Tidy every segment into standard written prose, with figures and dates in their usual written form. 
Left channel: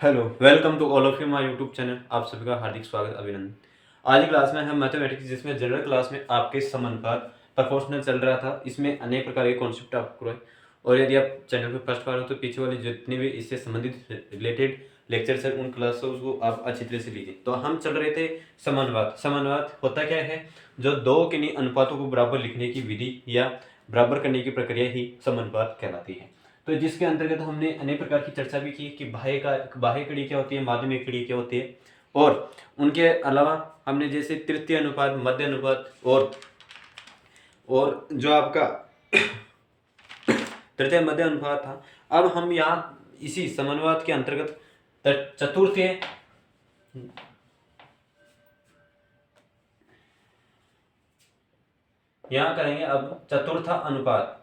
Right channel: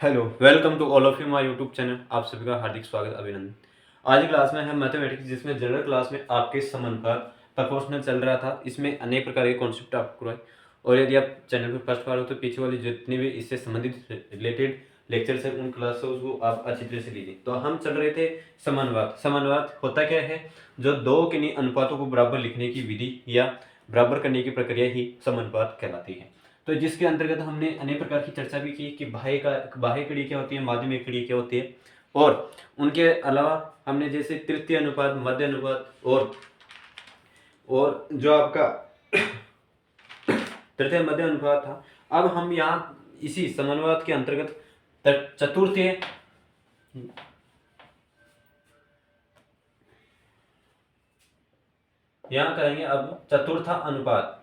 Hello, welcome to all of you my YouTube channel. आप सभी का हार्दिक स्वागत, अभिनंदन। आज की क्लास में हम मैथमेटिक्स, जिसमें जनरल क्लास में आपके समानुपात प्रोपोर्शनल चल रहा था, इसमें अनेक प्रकार के कॉन्सेप्ट आपको करवाए। और यदि आप चैनल पर फर्स्ट बार हो तो पीछे वाली जितने भी इससे संबंधित रिलेटेड लेक्चर्स है उन क्लास से उसको आप अच्छी तरह से लीजिए। तो हम चल रहे थे समानुपात। समानुपात होता क्या है? जो दो किन्हीं अनुपातों को बराबर लिखने की विधि या बराबर करने की प्रक्रिया ही समानुपात कहलाती है। तो जिसके अंतर्गत हमने अनेक प्रकार की चर्चा भी की कि बाह्य कड़ी क्या होती है, माध्यमिक कड़ी क्या होती है, और उनके अलावा हमने जैसे तृतीय अनुपात, मध्य अनुपात और जो आपका तृतीय मध्य अनुपात था। अब हम यहाँ इसी समानुपात के अंतर्गत चतुर्थीय यहाँ करेंगे। अब चतुर्थ अनुपात।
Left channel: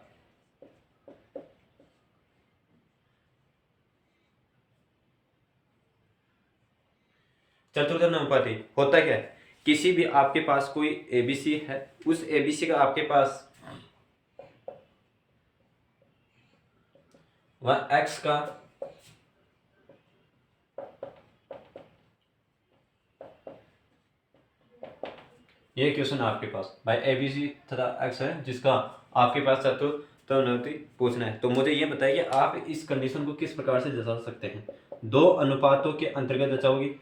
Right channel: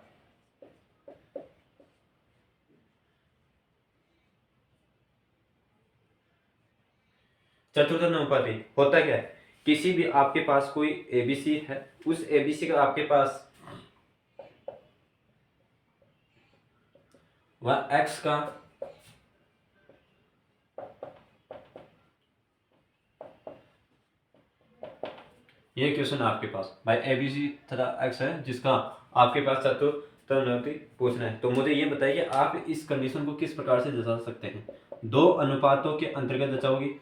चतुर्थ अनुपाती होता क्या है? किसी भी आपके पास कोई एबीसी है, उस एबीसी का आपके पास वह एक्स का ये क्वेश्चन आपके पास भाई एबीसी तथा एक्स है, जिसका आपके पास चतुर्थ अनुपाती पूछना है। तो मुझे ये बताइए आप इस कंडीशन को किस प्रकार से जता सकते हैं? दो अनुपातों के अंतर्गत जताओगे,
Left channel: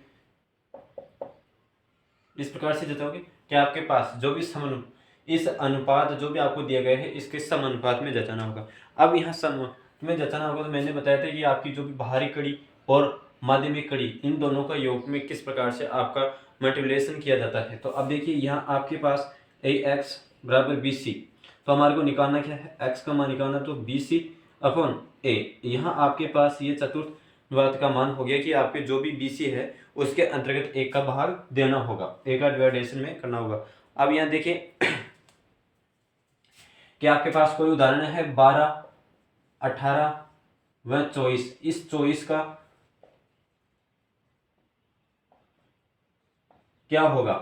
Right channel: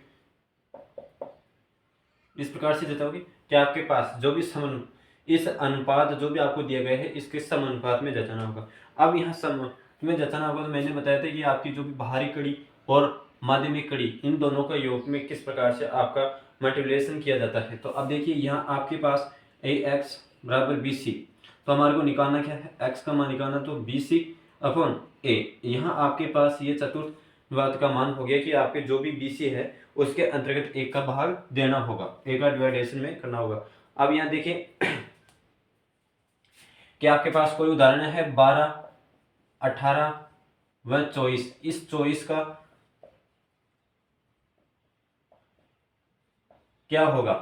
इस प्रकार से जताओगे कि आपके पास जो भी सम इस अनुपात जो भी आपको दिया गया है इसके समानुपात में जताना होगा। अब यहाँ सम में जताना होगा, तो मैंने बताया था कि आपकी जो भी बाहरी कड़ी और माध्यमिक कड़ी, इन दोनों का योग में किस प्रकार से आपका मल्टीप्लिकेशन किया जाता है। तो अब देखिए यहाँ आपके पास ए एक्स बराबर बी सी। तो हमारे को निकालना क्या है? एक्स का मान निकालना, तो बी सी अपॉन ए। यहाँ आपके पास ये चतुर्थ बात का मान हो गया कि आपके जो भी बी सी है उसके अंतर्गत एक का भाग देना होगा, एक का डिवाइडेशन में करना होगा। अब यहाँ देखिए कि आपके पास कोई उदाहरण है 12, 18 व 24। इस 24 का क्या होगा?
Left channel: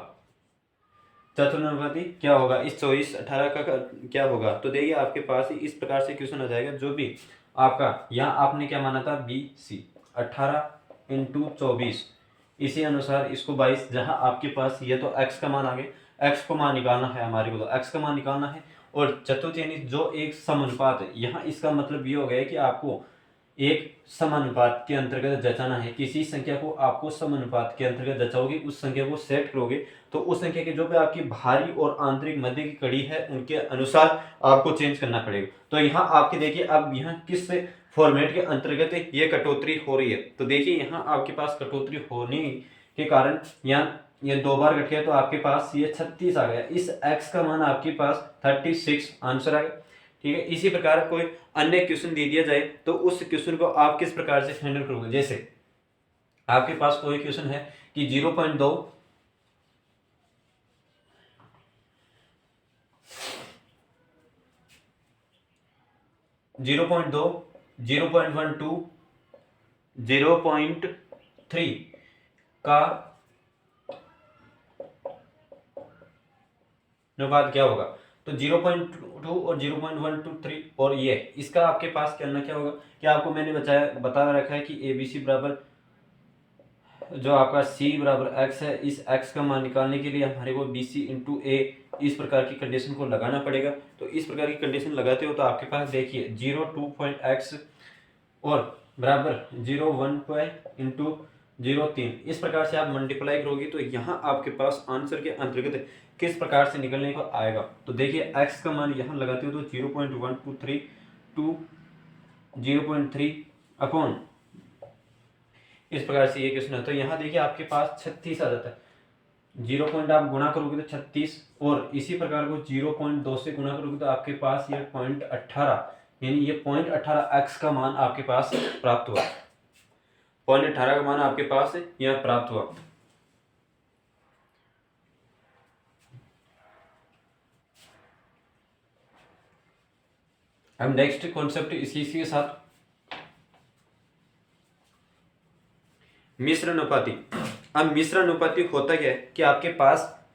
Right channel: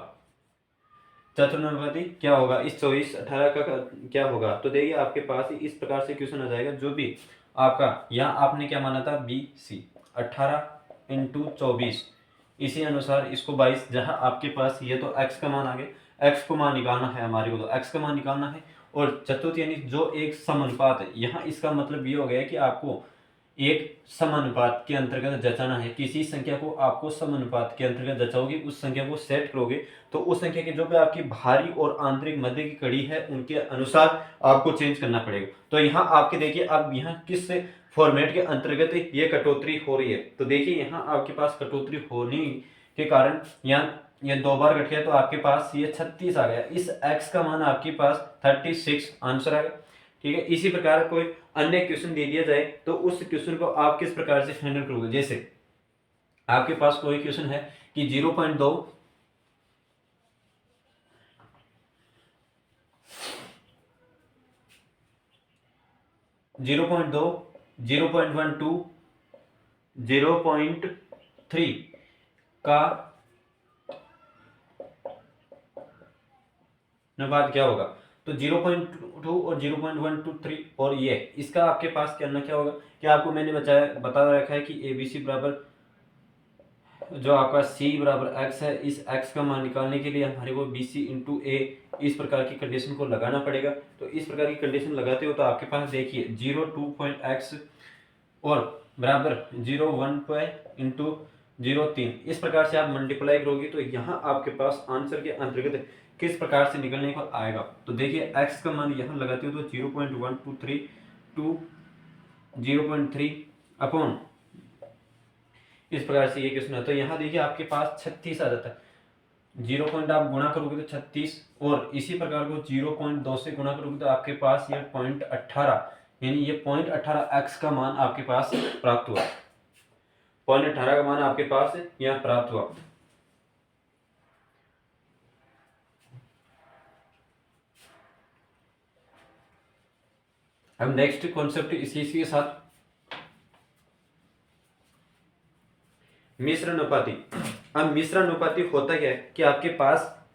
चतुर्नुपाती क्या होगा? इस 24 18 का क्या होगा? तो देखिए आपके पास इस प्रकार से क्वेश्चन आ जाएगा। जो भी आपका यहाँ आपने क्या माना था, बी सी 18 इंटू 24, इसी अनुसार इसको 22। जहाँ आपके पास ये तो x का मान आ गया, x को मान निकालना है हमारे को, तो x का मान निकालना है। और चतुर्थ यानी जो एक समानुपात है, यहाँ इसका मतलब ये हो गया कि आपको एक समानुपात के अंतर्गत जचाना है। किसी संख्या को आपको समानुपात के अंतर्गत जचाओगे, उस संख्या को सेट करोगे, तो उस संख्या की जो भी आपकी बाहरी और आंतरिक मध्य की कड़ी है उनके अनुसार आपको चेंज करना पड़ेगा। तो यहाँ आपके देखिए अब यहाँ किस फॉर्मेट के अंतर्गत ये कटौती हो रही है। तो देखिए यहाँ आपके पास कटौती होने के कारण यहाँ ये दो बार घट गया, तो आपके पास ये 36 आ गया। इस x का मान आपके पास 36 आंसर आ गया। ठीक है, इसी प्रकार कोई अन्य क्वेश्चन दे दिया जाए तो उस क्वेश्चन को आप किस प्रकार से हैंडल करोगे? जैसे आपके पास कोई क्वेश्चन है कि 0.2 0.2 0.12 0.3 का अनुपात क्या होगा? तो 0.2 और 0.123 और ये इसका आपके पास करना क्या होगा कि आपको मैंने बता रखा है कि ए बी सी बराबर जो आपका c बराबर x है, इस x का मान निकालने के लिए हमारे को बी सी इंटू ए इस प्रकार की कंडीशन को लगाना पड़ेगा। तो इस प्रकार की कंडीशन लगाते हो तो आपके पास देखिए 0.2 और बराबर 0.1 इंटू 0.3 इस प्रकार से आप मल्टीप्लाई करोगे, तो यहाँ आपके पास आंसर के अंतर्गत किस प्रकार से निकलने को आएगा। तो देखिए x का मान यहाँ लगाते हो तो 0.123 टू 0.3 अपॉन इस प्रकार से ये क्वेश्चन है। तो यहाँ देखिए आपके पास 36 आ जाता है। 0 पॉइंट आप गुणा करोगे तो 36, और इसी प्रकार को 0.2 से गुणा करोगे तो आपके पास ये 0.18 यानी ये 0.18 x का मान आपके पास प्राप्त हुआ। 0.18 का मान आपके पास यहाँ प्राप्त हुआ। अब नेक्स्ट कॉन्सेप्ट इसी के साथ मिश्र अनुपाती। अब मिश्र अनुपाती होता क्या है कि आपके पास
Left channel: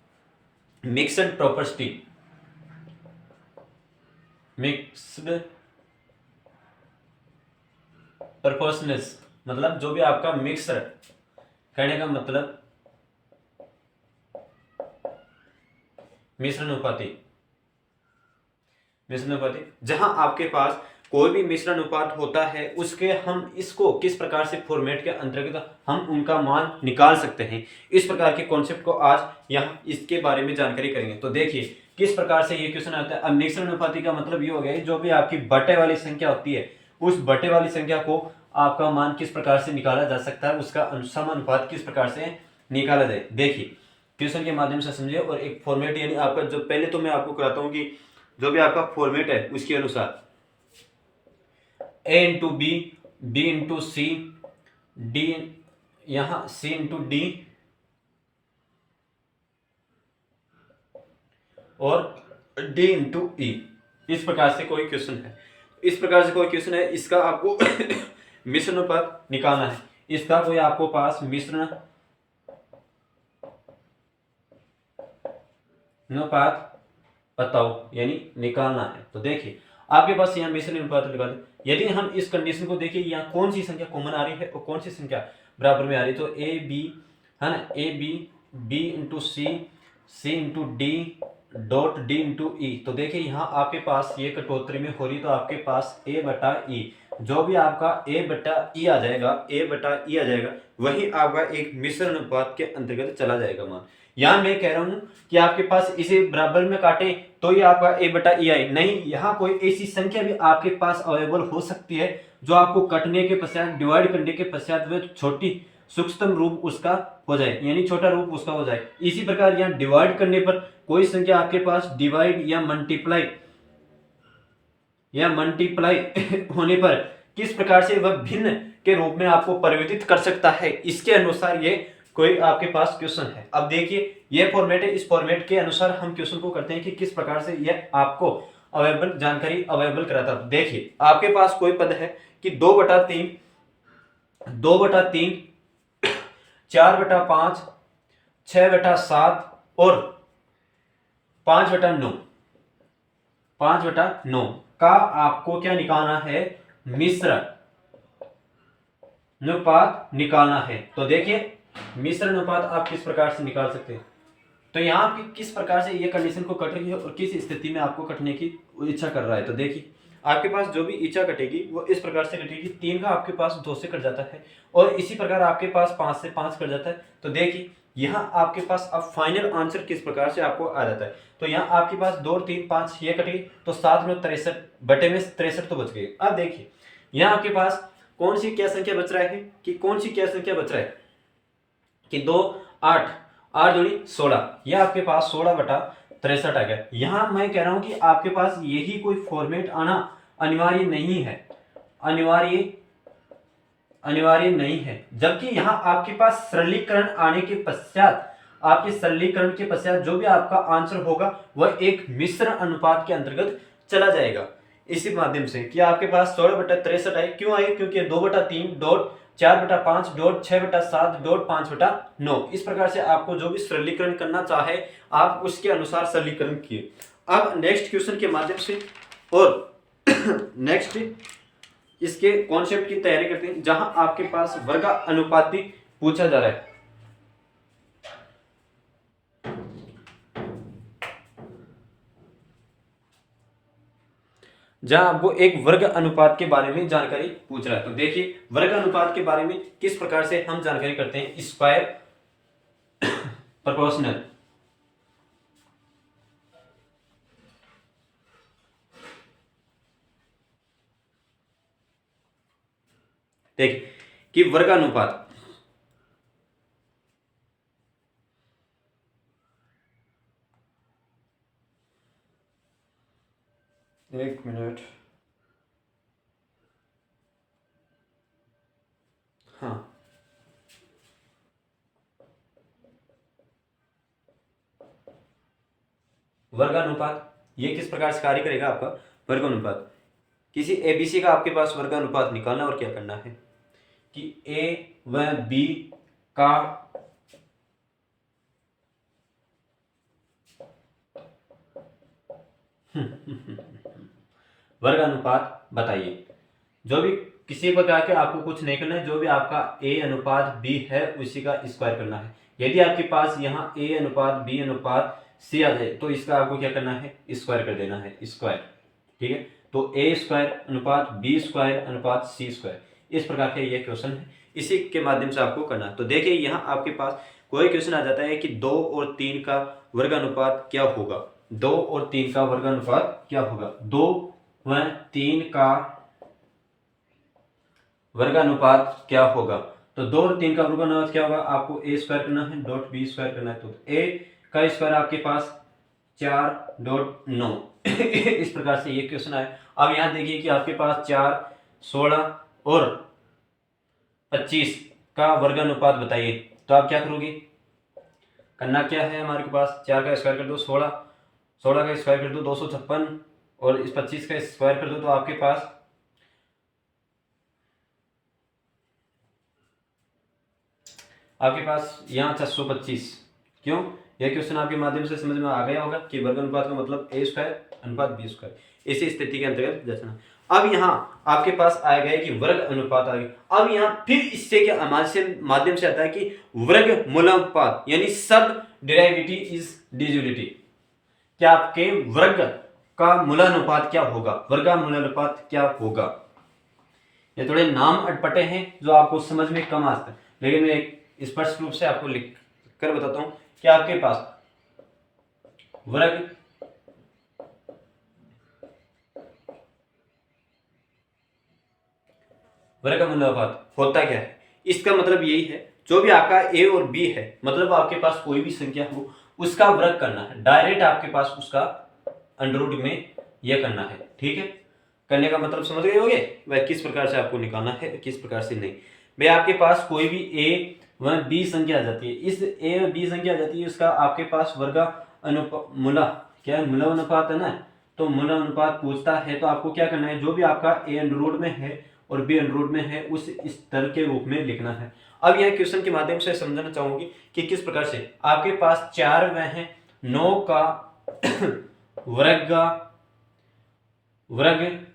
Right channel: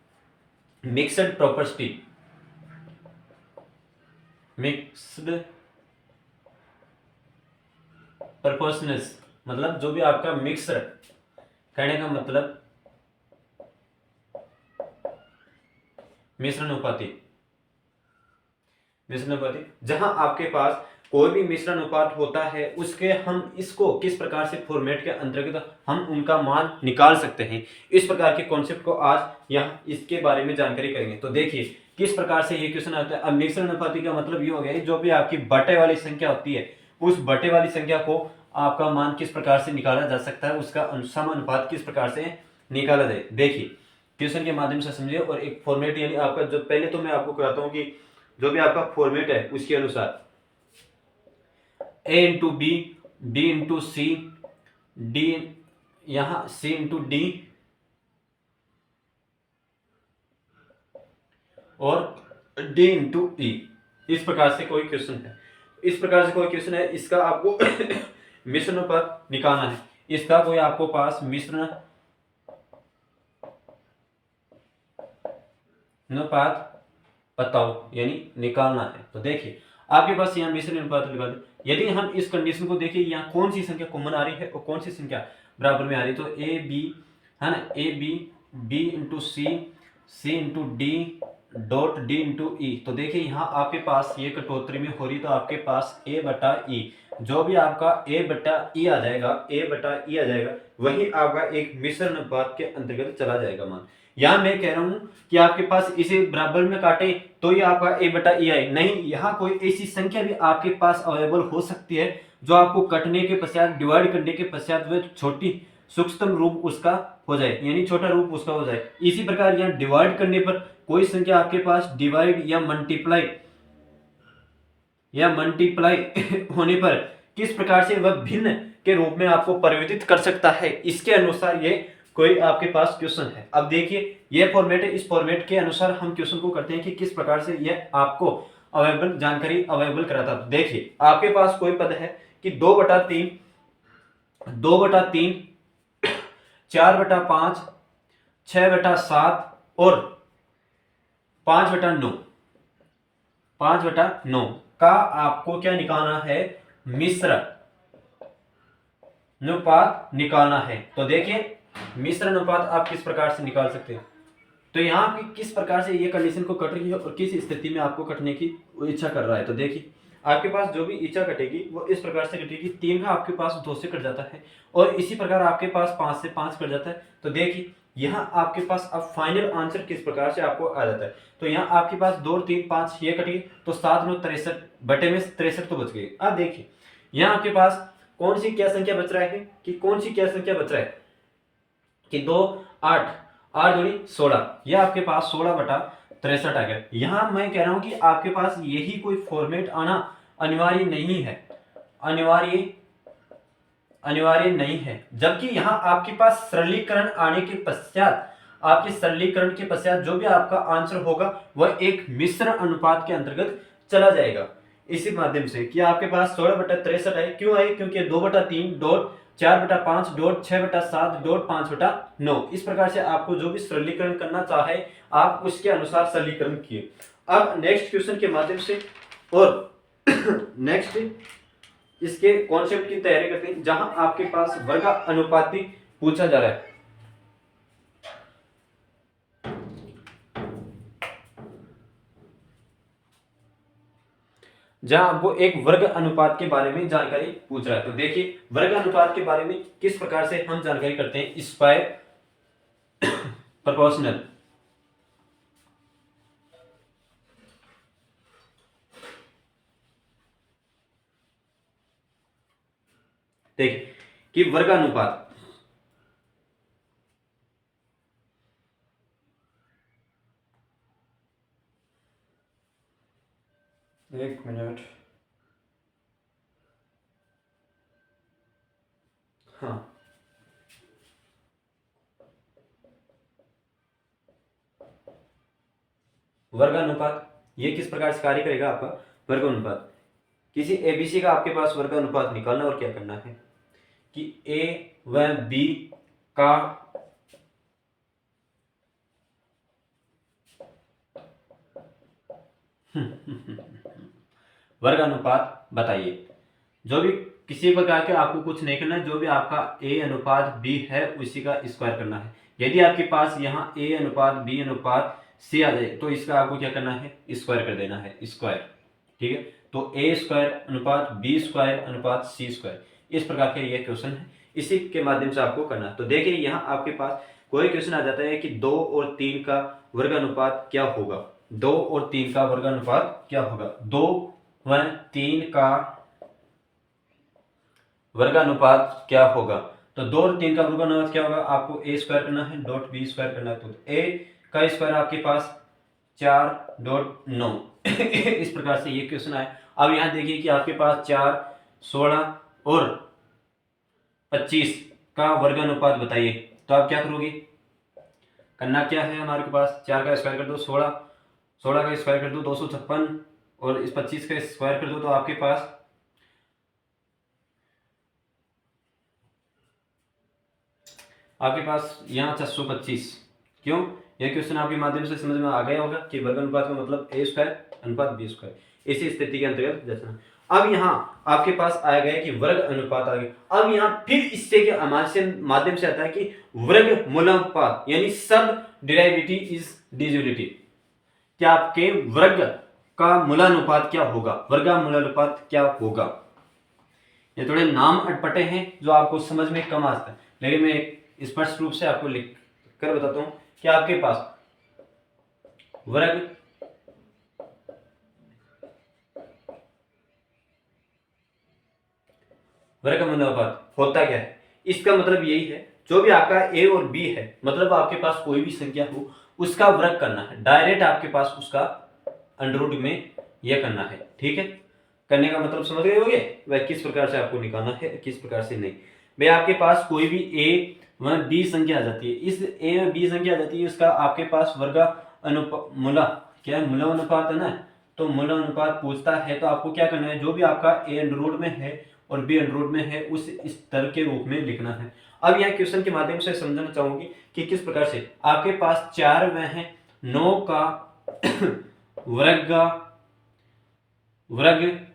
मिक्सड प्रॉपर्टी, मिक्स्ड प्रोपोर्शनल्स मतलब जो भी आपका मिक्सर, कहने का मतलब मिश्रण अनुपाती, मिश्रण अनुपाती, जहां आपके पास कोई भी मिश्रण अनुपात होता है उसके हम इसको किस प्रकार से फॉर्मेट के अंतर्गत हम उनका मान निकाल सकते हैं, इस प्रकार के कॉन्सेप्ट को आज यहाँ इसके बारे में जानकारी करेंगे। तो देखिए किस प्रकार से ये क्वेश्चन आता है। अब मिश्रण अनुपाती का मतलब ये हो गया जो भी आपकी बटे वाली संख्या होती है उस बटे वाली संख्या को आपका मान किस प्रकार से निकाला जा सकता है, उसका समानुपात किस प्रकार से निकाला जाए। देखिए क्वेश्चन के माध्यम से समझिए और एक फॉर्मेट यानी आपका जो पहले तो मैं आपको कराता हूँ कि जो भी आपका फॉर्मेट है उसके अनुसार ए इंटू बी, बी इंटू सी, डी, यहां सी इंटू डी और डी इंटू ई, इस प्रकार से कोई क्वेश्चन है, इस प्रकार से कोई क्वेश्चन है, इसका आपको मिश्रण अनुपात निकालना है, इसका कोई आपको पास मिश्रण अनुपात बताओ यानी निकालना है। तो देखिए आपके पास यहाँ मिश्रण अनुपात निकाल, यदि हम इस कंडीशन को देखिए यहाँ कौन सी संख्या कॉमन आ रही है और कौन सी संख्या बराबर में आ रही है, तो ए बी है ना, A B, B into C, C into D dot D into E. तो देखिए यहाँ आपके पास ये कटौती में हो रही, तो आपके पास ए बटा ई, जो भी आपका ए बटा ई आ जाएगा, ए बटा ई आ जाएगा, वही आपका एक मिश्रण अनुपात के अंतर्गत चला जाएगा मान। यहाँ मैं कह रहा हूं कि आपके पास इसे बराबर में काटे तो ये आपका ए बटा ई आए, नहीं यहाँ कोई ऐसी संख्या भी आपके पास अवेलेबल हो सकती है जो आपको कटने के पश्चात, डिवाइड करने के पश्चात वह छोटी सूक्ष्म रूप उसका हो जाए, यानी छोटा रूप उसका हो जाए। इसी प्रकार यहाँ डिवाइड करने पर कोई संख्या आपके पास डिवाइड या मल्टीप्लाई होने पर किस प्रकार से वह भिन्न के रूप में आपको परिवर्तित कर सकता है, इसके अनुसार ये कोई आपके पास क्वेश्चन है। अब देखिए ये फॉर्मेट है, इस फॉर्मेट के अनुसार हम क्वेश्चन को करते हैं कि किस प्रकार से ये आपको अवेलेबल जानकारी अवेलेबल कराता है। देखिए आपके पास कोई पद है कि 2/3, 2/3, 4/5, 6/7 और 5/9, 5/9 का आपको क्या निकालना है, मिश्रण अनुपात निकालना है। तो देखिए मिश्रण अनुपात आप किस प्रकार से निकाल सकते हैं, तो यहाँ पे किस प्रकार से ये कंडीशन को कट रही है और किस स्थिति में आपको कटने की इच्छा कर रहा है। तो देखिए आपके पास जो भी इच्छा कटेगी वो इस प्रकार से कटेगी, 3 का आपके पास 2 से कट जाता है और इसी प्रकार आपके पास 5 से 5 कट जाता है। तो देखिए यहाँ आपके पास अब फाइनल आंसर किस प्रकार से आपको आ जाता है। तो यहाँ आपके पास 2 और 3 5 ये कट गई, तो 7 में 63 बटे में 63 तो बच गए। अब देखिए यहाँ आपके पास कौन सी क्या संख्या बच रहा है, कि कौन सी क्या संख्या बच रहा है कि 2 8, 8 दूनी 16, यह आपके पास 16/63 आ गया। यहां मैं कह रहा हूं कि आपके पास यही कोई फॉर्मेट आना अनिवार्य नहीं है, अनिवार्य नहीं है, जबकि यहां आपके पास सरलीकरण आने के पश्चात, आपके सरलीकरण के पश्चात जो भी आपका आंसर होगा वह एक मिश्रण अनुपात के अंतर्गत चला जाएगा। इसी माध्यम से कि आपके पास 16/63 आए, क्यों आए, क्योंकि 2/3 डॉट 4/5 डॉट 6/7 डॉट 5/9, इस प्रकार से आपको जो भी सरलीकरण करना चाहे आप उसके अनुसार सरलीकरण किए। अब नेक्स्ट क्वेश्चन के माध्यम से और नेक्स्ट इसके कॉन्सेप्ट की तैयारी करते हैं, जहां आपके पास वर्ग अनुपाती पूछा जा रहा है। जहां वो एक वर्ग अनुपात के बारे में जानकारी पूछ रहा है। तो देखिए वर्ग अनुपात के बारे में किस प्रकार से हम जानकारी करते हैं, स्क्वायर प्रोपोर्शनल। देखिए कि वर्ग अनुपात, एक मिनट, हाँ वर्ग अनुपात ये किस प्रकार से कार्य करेगा आपका वर्ग अनुपात, किसी एबीसी का आपके पास वर्ग अनुपात निकालना और क्या करना है कि ए व बी का वर्ग अनुपात बताइए। जो भी किसी प्रकार के आपको कुछ नहीं करना है, जो भी आपका a अनुपात b है उसी का स्क्वायर करना है। यदि आपके पास यहाँ a अनुपात b अनुपात c आ जाए तो इसका आपको क्या करना है, स्क्वायर कर देना है, स्क्वायर। ठीक है, तो a स्क्वायर अनुपात b स्क्वायर अनुपात c स्क्वायर, इस प्रकार के ये क्वेश्चन है, इसी के माध्यम से आपको करना है। तो देखिए यहाँ आपके पास कोई क्वेश्चन आ जाता है कि 2 और 3 का वर्गानुपात क्या होगा, 2 और 3 का वर्गानुपात क्या होगा, 2 व 3 का वर्गानुपात क्या होगा। तो 2 और 3 का वर्गानुपात क्या होगा, आपको a स्क्वायर करना है डॉट b स्क्वायर करना है, तो a का स्क्वायर आपके पास 4.9 इस प्रकार से ये क्वेश्चन आया। अब यहाँ देखिए कि आपके पास 4, 16 और 25 का वर्गानुपात बताइए, तो आप क्या करोगे, करना क्या है, हमारे पास 4 का स्क्वायर कर दो 16, 16 का स्क्वायर कर दो 256 और इस 25 का स्क्वायर कर दो, तो आपके पास यहाँ 625। क्यों, यह क्वेश्चन आपके माध्यम से समझ में आ गया होगा कि वर्ग अनुपात का मतलब a स्क्वायर अनुपात b स्क्वायर, इसी स्थिति के अंतर्गत जैसा। अब यहाँ आपके पास आ गया कि वर्ग अनुपात आ गया। अब यहाँ फिर इससे के माध्यम से आता है कि वर्ग मूलानुपात, यानी सब डिराइवेटिव इज डिविजिबिलिटी, क्या आपके वर्ग का मूलानुपात क्या होगा, वर्ग मूलानुपात क्या होगा। ये थोड़े नाम अटपटे हैं जो आपको समझ में कम आते हैं, लेकिन मैं एक स्पष्ट रूप से आपको लिख कर बताता हूं कि आपके पास वर्ग मूलानुपात होता क्या है, इसका मतलब यही है, जो भी आपका a और b है, मतलब आपके पास कोई भी संख्या हो उसका वर्ग करना है, डायरेक्ट आपके पास उसका अंडर रूट में यह करना है। ठीक है, करने का मतलब समझ गए होगे, वह किस प्रकार से आपको निकालना है, किस प्रकार से नहीं। भाई आपके पास कोई भी a व b संख्या आ जाती है, इस a और b संख्या आ जाती है, उसका आपके पास वर्ग मूला क्या है, मूला अनुपात है ना, तो मूला अनुपात पूछता है, तो आपको क्या करना है, जो भी आपका a अंडर रूट में है और b अंडर रूट में है उस स्तर के रूप में लिखना है। अब यह क्वेश्चन के माध्यम से समझना चाहूंगी कि किस प्रकार से आपके पास 4 व है 9 का वर्ग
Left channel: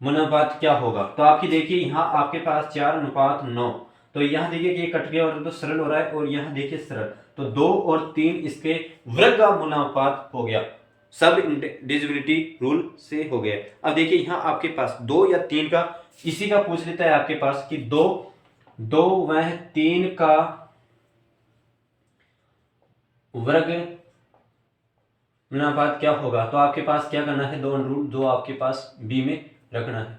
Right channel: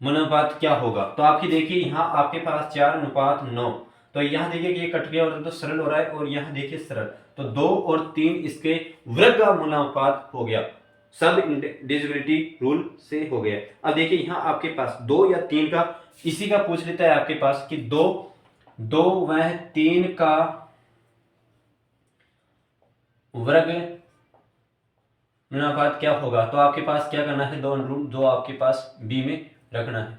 मूलानुपात क्या होगा। तो आपकी देखिए यहाँ आपके पास 4 अनुपात 9, तो यहाँ देखिए कि ये कट गया और तो सरल हो रहा है, और यहाँ देखिए सरल, तो 2 और 3 इसके वर्ग का मूलानुपात हो गया, सब डिविजिबिलिटी रूल से हो गया। अब देखिए यहाँ आपके पास 2 या 3 का इसी का पूछ लेता है आपके पास कि 2 व 3 का वर्ग मूलानुपात क्या होगा। तो आपके पास क्या करना है, 2 अंडर रूट जो आपके पास b में रखना है,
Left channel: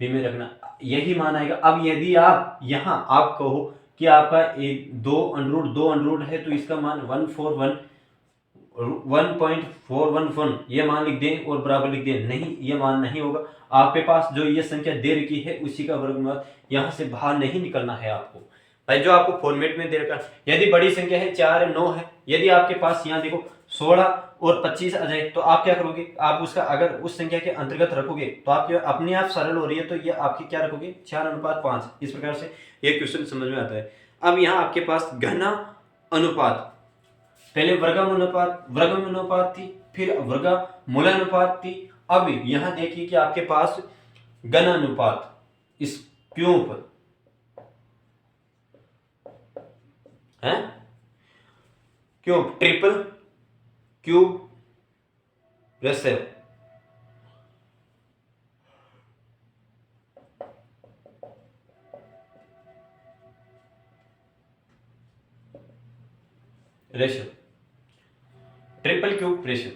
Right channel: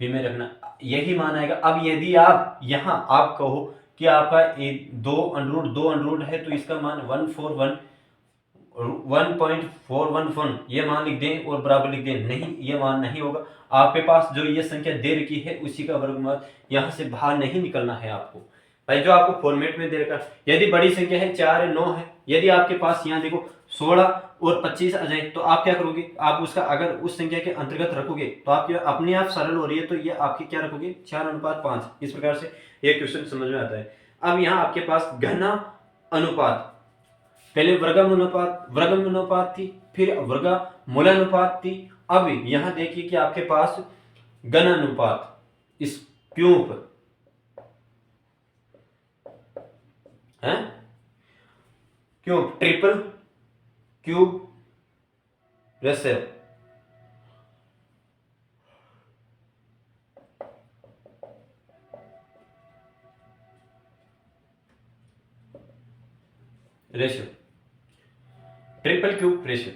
b में रखना, यही मान आएगा। अब यदि आप यहाँ आप कहो कि आपका 2 अंडर रूट है, तो इसका मान 1.411 ये मान लिख दें और बराबर लिख दें, नहीं ये मान नहीं होगा। आपके पास जो ये संख्या दे रखी है उसी का वर्गमूल, यहाँ से बाहर नहीं निकलना है आपको भाई, जो आपको फॉर्मेट में दे रखा है। यदि बड़ी संख्या है 4 9 है, यदि आपके पास यहाँ देखो 16 और 25 आ जाए, तो आप क्या करोगे, आप उसका अगर उस संख्या के अंतर्गत रखोगे तो आपके अपने आप सरल हो रही है, तो ये आपकी क्या रखोगे 4 अनुपात 5, इस प्रकार से ये क्वेश्चन समझ में आता है। अब यहाँ आपके पास घना अनुपात, पहले वर्गमूलानुपात थी, फिर वर्गमूलानुपात थी, अब यहाँ देखिए कि आपके पास घन अनुपात, इस क्यूब है, cube triple cube ratio, triple cube ratio,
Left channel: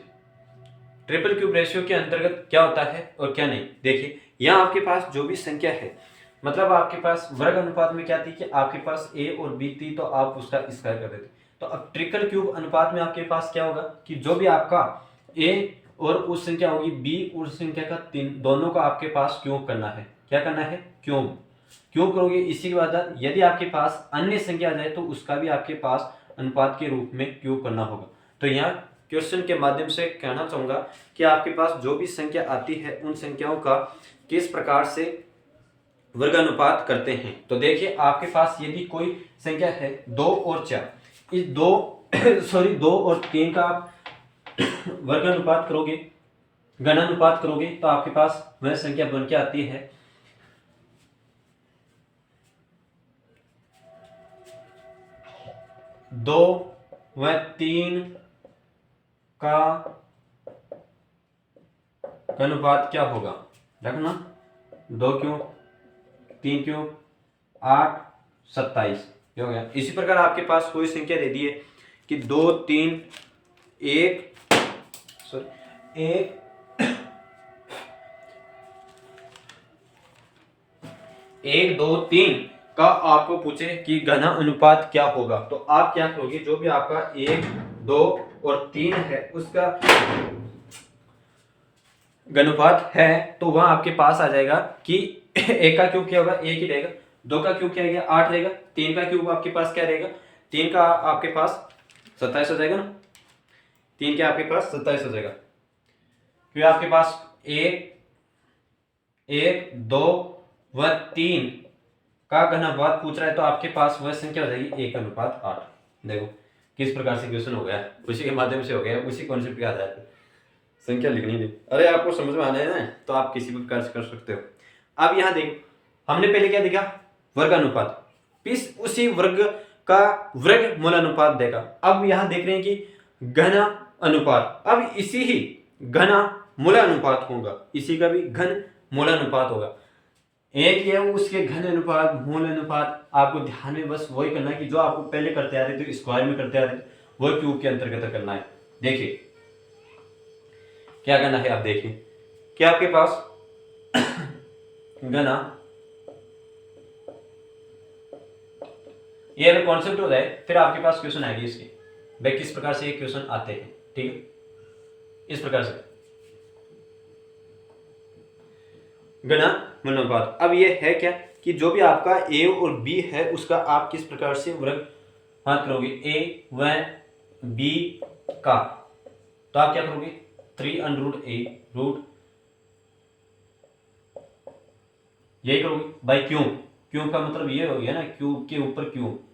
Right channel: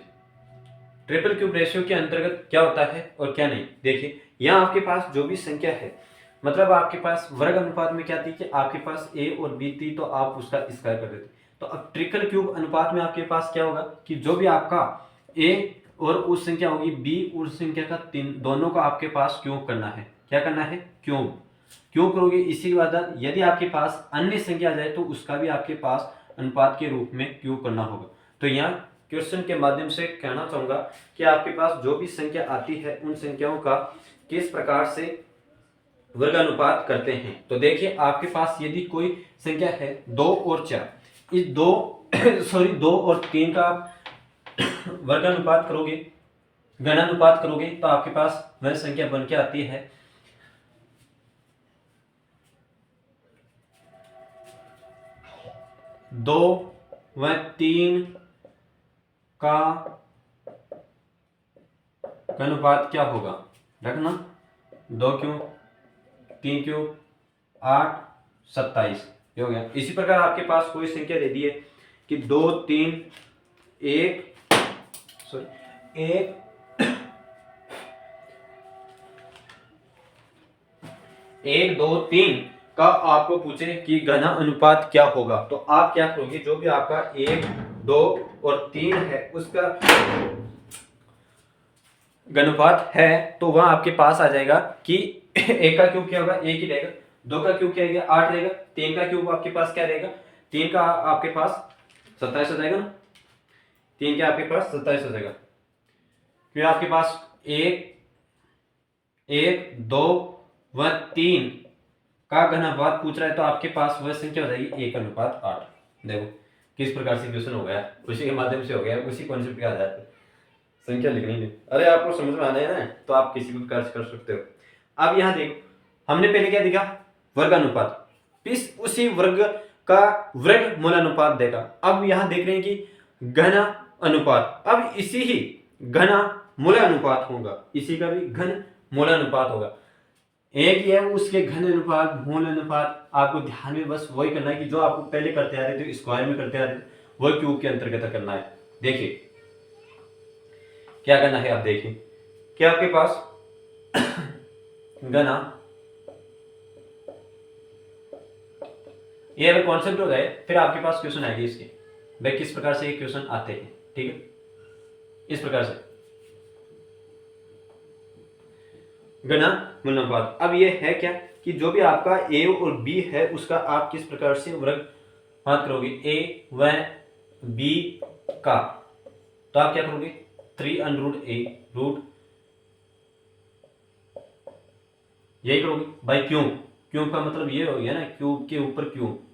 triple cube ratio के अंतर्गत क्या होता है और क्या नहीं। देखिए यहाँ आपके पास जो भी संख्या है, मतलब आपके पास वर्ग अनुपात में क्या थी कि आपके पास a और b थी, तो आप उसका स्क्वायर कर देते। तो अब ट्रिपल क्यूब अनुपात में आपके पास क्या होगा कि जो भी आपका a और उस संख्या होगी b उस संख्या का 3 दोनों का आपके पास क्यूब करना है। क्या करना है, क्यूब करोगे। इसी के बाद यदि आपके पास अन्य संख्या आ जाए तो उसका भी आपके पास अनुपात के रूप में क्यूब करना होगा। तो यहाँ क्वेश्चन के माध्यम से कहना चाहूंगा कि आपके पास जो भी संख्या आती है उन संख्याओं का किस प्रकार से वर्गानुपात करते हैं। तो देखिए आपके पास यदि कोई संख्या है 2 और 4, इस 2 और 3 का आप वर्गानुपात करोगे घनानुपात करोगे तो आपके पास वह संख्या बन के आती है 2 व 3 का अनुपात क्या होगा। रखना 2 क्यूब 3 क्यूब 8 27 ये हो गया। इसी प्रकार आपके पास कोई संख्या दे दी है कि 1 2 3 का आपको पूछे कि घना अनुपात क्या होगा, तो आप क्या करोगे, जो भी आपका 1 2 और 3 है उसका घनुपात है तो वह आपके पास आ जाएगा कि एक का क्यूब क्या होगा, एक ही रहेगा। 2 का क्यूब क्या रहेगा, 8 रहेगा। 3 का क्यूब आपके पास क्या रहेगा, 3 का आपके पास 27 हो जाएगा ना। 3 के आपके पास 27 हो जाएगा। फिर आपके पास 1 1 2 व 3 का घनाभाग पूछ रहा है तो आपके पास वह संख्या हो जाएगी 1:8। देखो किस प्रकार से क्वेश्चन हो गया, उसी के माध्यम से हो गया, उसी कॉन्सेप्ट के आधार पर संख्या लिखनी नहीं। अरे आपको समझ में आना है ना, तो आप किसी भी प्रकार से कर सकते हो। अब यहाँ देखो हमने पहले क्या देखा, वर्ग अनुपात, इस उसी वर्ग का वर्ग मूलानुपात देखा। अब यहाँ देख रहे हैं कि घना अनुपात, अब इसी ही घना मूलानुपात होगा, इसी का भी घन मूलानुपात होगा। एक ही है उसके घन अनुपात मूल अनुपात, आपको ध्यान में बस वही करना है कि जो आपको पहले करते आ रहे थे स्क्वायर में करते आ रहे थे वही क्यूब के अंतर्गत करना है। देखिए क्या करना है, आप देखिए कि आपके पास घना, ये अगर कॉन्सेप्ट हो जाए फिर आपके पास क्वेश्चन आएगी इसके, भाई किस प्रकार से ये क्वेश्चन आते हैं। ठीक है, इस प्रकार से घना मूलानुपात। अब ये है क्या कि जो भी आपका ए और बी है उसका आप किस प्रकार से वर्ग हाथ करोगे, ए व बी का, तो आप क्या करोगे 3√a रूट यही करोगे बाई क्यूब। क्यूब का मतलब ये हो गया ना, क्यूब के ऊपर क्यूब,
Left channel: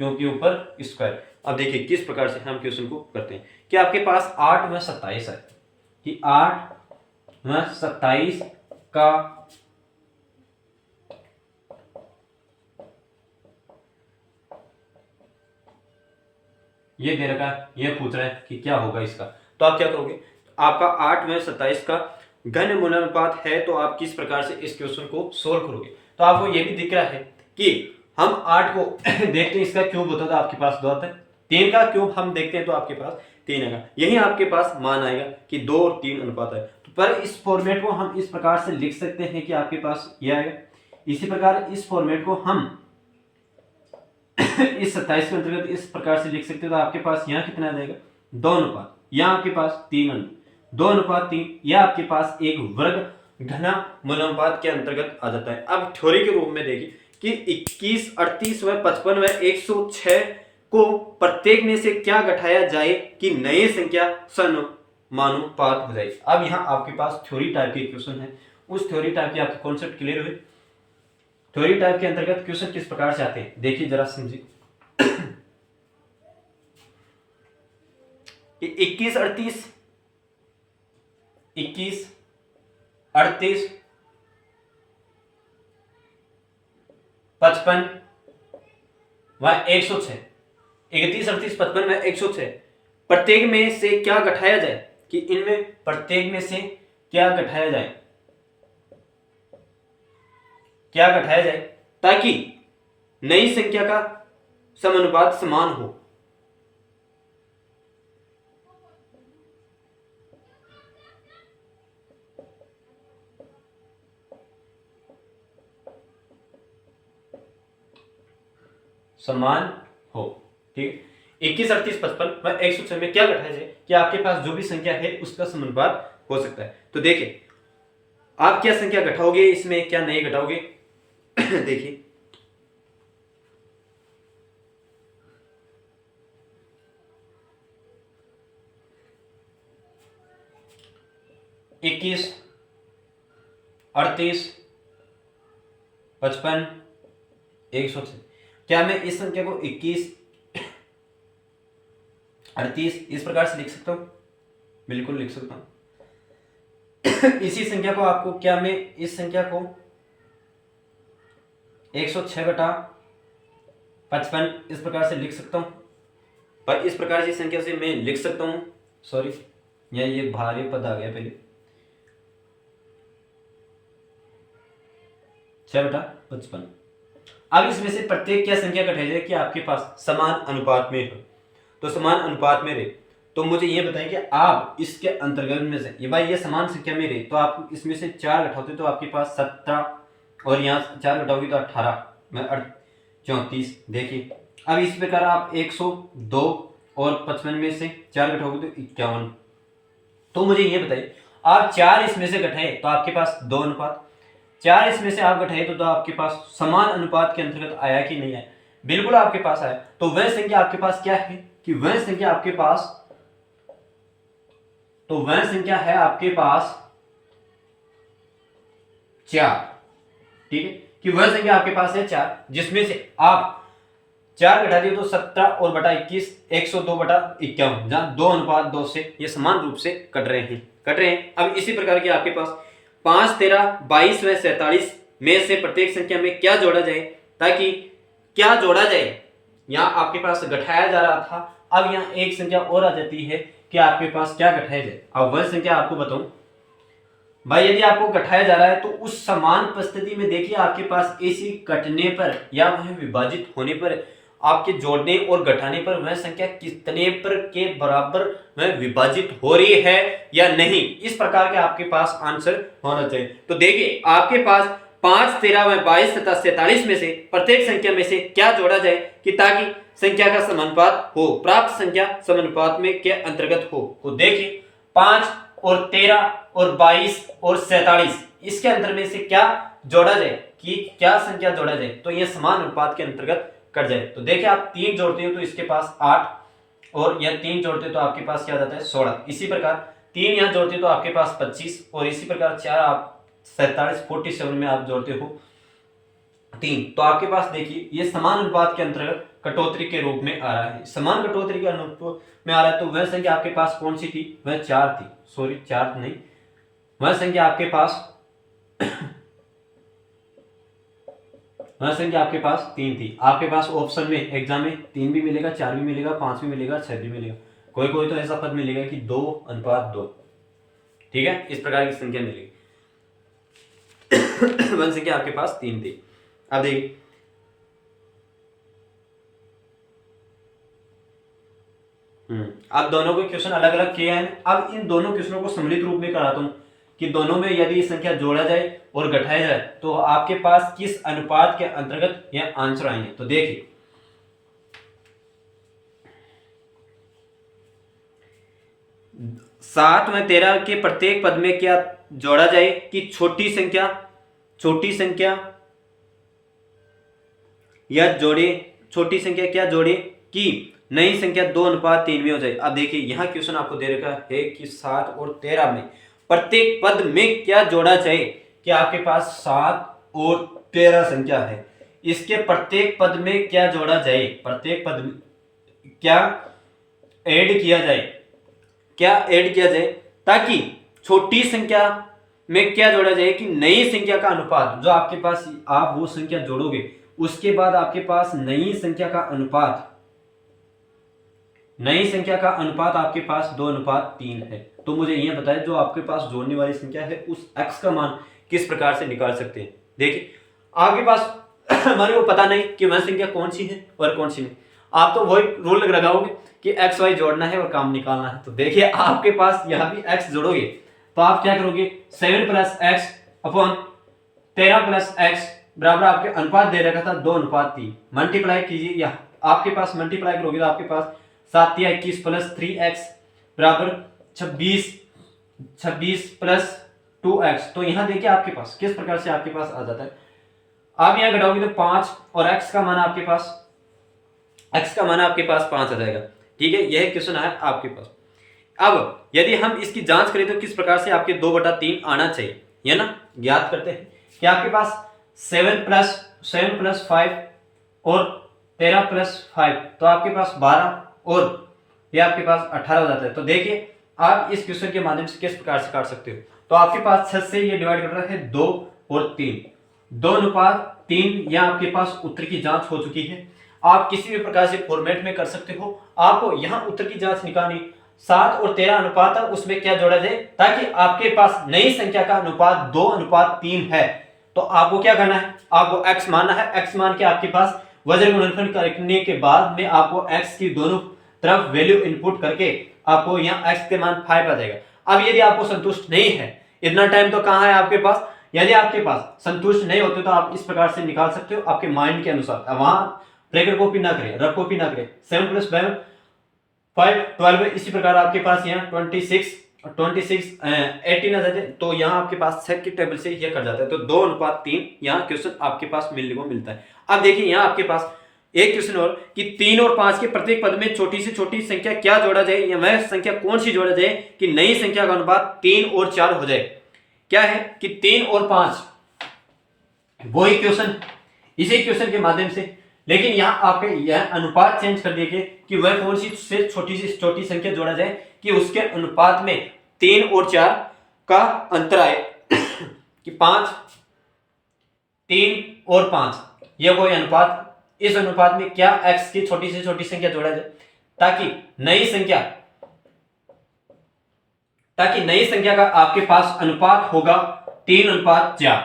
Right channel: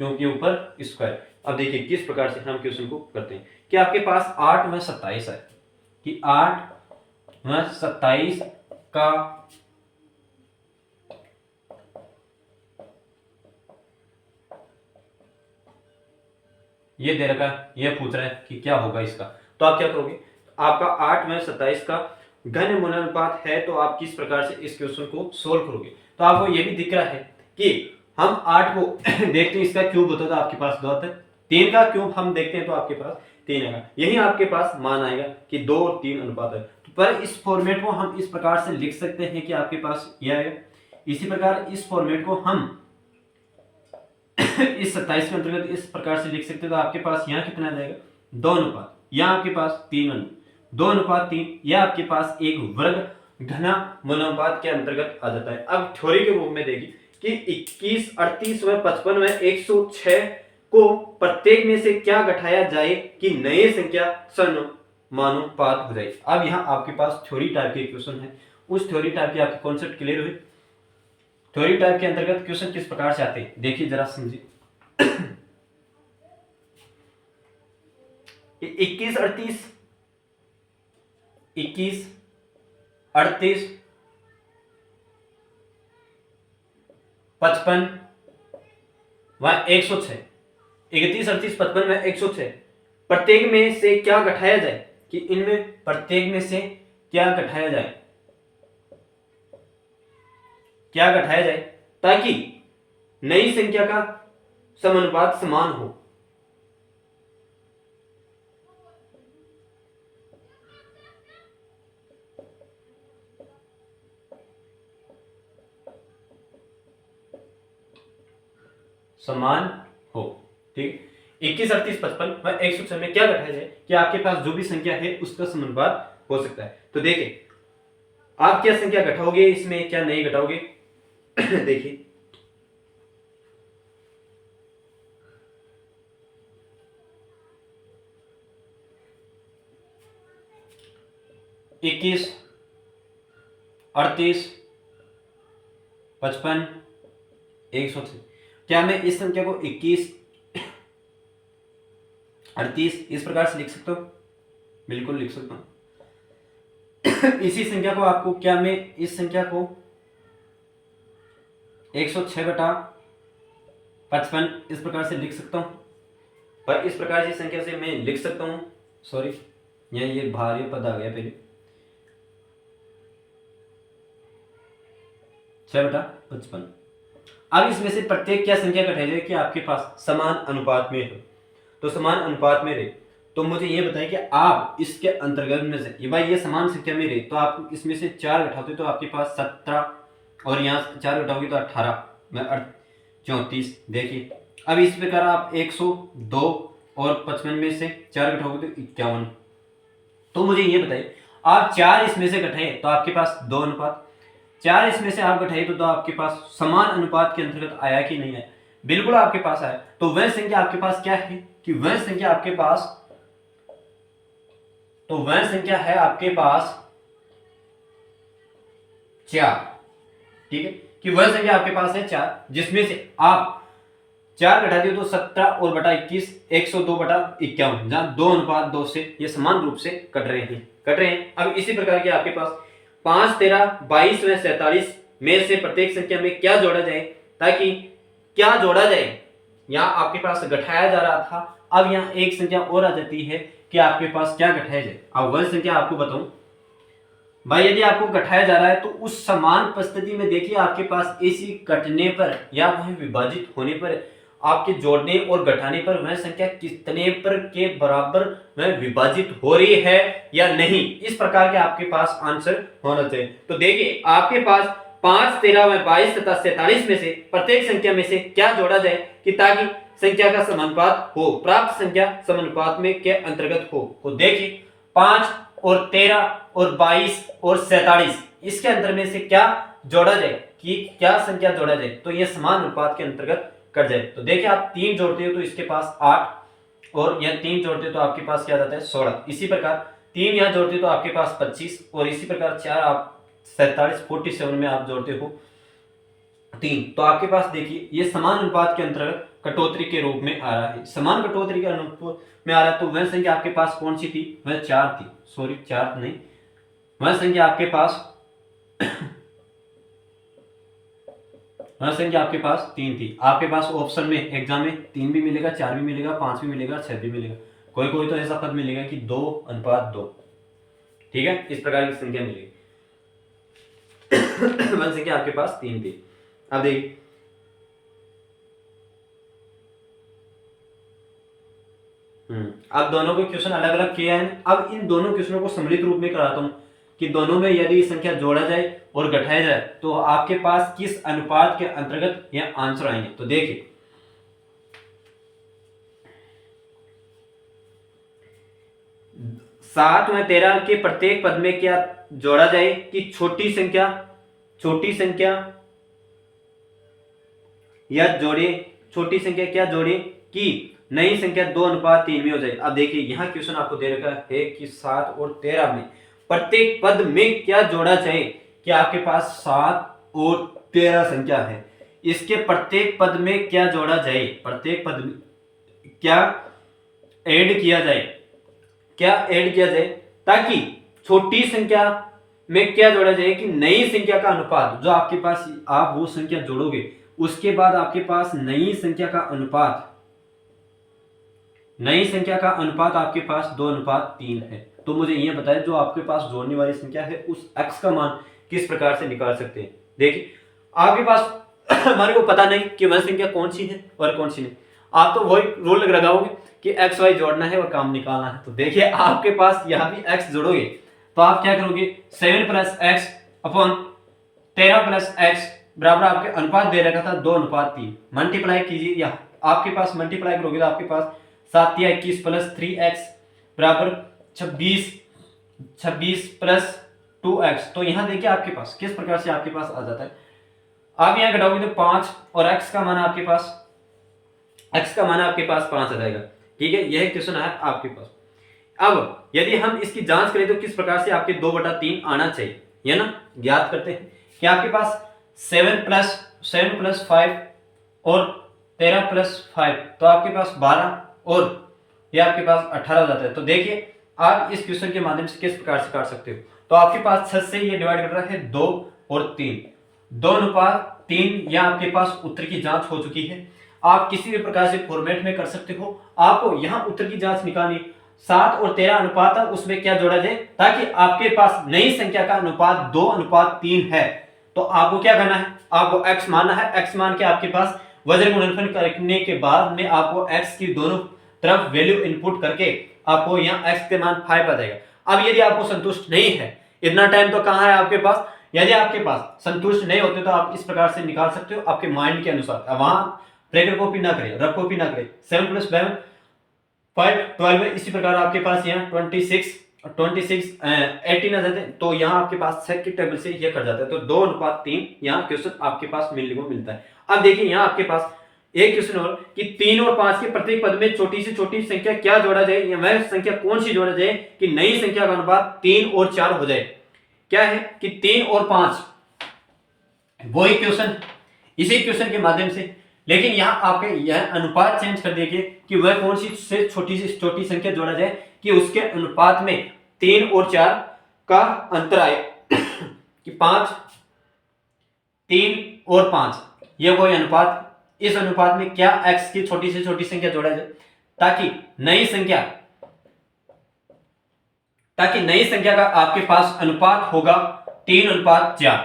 क्यूब के ऊपर स्क्वायर। अब देखिए किस प्रकार से हम क्वेश्चन को करते हैं कि आपके पास 8 व 27 है कि 8 व 27 का ये दे रखा, ये पूछ रहा है कि क्या होगा इसका, तो आप क्या करोगे, आपका 8 में 27 का घन मूलानुपात है तो आप किस प्रकार से इस क्वेश्चन को सोल्व करोगे। तो आपको ये भी दिख रहा है कि हम 8 को देखते हैं, इसका क्यूब होता था आपके पास 2 आता है, 3 का क्यूब हम देखते हैं तो आपके पास 3 आएगा, यही आपके पास मान आएगा कि 2 और 3 अनुपात है। तो पर इस फॉर्मेट को हम इस प्रकार से लिख सकते हैं कि आपके पास यह आएगा। इसी प्रकार इस फॉर्मेट को हम इस 27 के अंतर्गत इस प्रकार से लिख सकते हो, तो आपके पास यहाँ कितना आ जाएगा 2 अनुपात, यहाँ आपके पास 2:3, यह आपके पास एक वर्ग घना मूलानुपात के अंतर्गत आ जाता है। अब थ्योरी के रूप में देखिए कि 21 38 व 55 व 106 को प्रत्येक में से क्या घटाया जाए कि नई संख्या समानुपात हो जाए। अब यहाँ आपके पास थ्योरी टाइप के क्वेश्चन है, उस थ्योरी टाइप के आपके कॉन्सेप्ट क्लियर हुए। थ्योरी टाइप के अंतर्गत क्वेश्चन किस प्रकार से आते हैं देखिए जरा समझिए। 21 38 55 व 106, 31 38 55 व 106 प्रत्येक में से क्या घटाया जाए कि इनमें प्रत्येक में से क्या घटाया जाए, क्या घटाया जाए ताकि नई संख्या का समानुपात समान हो। समान हो, ठीक। 21 38 55 व 106 में क्या घटाया जाए कि आपके पास जो भी संख्या है उसका समानुपात हो सकता है। तो देखिए आप क्या संख्या घटाओगे इसमें, क्या नहीं घटाओगे देखिए 21 38 55 106, क्या मैं इस संख्या को 21 38 इस प्रकार से लिख सकता हूं, बिल्कुल लिख सकता हूं। इसी संख्या को आपको क्या मैं इस संख्या को 106/55 इस प्रकार से लिख सकता हूँ। पर इस प्रकार की संख्या से मैं लिख सकता हूँ, सॉरी ये भारी पद आ गया पहले, 6/55। अब इसमें से प्रत्येक क्या संख्या घटाई जाए कि आपके पास समान अनुपात में हो, तो समान अनुपात में रहे। तो मुझे ये बताएं कि आप इसके अंतर्गत में से ये समान संख्या में रहे, तो आप इसमें से 4 घटाते तो आपके पास 17 और यहाँ 4 घटाओगे तो 18 में 34। देखिए अब इस प्रकार आप 102 और 55 में से 4 घटाओगे तो 51। तो मुझे ये बताइए आप 4 इसमें से घटाएं तो आपके पास 2 अनुपात, 4 इसमें से आप घटाइए तो आपके पास समान अनुपात के अंतर्गत आया कि नहीं आया? बिल्कुल आपके पास आया। तो वह संख्या आपके पास क्या है कि वह संख्या आपके पास, तो वह संख्या है आपके पास 4। ठीक है कि वह संख्या आपके पास है 4, जिसमें से आप 4 घटा दिए तो 17 और बटा 21 102/51, जहां 2:2 से ये समान रूप से कट रहे हैं। अब इसी प्रकार के आपके पास 5, 13, 22 व 47 में से प्रत्येक संख्या में क्या जोड़ा जाए, ताकि क्या जोड़ा जाए, यहाँ आपके पास घटाया जा रहा था, अब यहाँ एक संख्या और आ जाती है कि आपके पास क्या घटाया जाए। अब वह संख्या आपको बताऊं भाई, यदि आपको घटाया जा रहा है तो उस समान परिस्थिति में देखिए आपके पास इसी घटने पर या वह विभाजित होने पर, आपके जोड़ने और घटाने पर वह संख्या कितने पर के बराबर वह विभाजित हो रही है या नहीं, इस प्रकार के आपके पास आंसर होना चाहिए। तो देखिए आपके पास 5, 13 व 22 तथा 47 में से प्रत्येक संख्या में से क्या जोड़ा जाए कि ताकि संख्या का समानुपात हो, प्राप्त संख्या समानुपात में के अंतर्गत हो। तो देखिए 5 और 13 और 22 और 47 इसके अंतर में से क्या जोड़ा जाए कि क्या संख्या जोड़ा जाए, तो ये समान अनुपात के अंतर्गत कट जाए। तो देखिए आप 3 जोड़ते हो तो इसके पास 8 और यह 3 जोड़ते हो तो आपके पास क्या जाता है 16। इसी प्रकार 3 यहाँ जोड़ते हो तो आपके पास 25 और इसी प्रकार 4 आप 47 47 में आप जोड़ते हो 3, तो आपके पास देखिए ये समान अनुपात के अंतर्गत कटौती के रूप में आ रहा है। समान कटौती के अनुपात में आ रहा है तो वह संख्या आपके पास कौन सी थी, वह 4 थी, सॉरी 4 नहीं, वह संख्या आपके पास वह संख्या आपके पास 3 थी। आपके पास ऑप्शन में एग्जाम में 3 भी मिलेगा, 4 भी मिलेगा, 5 भी मिलेगा, 6 भी मिलेगा, कोई कोई तो ऐसा पद मिलेगा कि 2:2। ठीक है, इस प्रकार की संख्या मिलेगी। वह संख्या आपके पास 3 थी। अब देखिए अब दोनों को क्वेश्चन अलग अलग किया है। अब इन दोनों क्वेश्चनों को सम्मिलित रूप में कराता हूं कि दोनों में यदि संख्या जोड़ा जाए और घटाया जाए तो आपके पास किस अनुपात के अंतर्गत यह आंसर आएंगे। तो देखिए 7 व 13 के प्रत्येक पद में क्या जोड़ा जाए कि छोटी संख्या या जोड़े, छोटी संख्या क्या जोड़े कि नई संख्या 2:3 में हो जाए। अब देखिए यहां क्वेश्चन आपको दे रखा है कि 7 और 13 में प्रत्येक पद में क्या जोड़ा जाए कि आपके पास 7 और 13 संख्या है, इसके प्रत्येक पद में क्या जोड़ा जाए, प्रत्येक पद में क्या ऐड किया जाए ताकि छोटी संख्या में क्या जोड़ा जाए कि नई संख्या का अनुपात, जो आपके पास आप वो संख्या जोड़ोगे उसके बाद आपके पास नई संख्या का अनुपात आपके पास 2:3 है। तो मुझे ये बताएं जो आपके पास जोड़ने वाली संख्या है उस x का मान किस प्रकार से निकाल सकते हैं। देखिए आपके पास हमारे को पता नहीं कि वह संख्या कौन सी है और कौन सी नहीं, आप तो वही रूल लगाओगे कि x y जोड़ना है और काम निकालना है। तो देखिए आपके पास यहाँ भी x जोड़ोगे तो आप क्या करोगे 7 + x अपॉन 13 + x बराबर आपके अनुपात दे रखा था 2:3, मल्टीप्लाई कीजिए, या आपके पास मल्टीप्लाई करोगे तो आपके पास 7 या 21 + 3x बराबर 26 + 2x। तो यहां देखिए आपके पास किस प्रकार से आपके पास आ जाता है। आप यहां घटाओगे तो 5 और x का मान आपके पास 5 आ जाएगा। ठीक है, यह क्वेश्चन है आपके पास। अब यदि हम इसकी जांच करें तो किस प्रकार से आपके 2/3 आना चाहिए, ये ना याद करते हैं कि आपके पास 7 + 5 और 13 + 5 तो आपके पास 12 और ये आपके पास 18 हो जाता है। तो देखिए आप इस क्वेश्चन के माध्यम से किस प्रकार से काट सकते हो। तो आपके पास 6 से ये डिवाइड कर रहा है 2 और 3, 2:3। यहाँ आपके पास उत्तर की जांच हो चुकी है। आप किसी भी प्रकार से फॉर्मेट में कर सकते हो। आपको यहाँ उत्तर की जांच निकालनी, 7 और 13 अनुपात है, उसमें क्या जोड़ा जाए ताकि आपके पास नई संख्या का अनुपात 2:3 है। तो आपको क्या करना है, आपको x मानना है। x मान के आपके पास वजन गुणनफल करने के बाद में आपको x की दोनों तरफ वैल्यू इनपुट करके आपको यहाँ x के मान 5 आ जाएगा। अब यदि आपको संतुष्ट नहीं है, इतना टाइम तो कहाँ है आपके पास, यदि आपके पास संतुष्ट नहीं होते तो आप इस प्रकार से निकाल सकते हो आपके माइंड के अनुसार। वहां ब्रैकेट कॉपी ना करें, रफ कॉपी ना करें। 7 + 7 5 12 है। इसी प्रकार आपके पास यहाँ 26 18 आ जाते हैं, तो यहाँ आपके पास सेट की टेबल से ये कर जाता है। तो 2:3 यहाँ क्वेश्चन आपके पास मिलने को मिलता है। अब देखिए यहाँ आपके पास एक क्वेश्चन और कि 3 और 5 के प्रत्येक पद में छोटी से छोटी संख्या क्या जोड़ा जाए, या वह संख्या कौन सी जोड़ा जाए कि नई संख्या का अनुपात 3 और 4 हो जाए। क्या है कि 3 और 5 वही क्वेश्चन, इसी क्वेश्चन के माध्यम से, लेकिन यहाँ आपके यह अनुपात चेंज कर दिए कि वह कौन सी से छोटी संख्या जोड़ा जाए कि उसके अनुपात में 3 और 4 का अंतर आए कि 5 3 और 5 यह कोई अनुपात, इस अनुपात में क्या x की छोटी से छोटी संख्या जोड़ा जाए ताकि नई संख्या का आपके पास अनुपात होगा 3:4।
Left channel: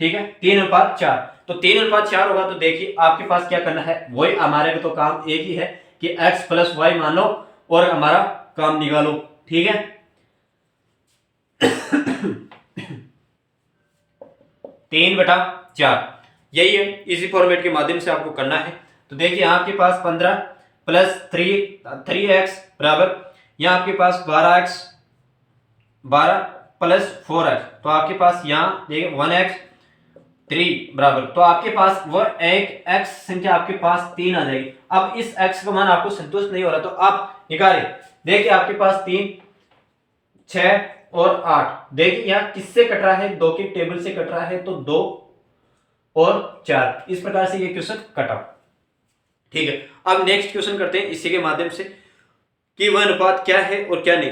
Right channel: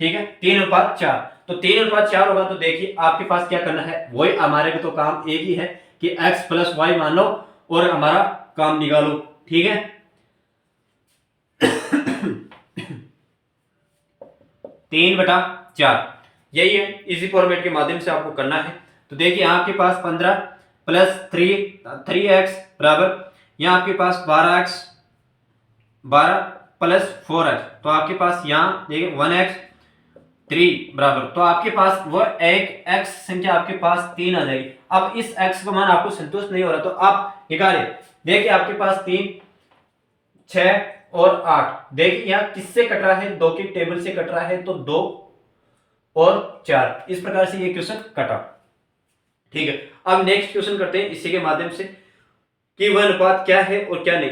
ठीक है, 3:4। तो 3:4 होगा। तो देखिए आपके पास क्या करना है, वही हमारे तो काम एक ही है कि x + y मान लो और हमारा काम निकालो। ठीक है 3/4 यही है, इसी फॉर्मेट के माध्यम से आपको करना है। तो देखिए आपके पास 15 + 3x बराबर, यहाँ आपके पास 12x 12 + 4x, तो आपके पास यहाँ देखिए 1x 3 बराबर, तो आपके पास वह एक x संख्या आपके पास 3 आ जाएगी। अब इस x का मान आपको संतुष्ट नहीं हो रहा तो आप निकालें। देखिए आपके पास 3 6 और 8, देखिए यहाँ किससे कट रहा है, 2 की टेबल से कट रहा है, तो 2 और 4, इस प्रकार से ये क्वेश्चन कटा। ठीक है, अब नेक्स्ट क्वेश्चन करते हैं इसी के माध्यम से कि वह अनुपात क्या है और क्या नहीं।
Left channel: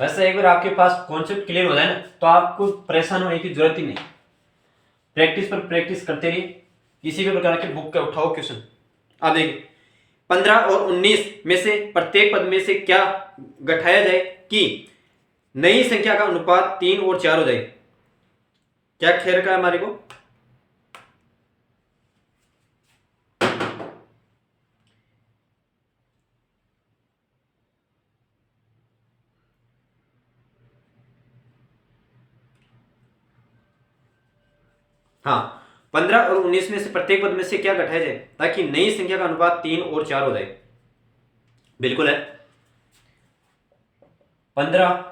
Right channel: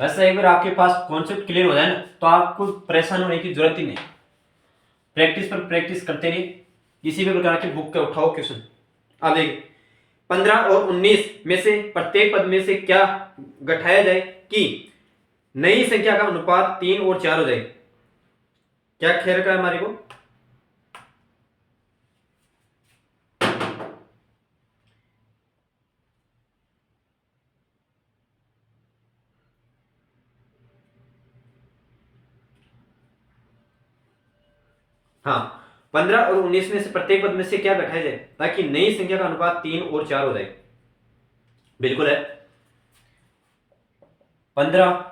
वैसे एक बार आपके पास कॉन्सेप्ट क्लियर हो जाए ना तो आपको परेशान होने की जरूरत ही नहीं। प्रैक्टिस पर प्रैक्टिस करते रहिए, किसी भी प्रकार के बुक का उठाओ क्वेश्चन। अब देखिए 15 और 19 में से प्रत्येक पद में से क्या घटाया जाए कि नई संख्या का अनुपात 3 और 4 हो जाए। क्या खेर का है हमारे को, हाँ 15 और 19 में से प्रत्येक पद में से क्या घटाया जाए ताकि नई संख्या का अनुपात 3 और 4 हो जाए। बिल्कुल है, 15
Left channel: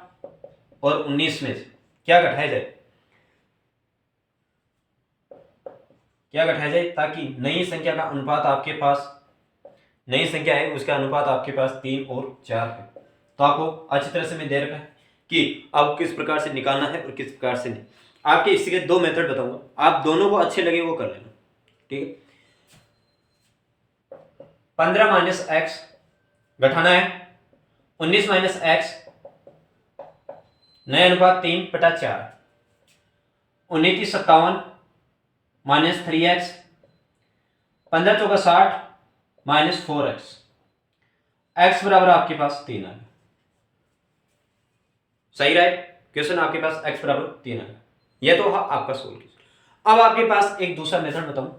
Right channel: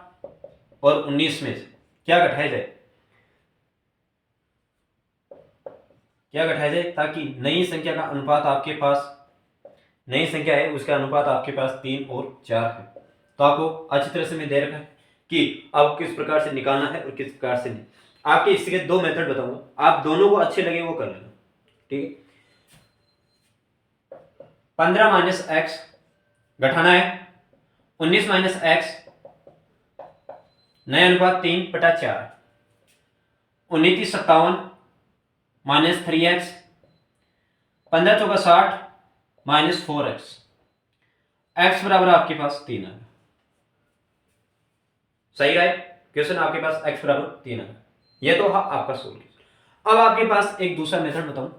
और 19 में से क्या घटाया जाए, क्या घटाया जाए ताकि नई संख्या का अनुपात आपके पास, नई संख्या है उसका अनुपात आपके पास 3 और 4 है। तो आपको अच्छी तरह से मैं दे रखा है कि आपको किस प्रकार से निकालना है और किस प्रकार से नहीं। आपके इसके 2 मेथड बताऊंगा, आप दोनों को अच्छे लगे वो कर लेना। ठीक है, 15 - x घटाना है 19 - x, नया अनुपात 3/4, 19 × 57 - 3x, 15 × 4 = 60 - 4x, x बराबर आपके पास 3 है। सही रहा क्वेश्चन, आपके पास x बराबर 3 है। यह तो आपका सोल्व। अब आपके पास एक दूसरा मेथड बताऊं,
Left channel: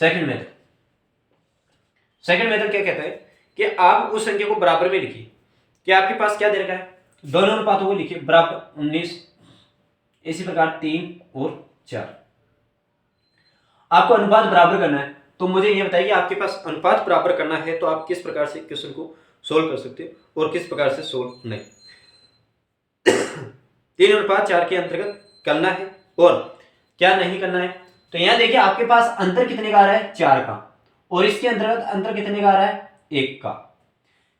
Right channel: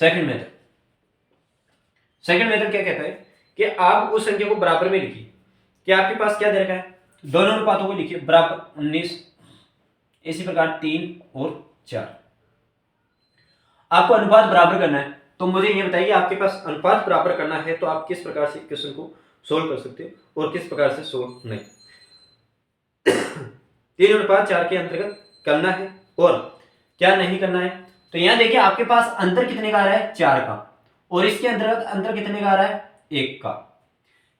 सेकंड मेथड। सेकंड मेथड क्या कहता है कि आप उस संख्या को बराबर में लिखिए कि आपके पास क्या दे रखा है, दोनों अनुपातों को लिखिए बराबर 19, इसी प्रकार 3 और 4। आपको अनुपात बराबर करना है, तो मुझे यह बताइए आपके पास अनुपात बराबर करना है तो आप किस प्रकार से क्वेश्चन को सोल्व कर सकते हो और किस प्रकार से सोल्व नहीं। 3/4 के अंतर्गत करना है और क्या नहीं करना है। तो यहां देखिए आपके पास अंतर कितने का आ रहा है, 4 का, और इसके अंतर्गत अंतर कितने का आ रहा है, 1 का।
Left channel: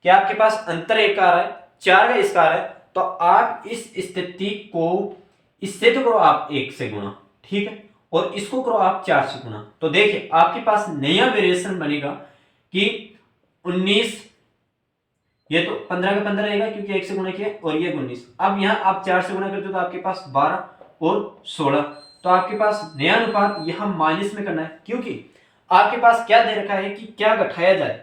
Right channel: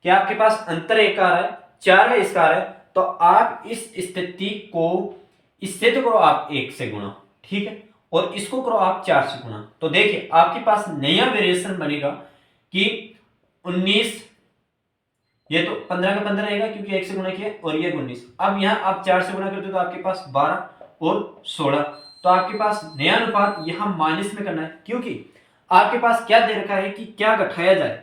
क्या आपके पास अंतर 1 का आ रहा है, 4 का इसका आ रहा है। तो आप इस स्थिति को इससे तो करो आप 1 से गुणा, ठीक है, और इसको करो आप 4 से गुणा। तो देखिए आपके पास नया वेरिएशन बनेगा कि 19, ये तो 15 का 15 रहेगा क्योंकि 1 से गुणा किया, और ये 19। अब यहाँ आप 4 से गुणा करते हो तो आपके पास 12 और 16। तो आपके पास नया अनुपात यहाँ माइनस में करना है, क्योंकि आपके पास क्या दे रखा है कि क्या घटाया जाए,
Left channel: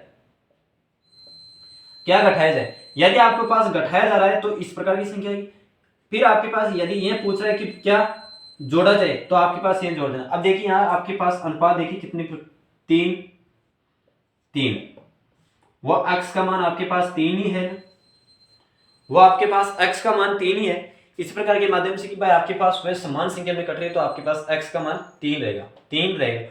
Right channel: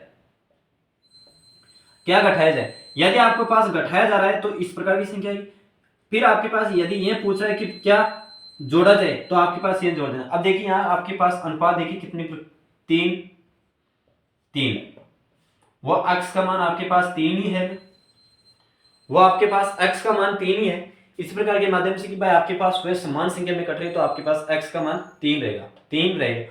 क्या घटाया जाए। यदि आपके पास घटाया जा रहा है तो इस प्रकार की संख्या है। फिर आपके पास यदि ये पूछ रहा है कि क्या जोड़ा जाए, तो आपके पास ये जोड़ देना। अब देखिए यहाँ आपके पास अनुपात देखिए कितनी, 3 3, वो x का मान आपके पास 3 ही है, वो आपके पास x का मान 3 ही है। इस प्रकार के माध्यम से कि भाई आपके पास वह समान संख्या में कट रही है तो आपके पास x का मान 3 रहेगा, 3 रहेगा।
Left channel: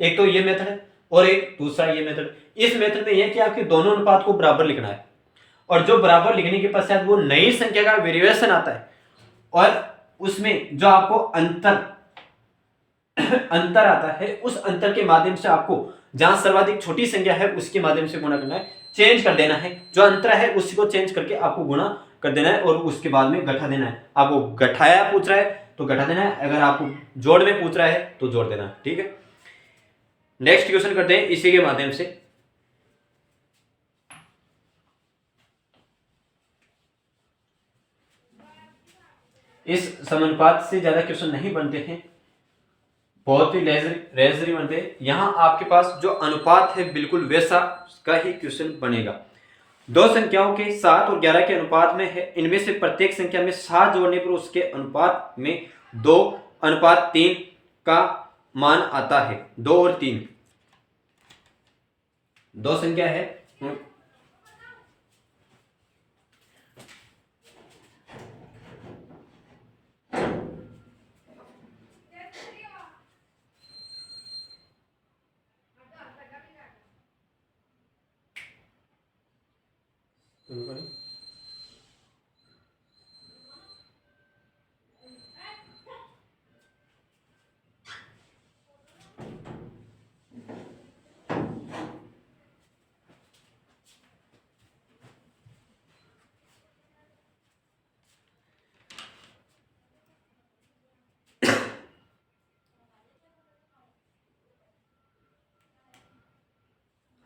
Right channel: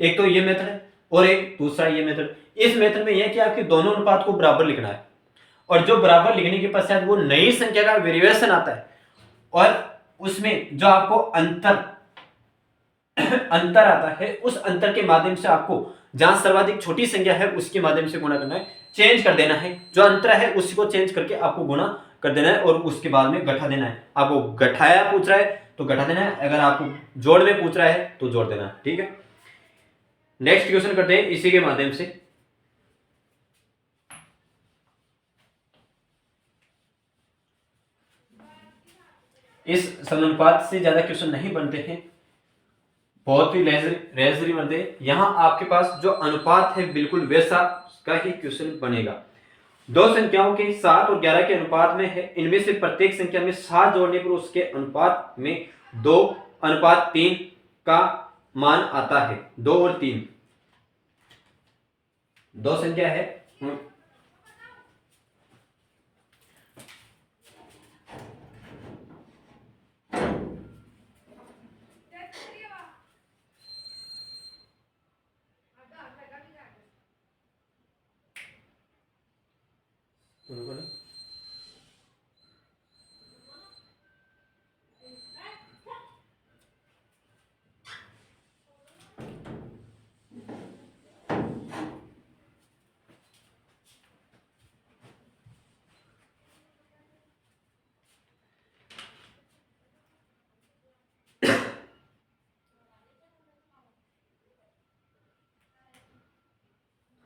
एक तो ये मेथड है और एक दूसरा ये मेथड। इस मेथड में यह है कि आपके दोनों अनुपात को बराबर लिखना है, और जो बराबर लिखने के पश्चात वो नई संख्या का वेरिएशन आता है, और उसमें जो आपको अंतर आता है, उस अंतर के माध्यम से आपको जहां सर्वाधिक छोटी संख्या है उसके माध्यम से गुणा करना है, चेंज कर देना है। जो अंतर है उसी को चेंज करके आपको गुणा कर देना है, और उसके बाद में घटा देना है। आपको घटाया पूछ रहा है तो घटा देना है, अगर आपको जोड़ में पूछ रहा है तो जोड़ देना है, ठीक है। नेक्स्ट क्वेश्चन करते हैं इसी के माध्यम से। इस समानुपात से ज्यादा क्वेश्चन नहीं बनते हैं, बहुत ही लेजरी बनते हैं। यहां आपके पास जो अनुपात है बिल्कुल वैसा का ही क्वेश्चन बनेगा। दो संख्याओं के 7 और 11 के अनुपात में है, इनमें से प्रत्येक संख्या में 7 जोड़ने पर उसके अनुपात में 2:3 का मान आता है। 2 और 3 दो संख्या है,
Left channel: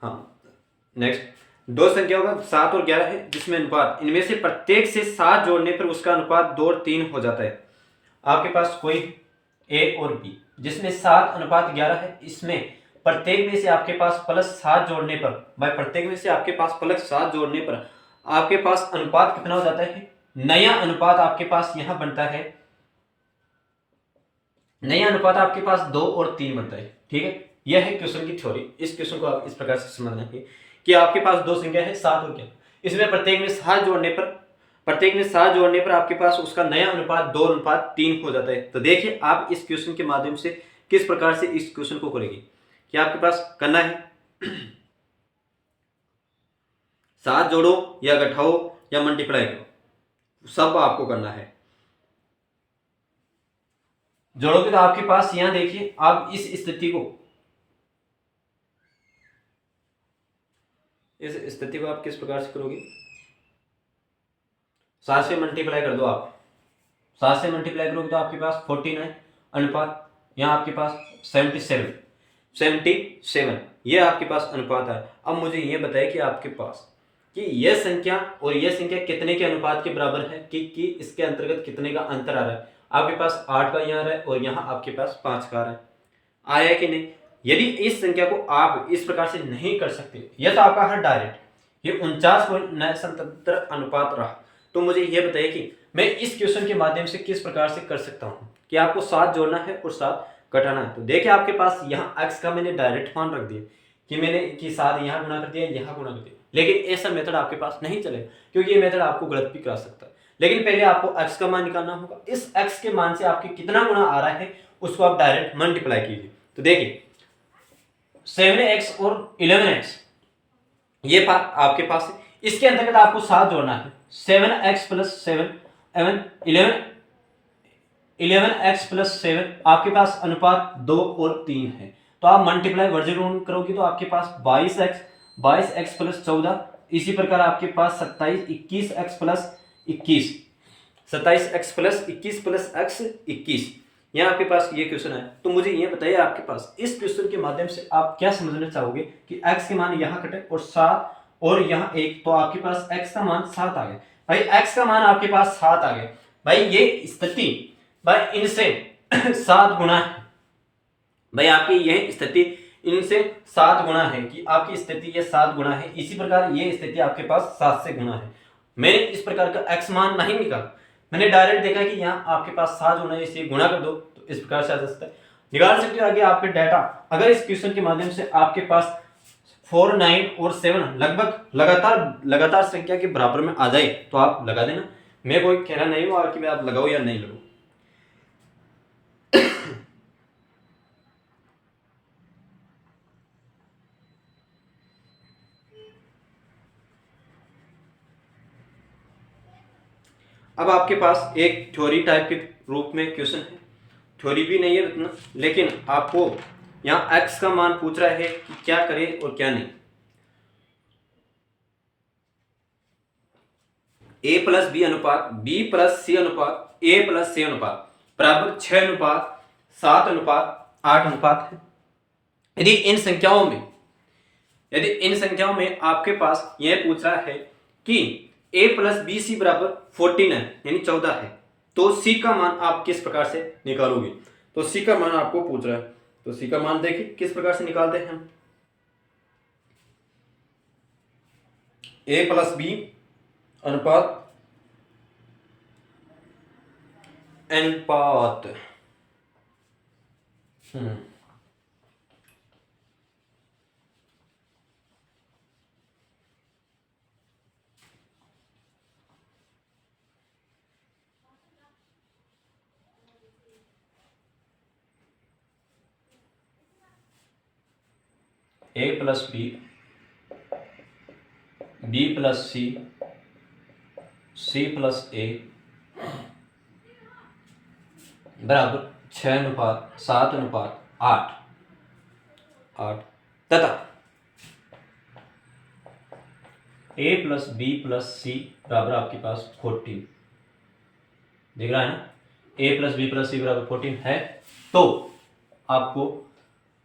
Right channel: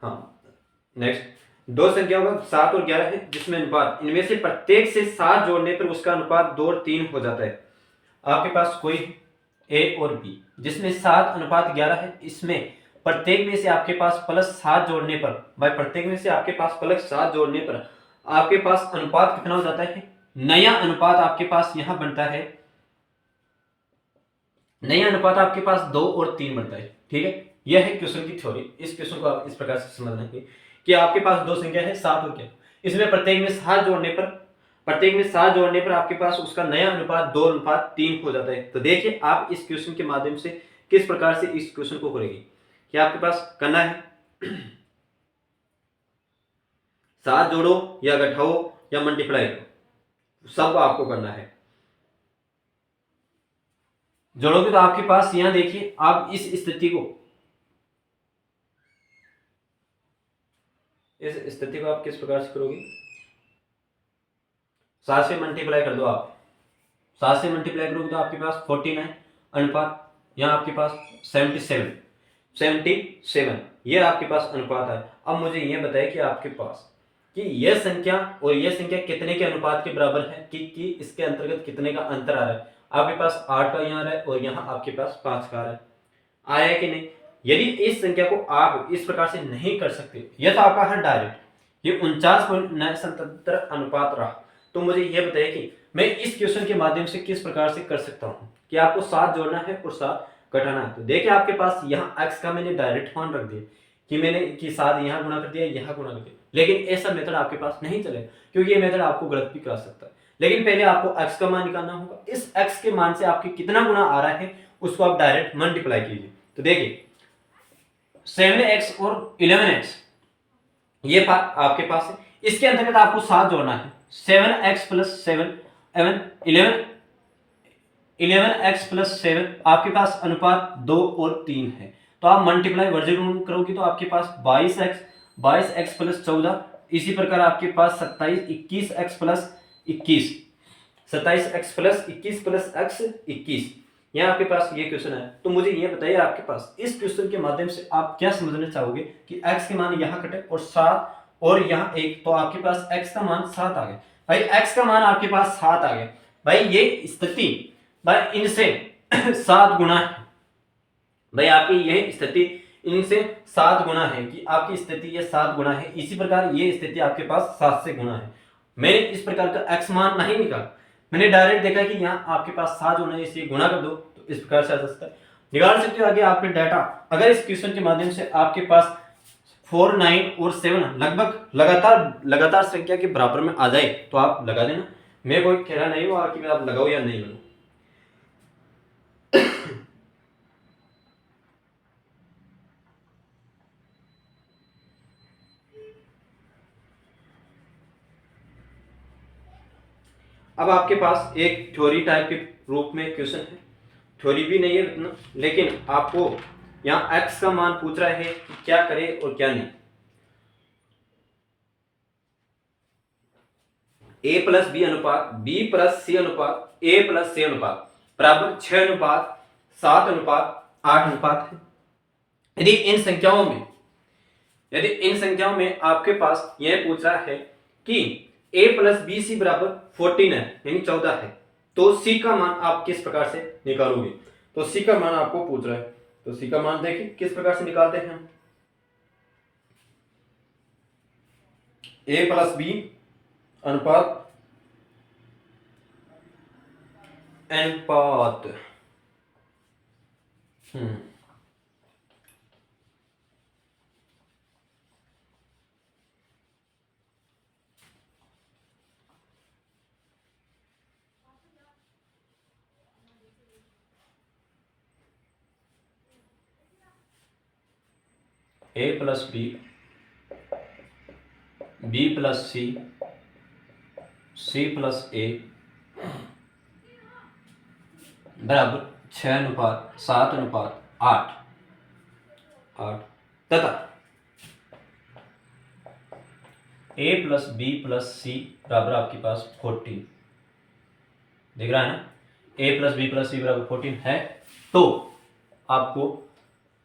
हाँ नेक्स्ट, दो संख्याओं का 7 और 11 है जिसमें अनुपात इनमें से प्रत्येक से 7 जोड़ने पर उसका अनुपात 2 और 3 हो जाता है। आपके पास कोई ए और बी जिसमें 7:11 है, इसमें प्रत्येक में से आपके पास +7 जोड़ने पर, भाई प्रत्येक में से आपके पास +7 जोड़ने पर आपके पास अनुपात कितना हो जाता है, नया अनुपात आपके पास यहां बनता है, नया अनुपात आपके पास 2 और 3 बनता है, ठीक है। यह है क्वेश्चन की थ्योरी। इस क्वेश्चन को आप इस प्रकार से समझना है कि आपके पास दो संख्या है 7 और 11, इसमें प्रत्येक में 7 जोड़ने पर आपके पास उसका नया अनुपात 2:3 हो जाता है। तो देखिए आप इस क्वेश्चन के माध्यम से किस प्रकार से इस क्वेश्चन को करेंगे। क्या आपके पास करना है 7 जोड़ो या घटाओ या मल्टीप्लाई करो, सब आपको करना है। जोड़ोगे तो आपके पास यहां देखिए आप इस स्थिति को आप किस प्रकार से करोगे, 7 से मल्टीप्लाई कर दो आप, 7 से मल्टीप्लाई करोगे तो आपके पास 49 अनुपात, यहाँ आपके पास 77 ये आपके पास अनुपात है। अब मुझे ये बताइए कि आपके पास कि यह संख्या और यह संख्या कितने के अनुपात के बराबर है, कि इसके अंतर्गत कितने का अंतर आ रहा है। आपके पास 8 का यहाँ आ रहा है और यहाँ आपके पास 5 का आ रहा है, आया है कि नहीं। यदि इस संख्या को आप इस प्रकार से नहीं कर सकते, यह तो आपका है डायरेक्ट, ये 49.77 अनुपात रहा, तो मुझे यह बताइए कि मैं इस क्वेश्चन के माध्यम से किस प्रकार से कर सकता हूं कि आपको 7 जोड़ना है और 7 घटाना है। तो देखिए आपके पास यहाँ x का मैंने डायरेक्ट मान रख दिया कि मैंने कि 7 यहाँ गुणा कर दिया, यहाँ गुणा कर दिया, लेकिन ऐसा मेथड आपके पास नहीं चलेगा क्योंकि ये मेथड आपको गलत भी कर सकता है। लेकिन पहले आपको x का मान निकालना होगा, इस x के मान से आपके कितना गुणा आ रहा है उसको आप डायरेक्ट मल्टीप्लाई कीजिए। तो देखिए 7x और 11x ये बात आपके पास है, इसके अंतर्गत आपको 7 जोड़ना है, 7x + 7 11x + 7 आपके पास अनुपात 2 और 3 है। तो आप मल्टीप्लाई वर्गमूल करोगे तो आपके पास 22x + 14, इसी प्रकार आपके पास 21x + 21 27x plus 21 plus x 21। यहाँ आपके पास ये क्वेश्चन है। तो मुझे ये बताइए आपके पास इस क्वेश्चन के माध्यम से आप क्या समझना चाहोगे कि x के मान यहाँ कटे और 7 और यहाँ 1, तो आपके पास x का मान 7 आ गया। भाई x का मान आपके पास 7 आ गया। भाई ये स्थिति भाई इनसे 7 गुना है। भाई आपकी यह स्थिति इनसे 7 गुना है कि आपकी स्थिति ये 7 गुना है। इसी प्रकार ये स्थिति आपके पास 7 से गुना है। मैंने इस प्रकार का x मान नहीं निकाला, मैंने डायरेक्ट देखा कि यहाँ आपके पास 7 होना है, इसलिए गुणा कर दो, तो इस प्रकार से आ सकता है। निकाल सकते हो आगे आपके डाटा। अगर इस क्वेश्चन के माध्यम से आपके पास 4, 9 और 7 लगभग लगातार संख्या के बराबर में आ जाए तो आप लगा देना। मैं कोई कह रहा नहीं हूँ कि आप लगाओ या नहीं लगाओ। अब आपके पास एक थ्योरी टाइप के रूप में क्वेश्चन है। थ्योरी भी नहीं है उतना, लेकिन आपको यहाँ x का मान पूछ रहा है कि क्या करे और क्या नहीं। a प्लस बी अनुपात b प्लस सी अनुपात a प्लस c अनुपात बराबर 6 अनुपात 7 अनुपात 8 अनुपात है। यदि इन संख्याओं में आपके पास यह पूछ रहा है कि a प्लस बी सी बराबर 14 है, यानी 14 है, तो c का मान आप किस प्रकार से निकालोगे। तो c का मान आपको पूछ रहा है, तो c का मान देखिए किस प्रकार से निकालते हैं हम। a प्लस बी अनुपात a plus B b plus C c plus a बराबर 6 अनुपात 7 अनुपात 8 तथा a plus B plus C बराबर आपके पास 14 दिख रहा है ना। a plus B plus C बराबर 14 है, तो आपको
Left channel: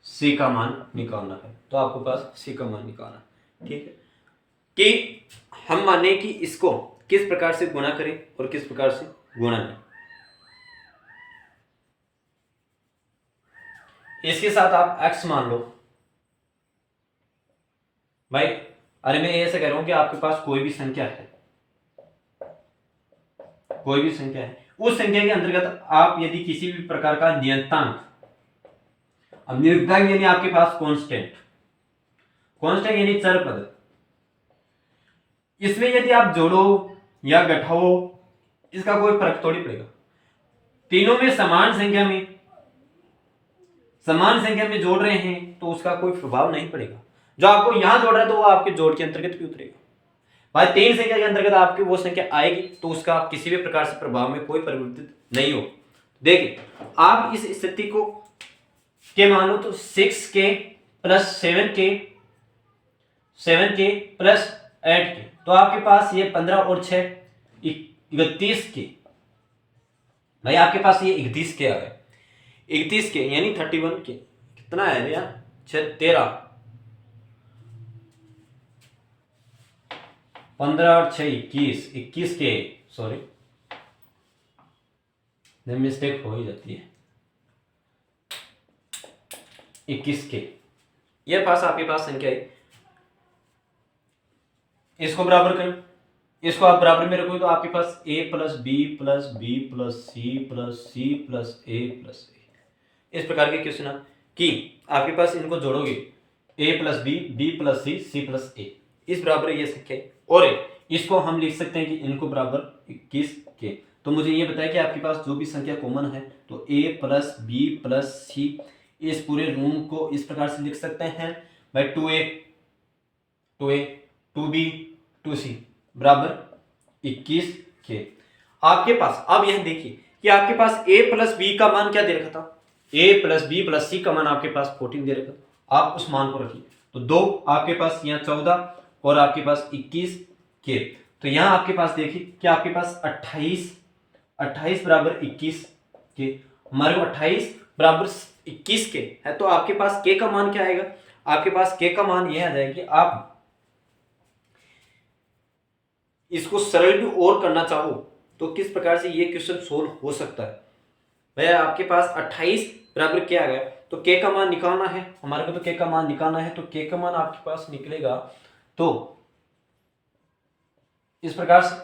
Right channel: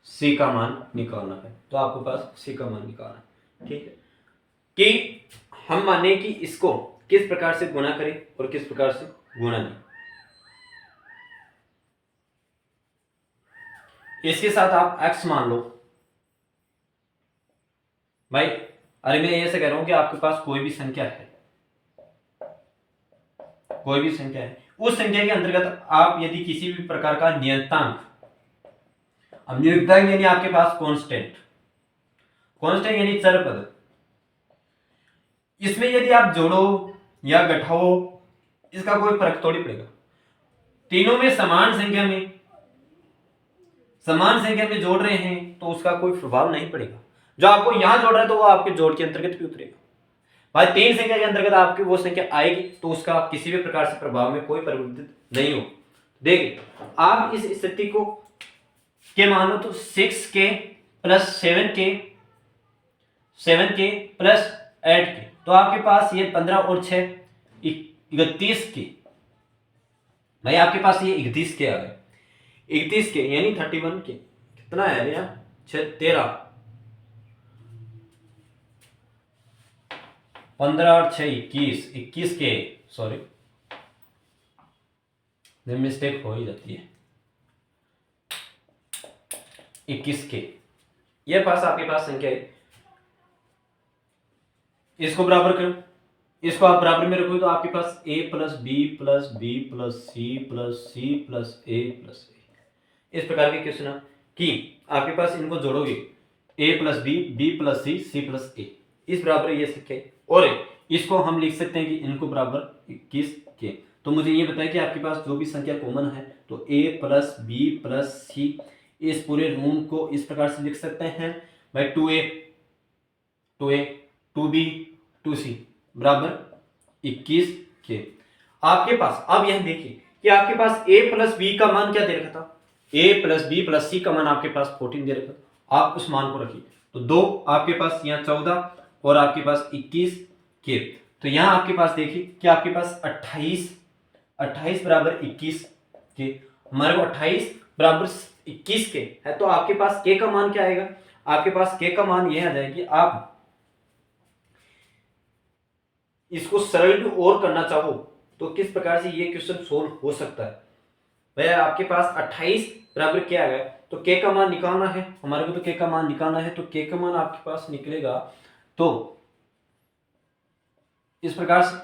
c का मान निकालना है। तो आपके पास c का मान निकालना, ठीक है, कि हम माने कि इसको किस प्रकार से गुणा करें और किस प्रकार से गुणा नहीं। इसके साथ आप x मान लो। भाई अरे मैं ऐसे कह रहा हूं कि आपके पास कोई भी संख्या है, उस संख्या के अंतर्गत आप यदि किसी भी प्रकार का नियतांक, अब नियतांक यानी आपके पास कांस्टेंट यानी चर पद, इसमें यदि आप जोड़ो या घटाओ इसका कोई फर्क थोड़ी पड़ेगा। तीनों में समान संख्या में जोड़ रहे हैं तो उसका कोई प्रभाव नहीं पड़ेगा। जो आपको यहां जोड़ रहा है तो वो आपके जोड़ के अंतर्गत भी उतरेगा। भाई 3 संख्या के अंतर्गत आपकी वो संख्या आएगी तो उसका किसी भी प्रकार से प्रभाव में कोई परिवर्तित नहीं हो। देखिए आप इस स्थिति को के मानो तो 6k plus 7k plus 8k, तो आपके पास ये 15 और 6 31k। भाई आपके पास ये 31k आ गए, 31k यानी 31k कितना है भैया 13, 15 और 6 21k, सॉरी मिस्टेक हो ही जाती है, 21k। ये पास आपके पास संख्या है, इसको बराबर करो, इसको आप बराबर में रखोगे तो आपके पास a plus B plus B plus C plus C plus A plus A, इस प्रकार के क्वेश्चन कि आपके पास इनको जोड़ोगे a plus B plus C plus A, इस बराबर ये संख्या है। और इसको हम लिख सकते हैं कि इनको बराबर 21k। तो मुझे ये बताया कि आपके पास जो भी संख्या कॉमन है तो a प्लस बी प्लस सी, इस पूरे रूम को इस प्रकार से लिख सकते हैं भाई 2a 2b 2c बराबर 21k। आपके पास अब यह देखिए कि आपके पास a प्लस बी का मान क्या दे रखा था, a प्लस बी प्लस सी का मान आपके पास 14 दे रखा था। आप उस मान को रखिए तो 2 आपके पास यहाँ 14 और आपके पास 21k। तो यहाँ आपके पास देखिए कि आपके पास 28 28 बराबर 21 के, हमारे को 28 बराबर 21 के है, तो आपके पास के का मान क्या आएगा? आपके पास के का मान यह आ जाएगा कि आप इसको सरल भी और करना चाहो तो किस प्रकार से ये क्वेश्चन सोल्व हो सकता है। भैया आपके पास 28 बराबर क्या आ गया, तो के का मान निकालना है हमारे को, तो के का मान निकालना है, तो के का मान आपके पास निकलेगा तो इस प्रकार से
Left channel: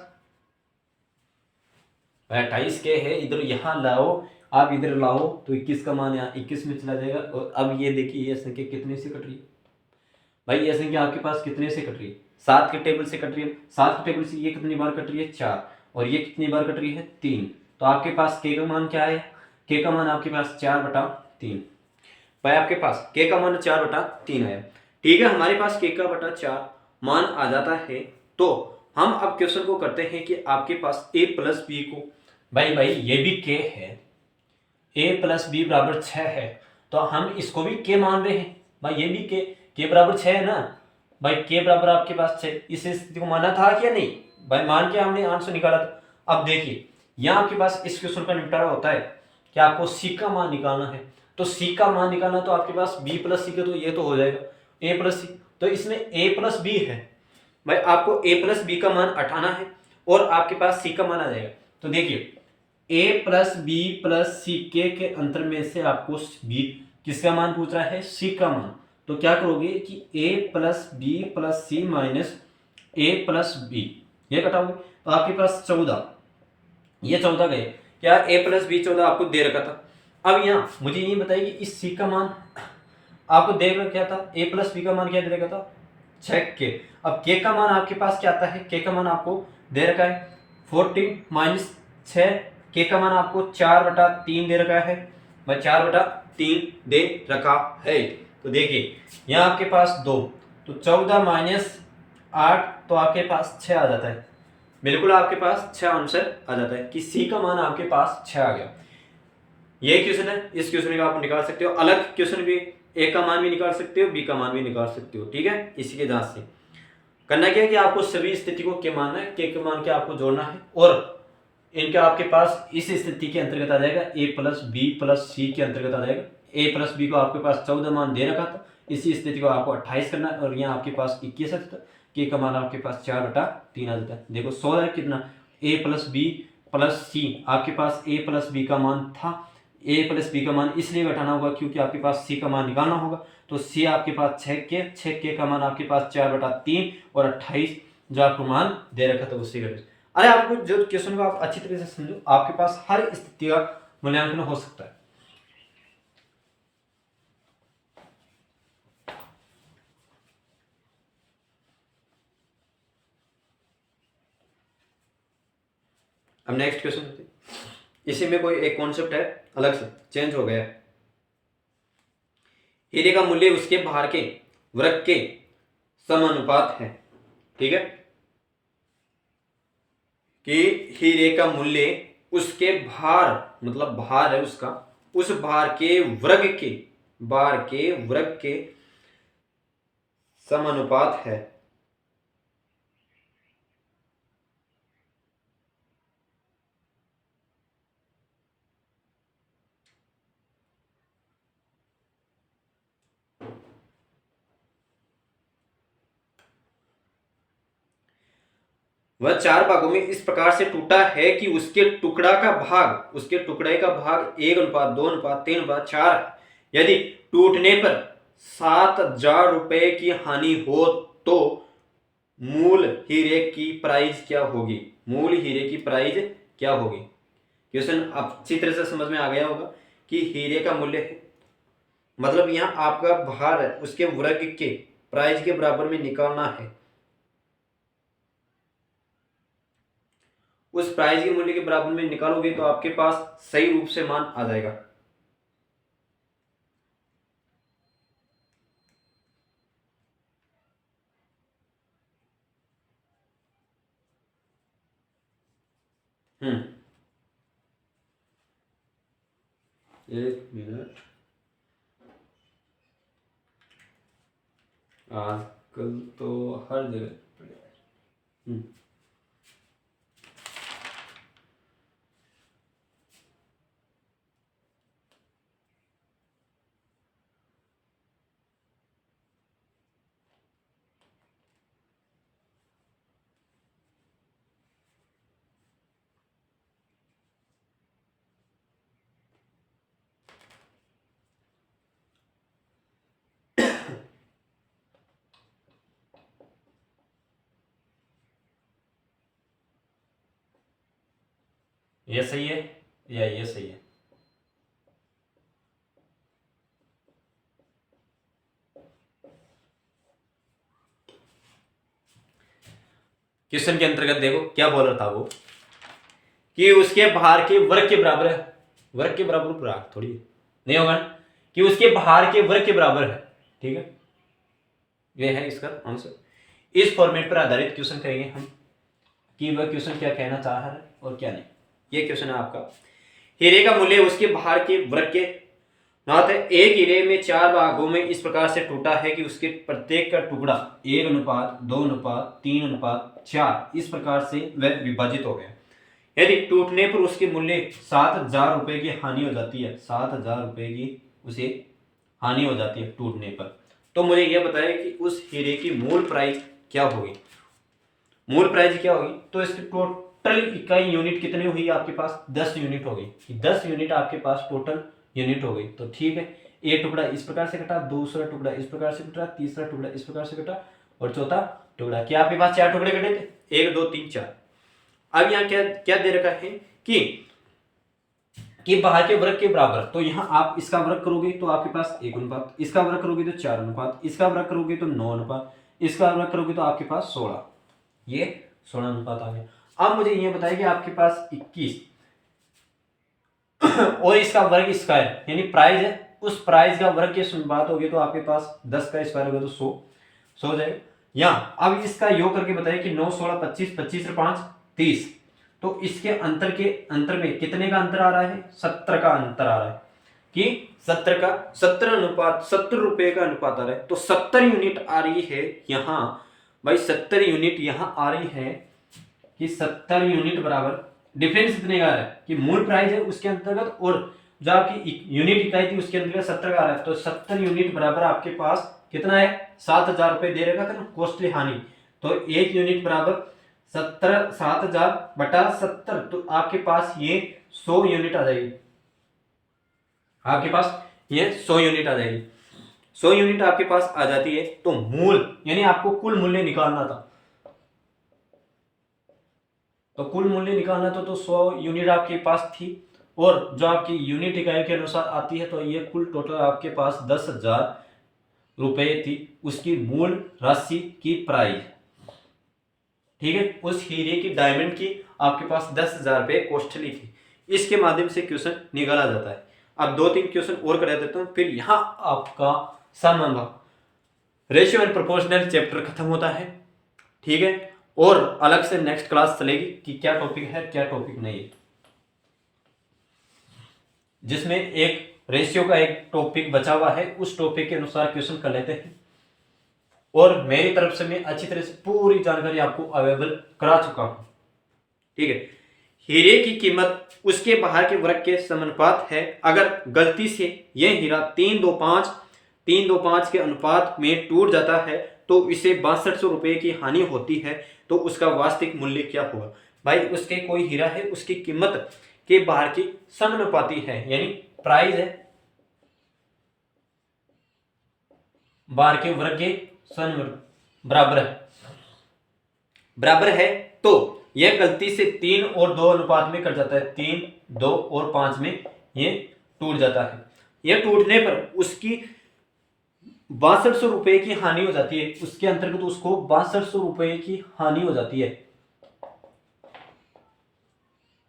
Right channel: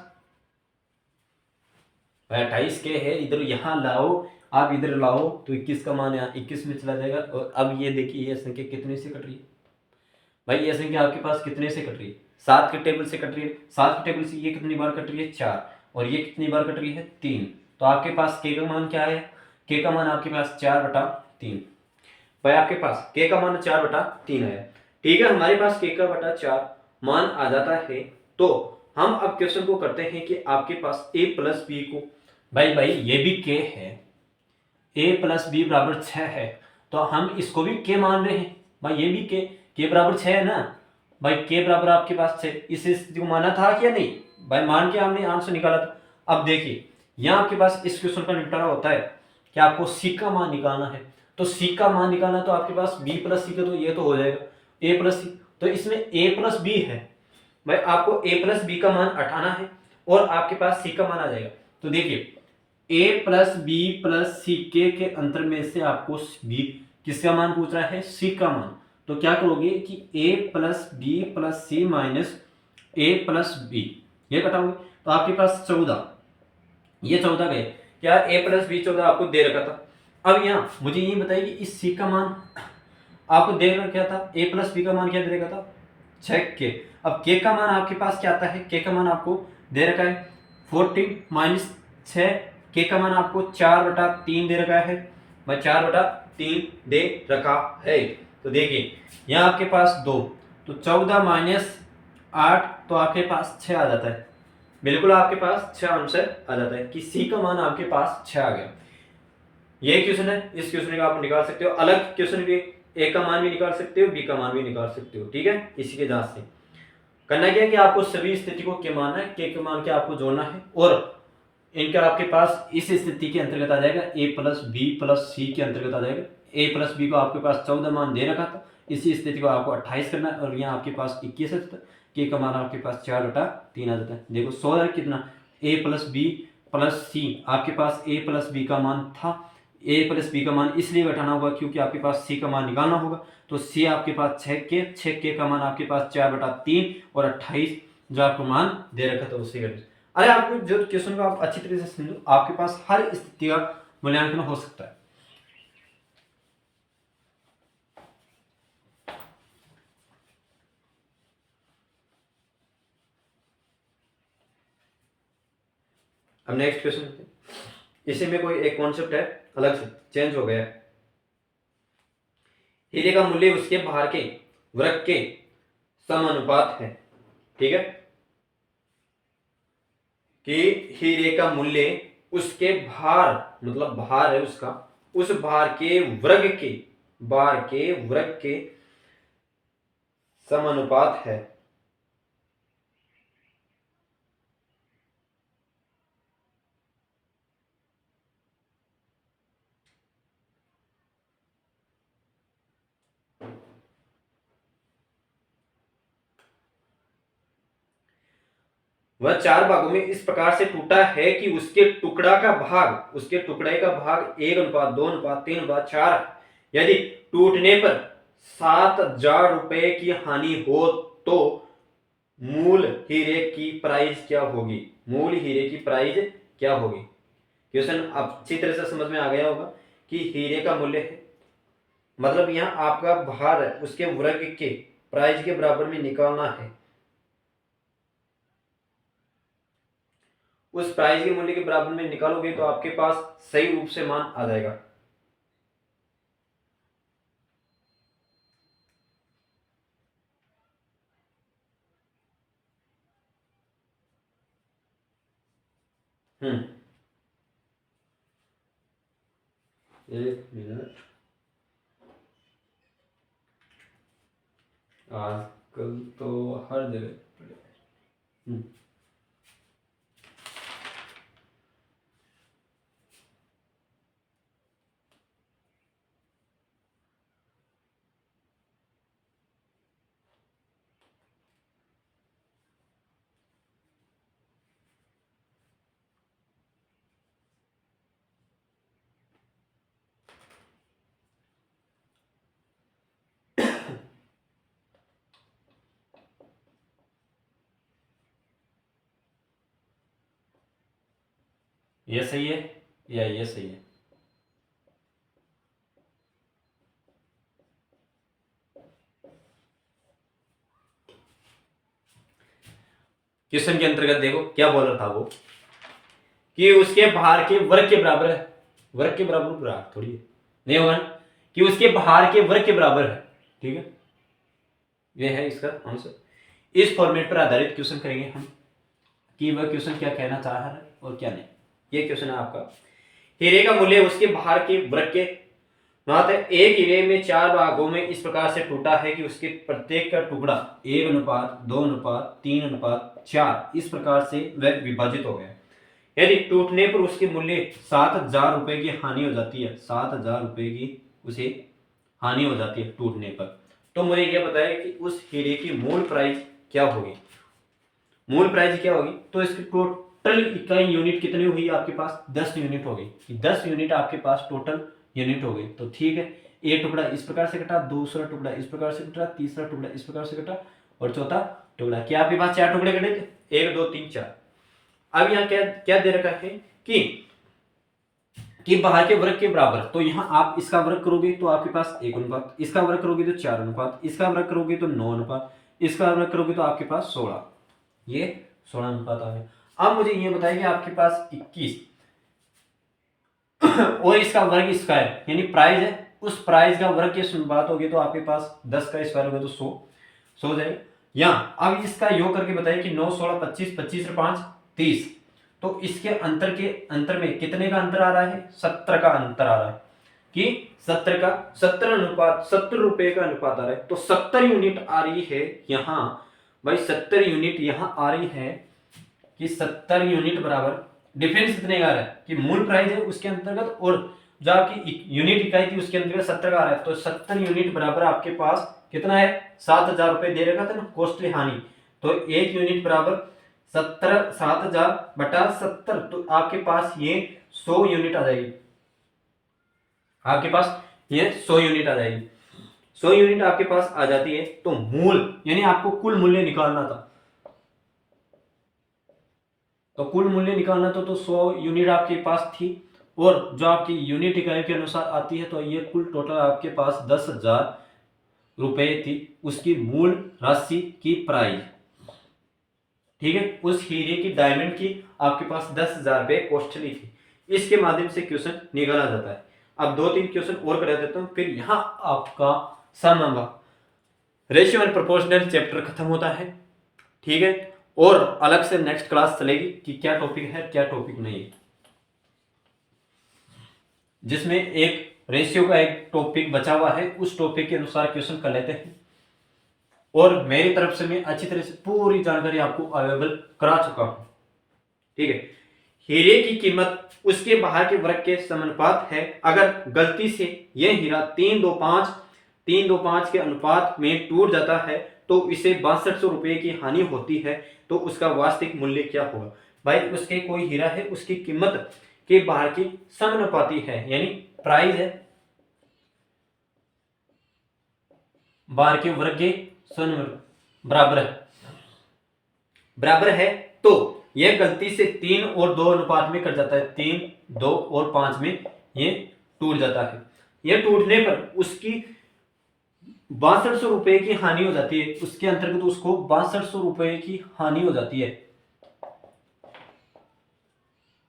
28 के है, इधर यहां लाओ, आप इधर लाओ तो 21 का मान यहाँ 21 में चला जाएगा। और अब ये देखिए ये संख्या कितने से कट रही है भाई, ये संख्या आपके पास कितने से कट रही है? 7 के टेबल से कट रही है। 7 के टेबल से ये कितनी बार कट रही है? 4। और ये कितनी बार कट रही है? 3। तो आपके पास के का मान क्या है? के का मान आपके पास 4/3 भाई, आपके पास के का मान 4/3 है। ठीक है, हमारे पास के का बटा 4 मान आ जाता है। तो हम अब क्वेश्चन को करते हैं कि आपके पास a प्लस बी को, भाई ये भी के है, a प्लस बी बराबर 6 है, तो हम इसको भी के मान रहे हैं भाई, ये भी के बराबर 6 है ना भाई, के बराबर आपके पास 6, इस स्थिति को माना था क्या नहीं भाई, मान के हमने आंसर निकाला था। अब देखिए यहाँ आपके पास इस क्वेश्चन का निपटारा होता है कि आपको सी का मान निकालना है, तो सी का मान निकालना तो आपके पास बी प्लस सी का, तो ये तो हो जाएगा ए प्लस सी, तो इसमें ए प्लस बी है भाई, आपको ए प्लस बी का मान हटाना है और आपके पास सी का मान आ जाएगा। तो देखिए ए प्लस बी प्लस सी के अंतर में से आपको बी किसका मान पूछ रहा है? सी का मान। तो क्या करोगे कि ए प्लस बी प्लस सी माइनस ए प्लस बी, ये घटाओगे तो आपके पास 14, ये 14 गए, क्या ए प्लस बी 14 आपको दे रखा था। अब यहाँ मुझे ये बताइए कि इस सी का मान आपको दे रखा था, ए प्लस बी का मान क्या दे रखा था? 6 के। अब के का मान आपके पास क्या आता है? के का मान आपको दे रखा है 14 माइनस 6, के का मान आपको 4/3 दे रखा है भाई, 4/3 दे रखा है। तो देखिए यहाँ आपके पास 2, तो 14 माइनस 8, तो आपके पास 6 आ जाता है, बिल्कुल आपके पास 6 आंसर आ जाता है कि सी का मान आपके पास 6 आ गया। ये क्वेश्चन है, इस क्वेश्चन का आप निकाल सकते हो, अलग क्वेश्चन भी ए का मान भी निकाल सकते हो, बी का मान भी निकाल सकते हो। ठीक है, इसी के जांच से करना क्या है कि आपको सभी स्थिति को के मानना है, के मान के आपको जोड़ना है और इनका आपके पास इस स्थिति के अंतर्गत आ जाएगा, ए प्लस बी प्लस सी के अंतर्गत आ जाएगा। ए प्लस बी को आपके पास 14 मान दे रखा था, इसी स्थिति को आपको 28 करना है और यहाँ आपके पास 21 है, के का मान आपके पास 4/3 आ जाता है। देखो 16 कितना, ए प्लस बी प्लस सी, आपके पास ए प्लस बी का मान था, ए प्लस बी का मान इसलिए घटाना होगा क्योंकि आपके पास सी का मान निकालना होगा, तो सी आपके पास 6 के का मान आपके पास 4/3 और 28 जो आपको मान दे रखा था उसी का। अरे आपको जो क्वेश्चन को आप अच्छी तरह से समझो, आपके पास हर स्थिति का मूल्यांकन हो सकता है। अब नेक्स्ट क्वेश्चन होते हैं, इसी में कोई एक कॉन्सेप्ट है अलग से चेंज हो गया। हीरे का मूल्य उसके भार के वर्ग के समानुपात है। ठीक है, कि हीरे का मूल्य उसके भार, मतलब भार है उसका, उस भार के वर्ग के समानुपात है। वह 4 भागों में इस प्रकार से टूटा है कि उसके टुकड़े का भाग 1:2:3:4, यदि टूटने पर 7,000 रुपए की हानि हो तो मूल हीरे की प्राइस क्या होगी? मूल हीरे की प्राइस क्या होगी? क्वेश्चन अच्छी तरह से समझ में आ गया होगा कि हीरे का मूल्य है, मतलब यहाँ आपका भार है उसके वर्ग के प्राइस के बराबर में निकालना है, उस प्राइस के मूल्य के बराबर में निकालोगे तो आपके पास सही रूप से मान आ जाएगा। एक मिनट, आजकल तो हर जगह ये सही है या ये सही है? क्वेश्चन के अंतर्गत देखो क्या बोल रहा था वो, कि उसके बाहर के वर्ग के बराबर है। वर्ग के बराबर भाग थोड़ी नहीं होगा ना, कि उसके बाहर के वर्ग के बराबर है। ठीक है, ये है इसका आंसर। इस फॉर्मेट पर आधारित क्वेश्चन करेंगे हम, कि वह क्वेश्चन क्या कहना चाह रहा है और क्या नहीं। ये क्वेश्चन है आपका, हीरे का मूल्य उसके बाहर के वर्ग के नात एक हीरे में 4 भागों में इस प्रकार से टूटा है कि उसके प्रत्येक का टुकड़ा 1:2:3:4 इस प्रकार से वह विभाजित हो गया। यदि टूटने पर उसके मूल्य 7,000 रुपए की हानि हो जाती है, 7,000 रुपए की उसे हानि हो जाती है टूटने पर, तो मुझे यह बताया कि उस हीरे की मूल प्राइस क्या होगी। मूल प्राइस क्या होगी, तो इसकी टोटल इकाई यूनिट कितनी हुई आपके पास, 10 यूनिट होगी। 10 यूनिट आपके पास टोटल यूनिट हो गई। तो ठीक है, एक टुकड़ा इस प्रकार से कटा, दूसरा टुकड़ा इस प्रकार से कटा, तीसरा टुकड़ा इस प्रकार से कटा और चौथा टुकड़ा। क्या आपके पास 4 टुकड़े कटे थे, 1 2 3 4। अब यहाँ क्या क्या दे रखा है कि बाहर के वर्ग के बराबर, तो यहाँ आप इसका वर्ग करोगे तो आपके पास 1 अनुपात, इसका वर्ग करोगे तो 4 अनुपात, इसका वर्ग करोगे तो 9 अनुपात, इसका वर्ग करोगे तो आपके पास 16, ये 16 अनुपात आ गया। अब मुझे ये बताइए कि आपके पास 21 और इसका वर्ग स्क्वायर यानी प्राइस है, उस प्राइस का वर्ग के अनुपात हो गया तो आपके पास 10 का स्क्वायर होगा तो 100 हो जाएगा। या अब इसका योग करके बताइए कि 9 16 25 25 और 5 30, तो इसके अंतर में कितने का अंतर आ रहा है, 70 का अंतर आ रहा है, कि 70 अनुपात 70 रुपए का अनुपात आ रहा है। तो 70 यूनिट आ रही है यहाँ भाई, 70 यूनिट यहाँ आ रही है कि 70 यूनिट बराबर डिफरेंस कितने का आ रहा है, कि मूल प्राइस है उसके अंतर्गत और जो आपकी यूनिट इकाई थी उसके अंतर्गत 70 का आ रहा है। तो 70 यूनिट बराबर आपके पास कितना है, 7,000 रुपए दे रखा था ना कॉस्टली हानि, तो एक यूनिट बराबर 7,000 बटा 70, तो आपके पास ये 100 यूनिट आ जाएगी। आपके पास ये 100 यूनिट आ जाएगी। 100 यूनिट आपके पास आ जाती है तो मूल यानी आपको कुल मूल्य निकालना था, तो कुल मूल्य निकालना तो 100 यूनिट आपके पास थी और जो आपकी यूनिट इकाई के अनुसार आती है, तो ये कुल टोटल आपके पास 10,000 रुपए थी उसकी मूल राशि की प्राइस। ठीक है, उस हीरे की डायमंड की आपके पास 10,000 रुपए कॉस्टली थी। इसके माध्यम से क्वेश्चन निकाला जाता है। अब 2-3 क्वेश्चन और करा देता हूं, फिर यहां आपका सम रेशियो एंड प्रोपोर्शनल चैप्टर खत्म होता है। ठीक है, और अलग से नेक्स्ट क्लास चलेगी कि क्या टॉपिक है क्या टॉपिक नहीं है, जिसमें एक रेशियो का एक टॉपिक बचा हुआ है, उस टॉपिक के अनुसार क्वेश्चन कर लेते हैं। और मेरी तरफ से मैं अच्छी तरह से पूरी जानकारी आपको अवेलेबल करा चुका हूं। ठीक है, हीरे की कीमत उसके बाहर के वर्ग के समानुपात है। अगर गलती से यह हीरा 3:2:5 के अनुपात में टूट जाता है तो इसे 6200 रुपए की हानि होती है, तो उसका वास्तविक मूल्य क्या होगा। भाई उसके कोई हीरा है, उसकी कीमत के बाहर की समानुपाती है यानी प्राइस है बाहर के वर्ग के बराबर है, तो यह गलती से 3 और 2 अनुपात में कट जाता है, 3 2 और 5 में ये टूट जाता है। यह टूटने पर उसकी 6200 रुपए की हानि हो जाती है, उसके अंतर्गत उसको 6200 रुपए की हानि हो जाती है,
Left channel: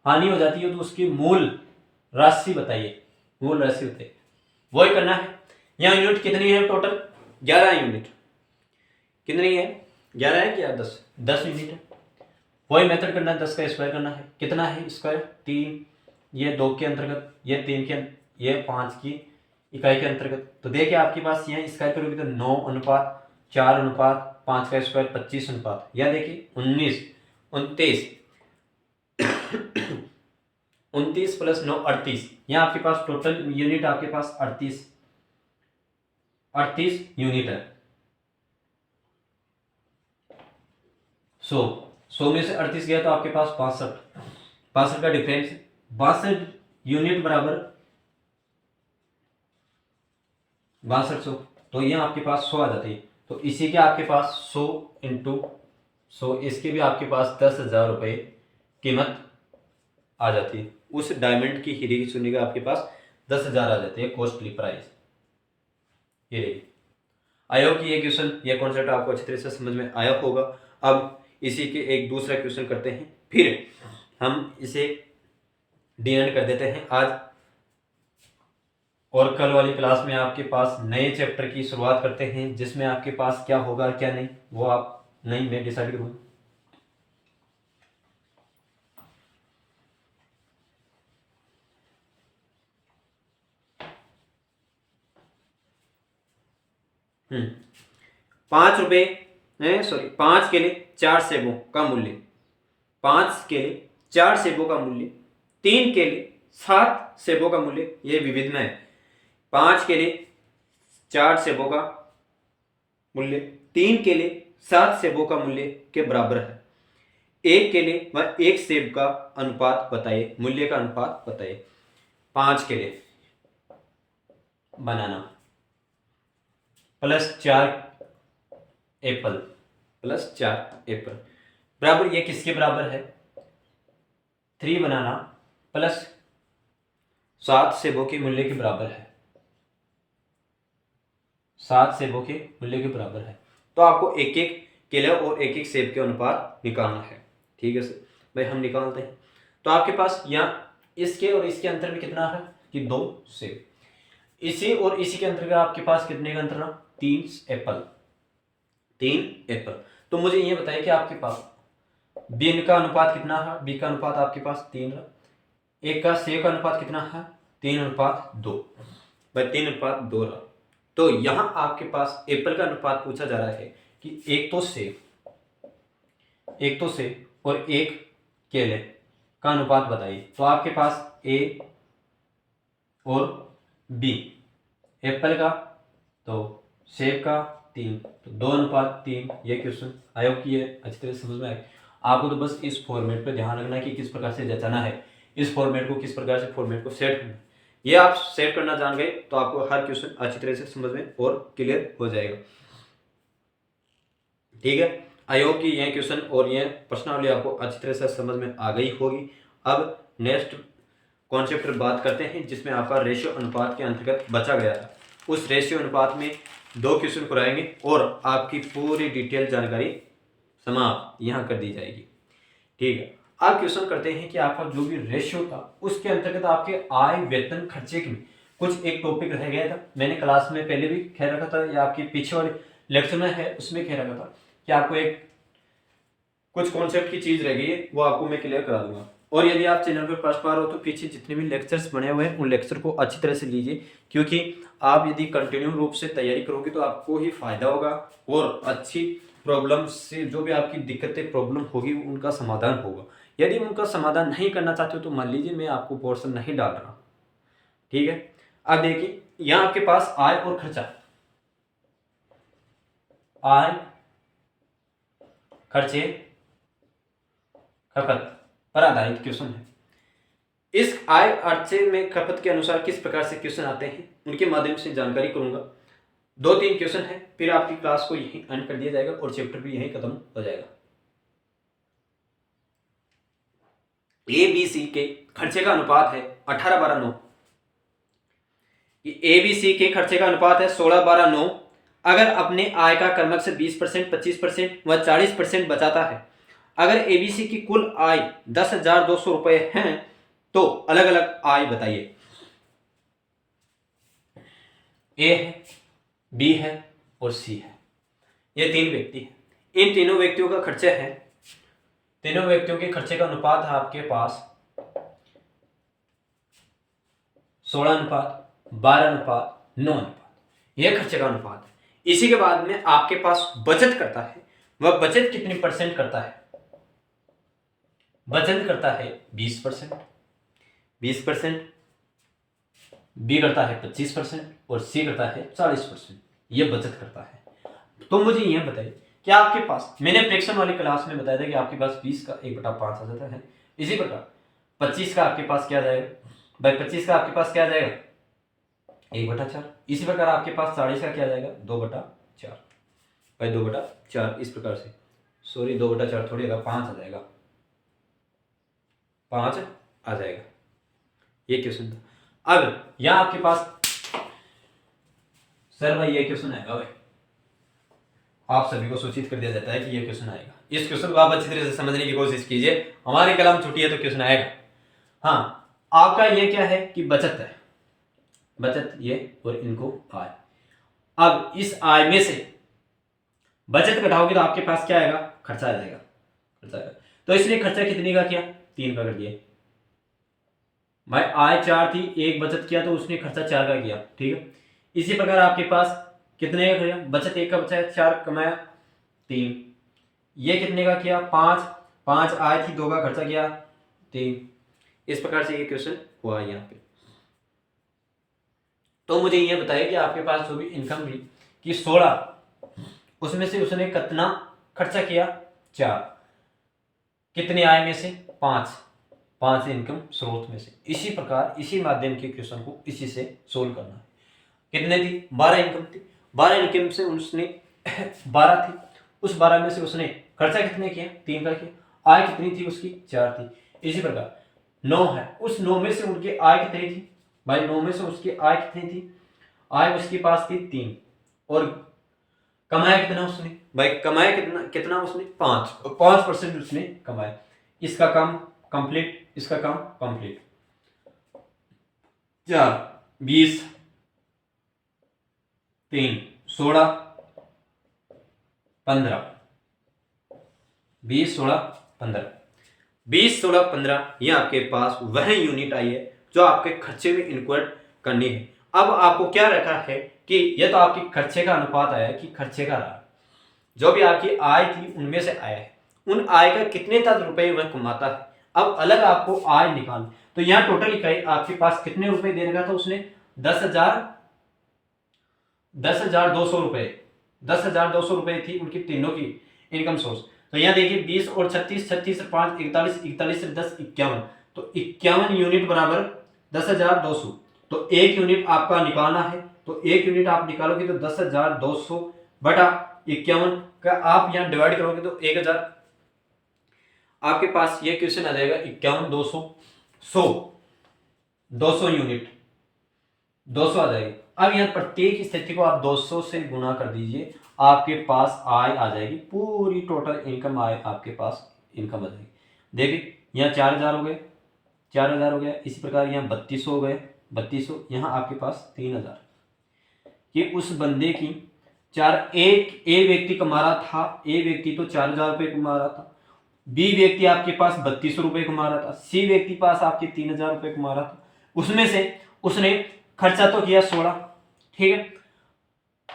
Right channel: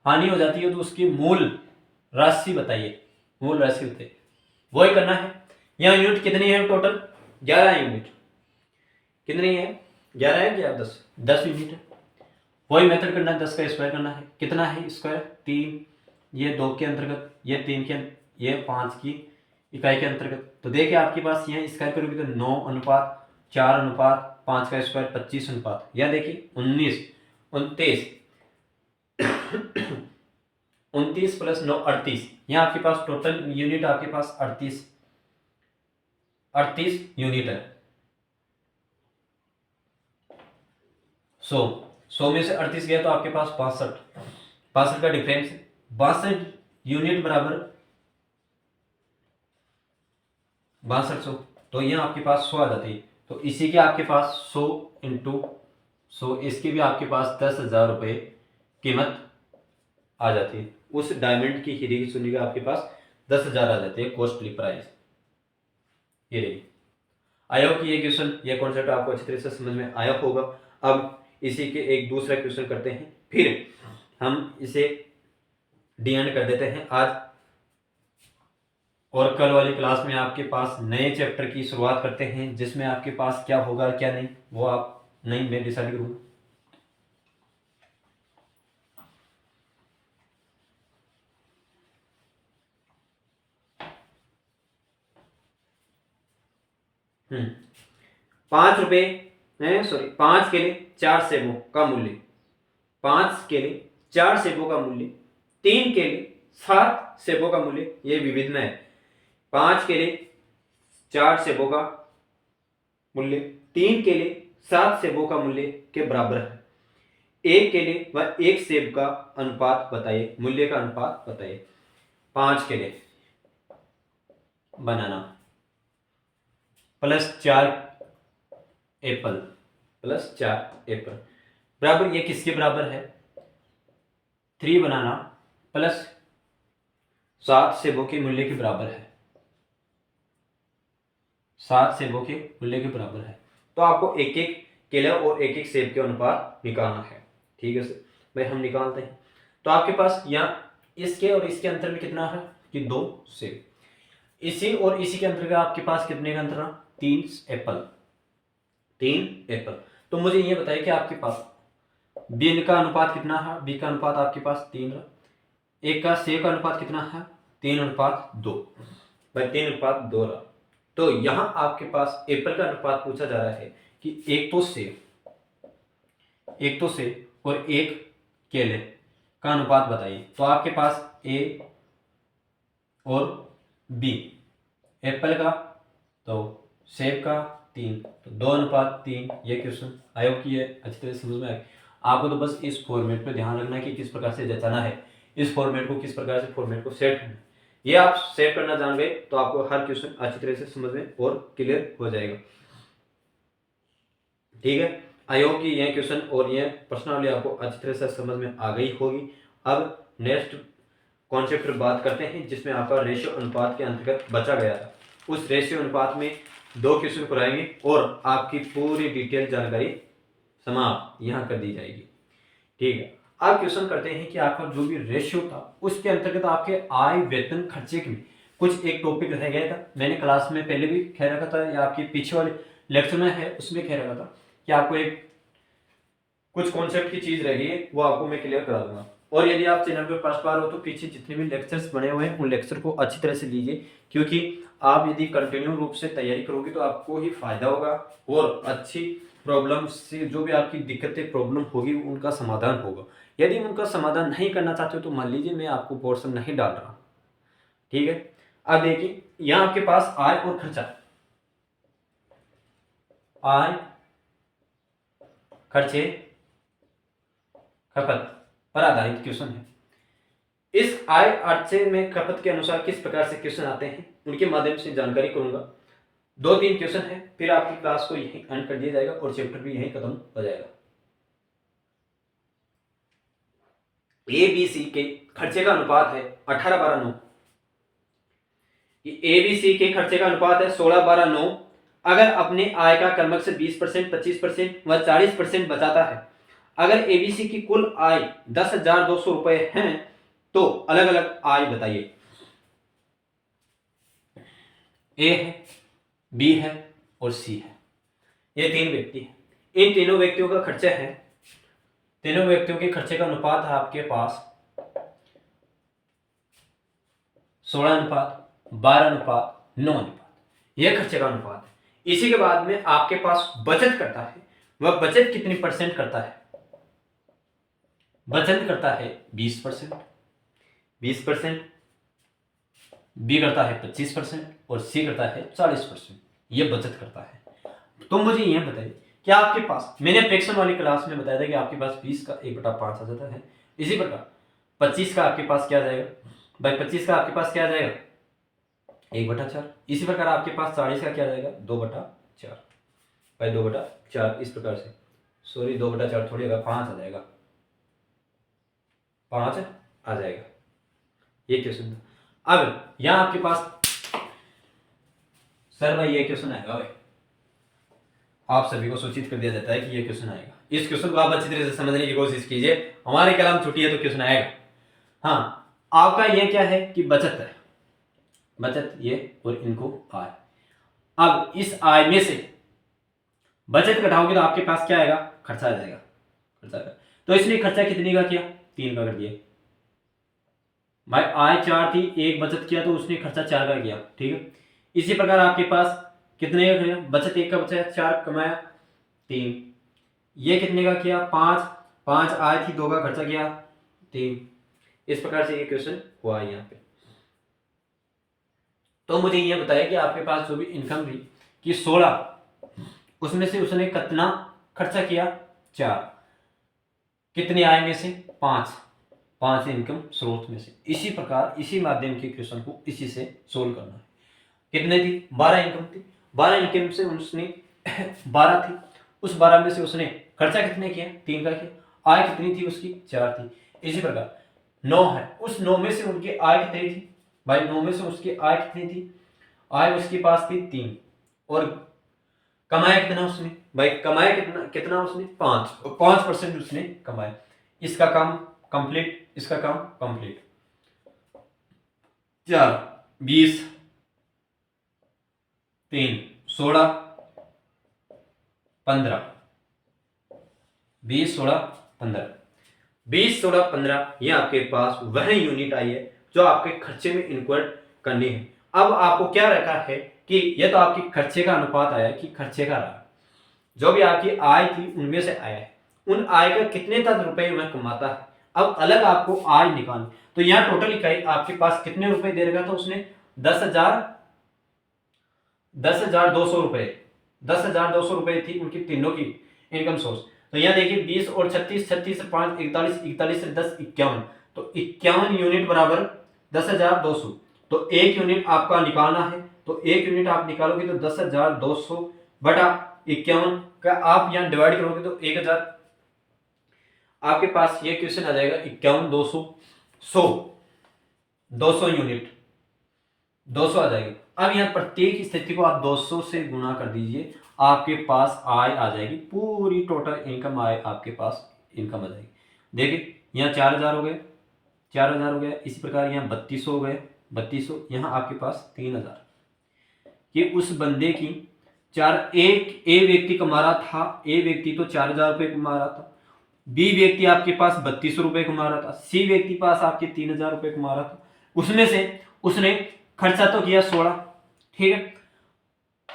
तो उसकी मूल राशि बताइए, मूल राशि बताइए, वही करना है। यहाँ यूनिट कितनी है टोटल, 11 यूनिट। कितनी है, 11 है या 10 यूनिट है। वही मेथड करना है, 10 का स्क्वायर करना है। कितना है स्क्वायर, 3, ये 2 के अंतर्गत, ये 3 के, ये 5 की इकाई के अंतर्गत। तो देखिए आपके पास यहाँ स्क्वायर करोगे तो 9:4:5 का स्क्वायर 25 अनुपात, या देखिए 19 29 29 प्लस 9 38, यहाँ आपके पास टोटल यूनिट आपके पास 38 यूनिट है। 100 में से 38 गया तो आपके पास 65 का डिफरेंस, 62 यूनिट बराबर 6200, तो यहाँ आपके पास 100 आ जाती है। तो इसी के आपके पास 100 × 100, इसके भी आपके पास 10,000 रुपये कीमत आ जाती है। उस डायमंड की हीरे की चूनी का आपके पास 10,000 आ जाती है कॉस्टली प्राइस। ये आई होप कि ये क्वेश्चन, ये कॉन्सेप्ट आपको अच्छी तरह से समझ में आया होगा। अब इसी के एक दूसरा क्वेश्चन करते हैं, फिर हम इसे डी एंड कर देते हैं आज। और कल वाली क्लास में आपके पास नए चैप्टर की शुरुआत करते हैं, जिसमें आपके पास क्या होगा क्या नहीं वो आप नहीं मैं डिसाइड करूँगा। हम्म 5 रुपये, सॉरी 5 केले 4 सेबों का मूल्य, 5 केले 4 सेबों का मूल्य, 3 केले 7 सेबों का मूल्य, ये विविध में है। 5 केले 4 सेबों का मूल्य 3 केले 7 सेबों का मूल्य के बराबर है। 1 केले व 1 सेब का अनुपात बताइए, मूल्य का अनुपात बताइए। 5 केले बनाना प्लस 4 एप्पल, प्लस 4 एप्पल बराबर, ये किसके बराबर है? 3 बनाना प्लस 7 सेबों के मूल्य के बराबर है। 7 सेबों के मूल्य के बराबर है। तो आपको एक एक केले और एक एक सेब के अनुपात निकालना है। ठीक है सर, भाई हम निकालते हैं। तो आपके पास यहाँ इसके और इसके अंतर में कितना है कि 2 सेब। इसी और इसी के अंतर का आपके पास कितने का अंतर रहा? 3 एप्पल, 3 एप्पल। तो मुझे ये बताइए कि आपके पास बी का अनुपात कितना है? बी का अनुपात आपके पास 3 रहा। एक का सेब का अनुपात कितना है? 3:2, भाई 3:2 रहा। तो यहाँ आपके पास एप्पल का अनुपात पूछा जा रहा है कि एक तो सेब और एक केले का अनुपात बताइए। तो आपके पास ए और बी, एप्पल का तो सेब का 3, तो 2:3। ये क्वेश्चन आई होप कि ये अच्छी तरह से समझ में आए। आपको तो बस इस फॉर्मेट पे ध्यान रखना है कि किस प्रकार से जचाना है, इस फॉर्मेट को किस प्रकार से फॉर्मेट को सेट करना है। ये आप सेट करना जान गए तो आपको हर क्वेश्चन अच्छी तरह से समझ में और क्लियर हो जाएगा। ठीक है, आई होप कि ये क्वेश्चन और ये प्रश्नावली आपको अच्छी तरह से समझ में आ गई होगी। अब नेक्स्ट कॉन्सेप्ट पर बात करते हैं, जिसमें आपका रेशियो अनुपात के अंतर्गत बचा गया था। उस रेशियो अनुपात में 2 क्वेश्चन कराएंगे और आपकी पूरी डिटेल जानकारी समाप्त यहाँ कर दी जाएगी। ठीक है, आप क्वेश्चन करते हैं कि आपका जो भी रेशियो था उसके अंतर्गत आपके आय वेतन खर्चे के कुछ एक टॉपिक रह गया था। मैंने क्लास में पहले भी कह रखा था या आपके पीछे वाले लेक्चर में है उसमें कह रखा था कि आपको एक कुछ कॉन्सेप्ट की चीज रह गई है, वो आपको मैं क्लियर करा दूंगा। और यदि आप चैनल पर फर्स्ट बार हो तो पीछे जितने भी लेक्चर्स बने हुए हैं उन लेक्चर को अच्छी तरह से लीजिए, क्योंकि आप यदि कंटिन्यू रूप से तैयारी करोगे तो आपको ही फायदा होगा और अच्छी प्रॉब्लम से जो भी आपकी दिक्कतें प्रॉब्लम होगी उनका समाधान होगा। यदि उनका समाधान नहीं करना चाहते हो तो मान लीजिए मैं आपको पोर्शन नहीं डाल रहा। ठीक है, अब देखिए यहाँ आपके पास आय और खर्चा, आय खर्चे खपत पर आधारित क्वेश्चन है। इस आय खर्चे में खपत के अनुसार किस प्रकार से क्वेश्चन आते हैं उनके माध्यम से जानकारी करूंगा। 2-3 क्वेश्चन है, फिर आपकी क्लास को यहीं एंड कर दिया जाएगा और चैप्टर भी यहीं खत्म हो जाएगा। ए बी सी के खर्चे का अनुपात है 18:9। ए बी सी के खर्चे का अनुपात है 16:9। अगर अपने आय का क्रमश से 20%, 25% व 40% बचाता है, अगर एबीसी की कुल आय 10,200 रुपए है तो अलग अलग आय बताइए। ए है, बी है और सी है, ये 3 व्यक्ति है। इन तीनों व्यक्तियों का खर्चा है, तीनों व्यक्तियों के खर्चे का अनुपात है आपके पास 16:12:9। यह खर्चे का अनुपात है। इसी के बाद में आपके पास बचत करता है, वह बचत कितनी परसेंट करता है? बचत करता है 20%, 20%, बी करता है 25% और सी करता है 40%। ये बचत करता है। तो मुझे यह बताइए कि आपके पास, मैंने फ्रैक्शन वाली क्लास में बताया था कि आपके पास 20 का 1/5 आ जाता है। इसी प्रकार 25 का आपके पास क्या जाएगा भाई? 25 का आपके पास क्या जाएगा? 1/4। इसी प्रकार आपके पास 40 का क्या जाएगा? 2/4 भाई, 2/4 इस प्रकार से, सॉरी 2/4 थोड़ी होगा, 5 आ जाएगा। 5 आ जाएगा। ये क्वेश्चन था। अब यहाँ आपके पास सर भाई ये क्वेश्चन आएगा भाई, आप सभी को सूचित कर दिया जाता है कि ये क्वेश्चन आएगा। इस क्वेश्चन को आप अच्छी तरह से समझने की कोशिश कीजिए, हमारी कलम छुट्टी है तो क्वेश्चन आएगा। हाँ, आपका ये क्या है कि बचत है, बचत ये और इनको आय। अब इस आय में से बचत घटाओगे तो आपके पास क्या आएगा, खर्चा आ जाएगा, खर्चा आएगा। तो इसने खर्चा कितने का किया, 3 का कर दिया भाई। आय 4 थी, एक बचत किया तो उसने खर्चा 4 का किया, ठीक है। इसी प्रकार आपके पास कितने का किया, बचत 1 का बचा है, 4 कमाया 3, ये कितने का किया 5, 5 आय थी, 2 का खर्चा किया 3। इस प्रकार से ये क्वेश्चन हुआ है यहाँ पे। तो मुझे ये बताया कि आपके पास जो भी इनकम थी कि 16, उसमें से उसने कितना खर्चा किया 4, कितनी आय में से 5 इनकम स्रोत में से। इसी प्रकार इसी माध्यम के क्वेश्चन को इसी से सोल्व करना है। कितने थी, 12 इनकम थी, 12 इनकम से उसने 12 थी, उस 12 में से उसने खर्चा कितने किया, 3 का किया। आय कितनी थी उसकी, 4 थी। इसी प्रकार 9 है, उस 9 में से उनकी आय कितनी थी भाई, 9 में से उसकी आय कितनी थी, आय उसके पास थी 3, और कमाया कितना उसने भाई, कमाया कितना उसने 5, और 5% उसने कमाया। इसका काम कंप्लीट, इसका काम कंप्लीट। 4 20 3 16 15, 20 16 15, 20 16 15, ये आपके पास वह यूनिट आई है जो आपके खर्चे में इनक्लूड करनी है। अब आपको क्या रखा है कि यह तो आपकी खर्चे का अनुपात आया कि खर्चे का रहा, जो भी आपकी आय थी उनमें से आया है, उन आय का कितने तक रुपए वह कमाता है। अब अलग आपको आय निकालनी, तो यहाँ टोटल इकाई आपके पास कितने रुपए दे रखा था उसने, 10,200 रुपए, 10,200 रुपए थी उनकी तीनों की इनकम सोर्स। तो यहाँ देखिए 20 और 36, 36 से 5 41, 41 से 10 51, तो 51 यूनिट बराबर 10,200। तो एक यूनिट आपका निकालना है, तो एक यूनिट आप निकालोगे तो 10,200 बटा 51 का आप यहाँ डिवाइड करोगे तो 1000, आपके पास ये क्वेश्चन आ जाएगा 51 200 200 यूनिट 200 आ जाएगी। अब यहाँ प्रत्येक स्थिति को आप 200 से गुणा कर दीजिए, आपके पास आय आ जाएगी, पूरी टोटल इनकम आय आपके पास इनकम आ जाएगी। देखिए यहाँ 4000 हो गए, 4000 हो गया। इसी प्रकार यहाँ 3200 हो गए, 3200, यहाँ आपके पास 3000। ये उस बंदे की एक ए व्यक्ति कमा रहा था, ए व्यक्ति तो 4000 रुपये कमा रहा था, बी व्यक्ति आपके पास 3200 रुपये कमा रहा था, सी व्यक्ति पास आपके 3000 रुपये कमा रहा था। उसमें से उसने खर्चा तो किया 16, ठीक है,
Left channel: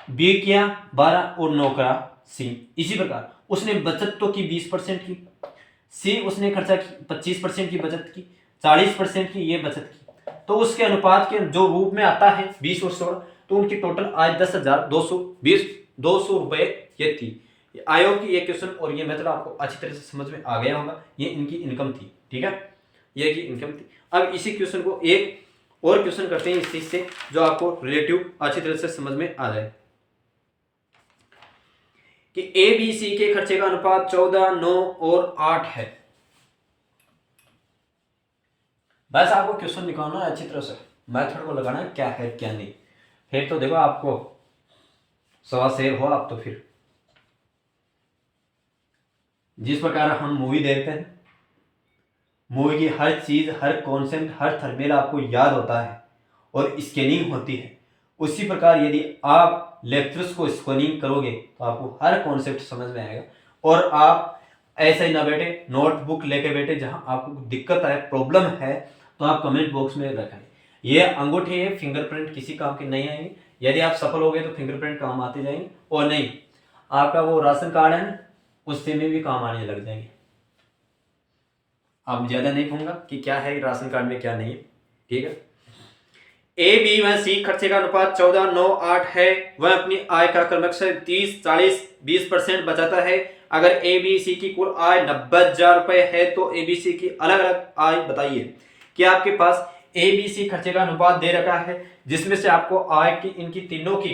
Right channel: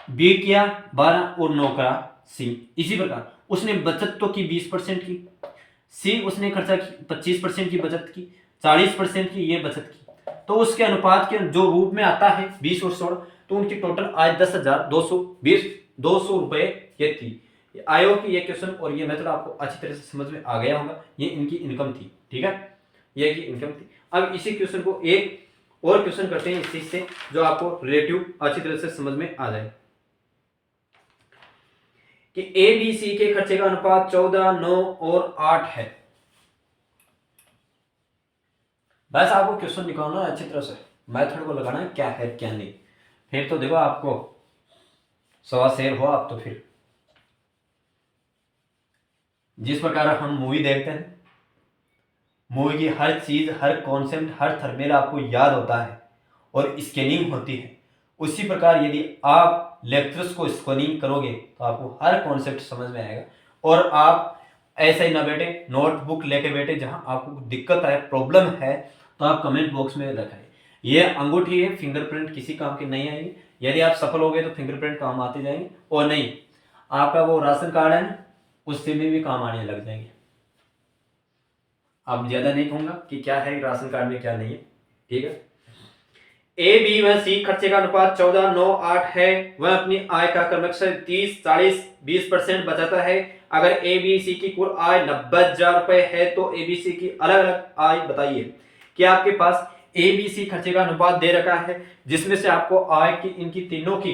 बी किया 12 और 9 करा सी। इसी प्रकार उसने बचत तो की 20% की, सी उसने खर्चा की 25% की बचत की, 40% की ये बचत की। तो उसके अनुपात के जो रूप में आता है 20 और 16, तो उनकी टोटल आय 10,220 रुपये ये थी। आयोग की ये क्वेश्चन और ये मेथड आपको अच्छी तरह से समझ में आ गया होगा। ये इनकी इनकम थी, ठीक है, ये की इनकम थी। अब इसी क्वेश्चन को एक और क्वेश्चन करते हैं इस चीज से जो आपको रिलेटिव अच्छी तरह से समझ में आ जाए कि ए बी सी के खर्चे का अनुपात 14 9 और 8 है। बस आपको क्वेश्चन निकालना है अच्छी तरह से, मेथड को लगाना है क्या है क्या नहीं, फिर तो देखो आपको सवा शेर हो आप। तो फिर जिस प्रकार हम मूवी देखते हैं, मूवी की हर चीज, हर कॉन्सेप्ट, हर थर्मेल आपको याद होता है और स्कैनिंग होती है, उसी प्रकार यदि आप लेक्चर्स को स्कैनिंग करोगे तो आपको हर कॉन्सेप्ट समझ में आएगा। और आप ऐसे ही ना बैठे नोटबुक लेके बैठे, जहां आपको दिक्कत है, प्रॉब्लम है, तो आप कमेंट बॉक्स में रखें। ये अंगूठी है, फिंगरप्रिंट किसी काम की नहीं आएगी। यदि आप सफल हो गए तो फिंगरप्रिंट काम आते जाएंगे, और नहीं आपका वो राशन कार्ड है उससे में भी काम आने लग जाएंगे। अब ज्यादा नहीं कहूंगा कि क्या है राशन कार्ड में क्या नहीं है, ठीक है। ए बी व सी खर्चे का अनुपात 14 9 8 है। वह अपनी आय का क्रमशः 30 40 20% बचाता है। अगर ए बी सी की कुल आय 90,000 रुपए है तो ए बी सी की अलग अलग आय बताइए। कि आपके पास ए बी सी खर्चे का अनुपात दे रखा है, जिसमें से आपको आय की इनकी तीनों की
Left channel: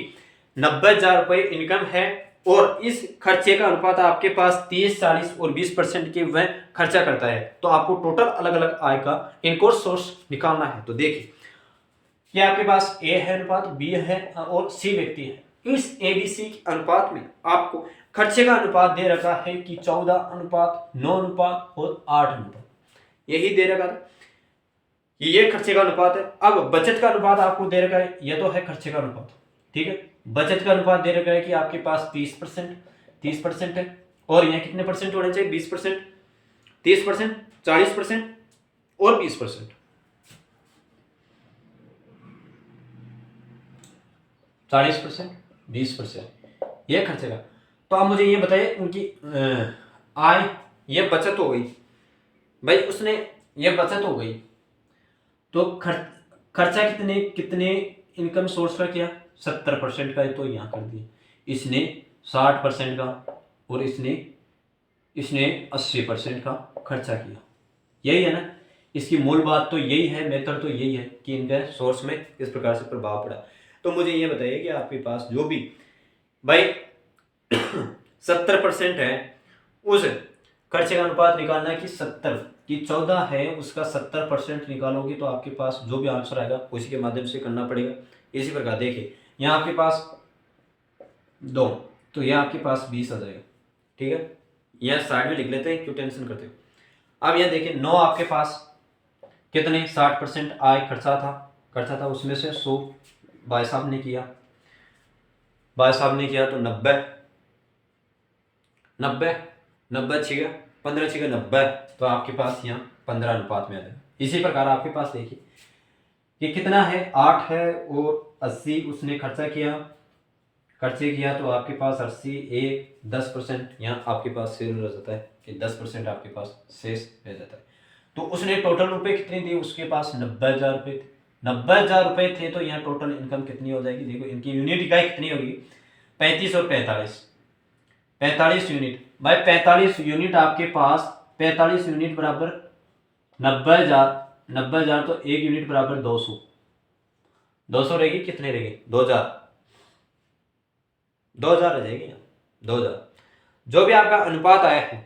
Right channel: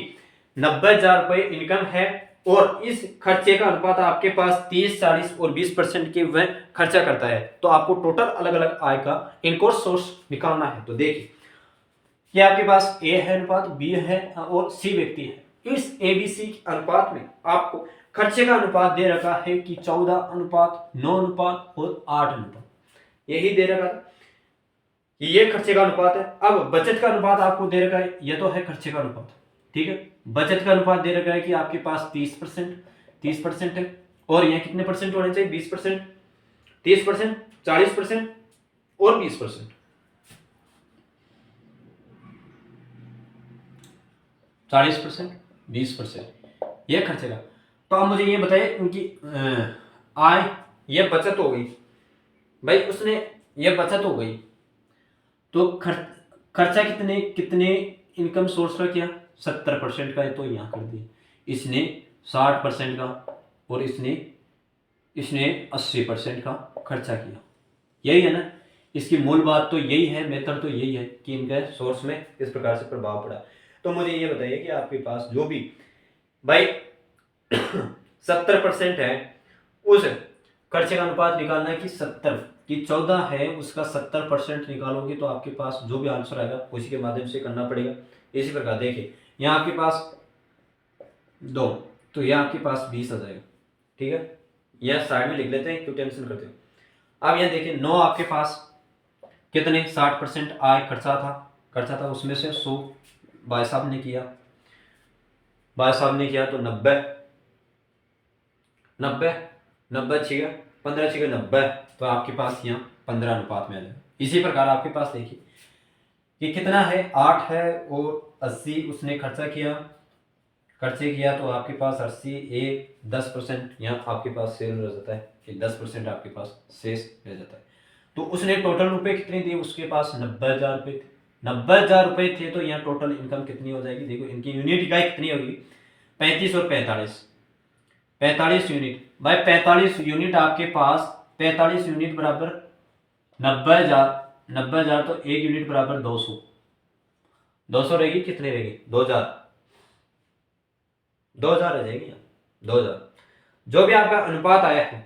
90,000 रुपए इनकम है, और इस खर्चे का अनुपात आपके पास 30, 40 और 20% के वह खर्चा करता है, तो आपको टोटल अलग अलग आय का इनको सोर्स निकालना है। तो देखिए कि आपके पास ए है अनुपात, बी है और सी व्यक्ति है। इस ए बी सी अनुपात में आपको खर्चे का अनुपात दे रखा है कि 14 अनुपात 9 अनुपात और 8 अनुपात, यही दे रखा था कि ये खर्चे का अनुपात है। अब बचत का अनुपात आपको दे रखा है, ये तो है खर्चे का अनुपात, ठीक है। बचत का अनुपात दे रखा है कि आपके पास 30% है, और यहाँ कितने परसेंट होने चाहिए, 20%, 30%, 40% और 20%। 40%, 20%, ये खर्चे का। तो आप मुझे ये बताइए उनकी आय, ये बचत हो गई भाई, उसने ये बचत हो गई, तो खर्चा कितने कितने इनकम सोर्स का किया, 70% का है, तो यहाँ कर दिया। इसने 60% का और इसने 80% का खर्चा किया। यही है ना, इसकी मूल बात तो यही है, मेथड तो यही है कि इनके सोर्स में इस प्रकार से प्रभाव पड़ा। तो मुझे ये बताइए कि आपके पास जो भी भाई 70% है, उस खर्चे का अनुपात निकालना है कि 70 कि 14 है, उसका 70% निकालोगे तो आपके पास जो भी आंसर आएगा उसी के माध्यम से करना पड़ेगा। इसी प्रकार देखिए यहाँ आपके पास 2, तो यह आपके पास 20 आ जाएगा, ठीक है। यह साइड में लिख लेते हैं, क्यों टेंशन करते हो। अब यह देखिए 9 आपके पास कितने 60% आय खर्चा था, उसमें से 100 भाई साहब ने किया, तो 90 90 90 छिगा 15 छिगा 90, तो आपके पास यहाँ 15 अनुपात में आ जाएगा। इसी प्रकार आपके पास देखिए कि कितना है, 8 है और 80 उसने खर्चे किया, तो आपके पास 80 10%, यहाँ आपके पास शेष रह जाता है कि 10% आपके पास शेष रह जाता है। तो उसने टोटल रुपए कितने दिए, उसके पास 90,000 रुपये थे, 90,000 रुपये थे, तो यहाँ टोटल इनकम कितनी हो जाएगी, देखो इनकी यूनिट इकाई कितनी होगी, 35 और 45 यूनिट। भाई 45 यूनिट आपके पास, 45 यूनिट बराबर 90,000 तो एक यूनिट बराबर 200 रहेगी, कितने रहेगी 2000 रहेगी, 2000। जो भी आपका अनुपात आया है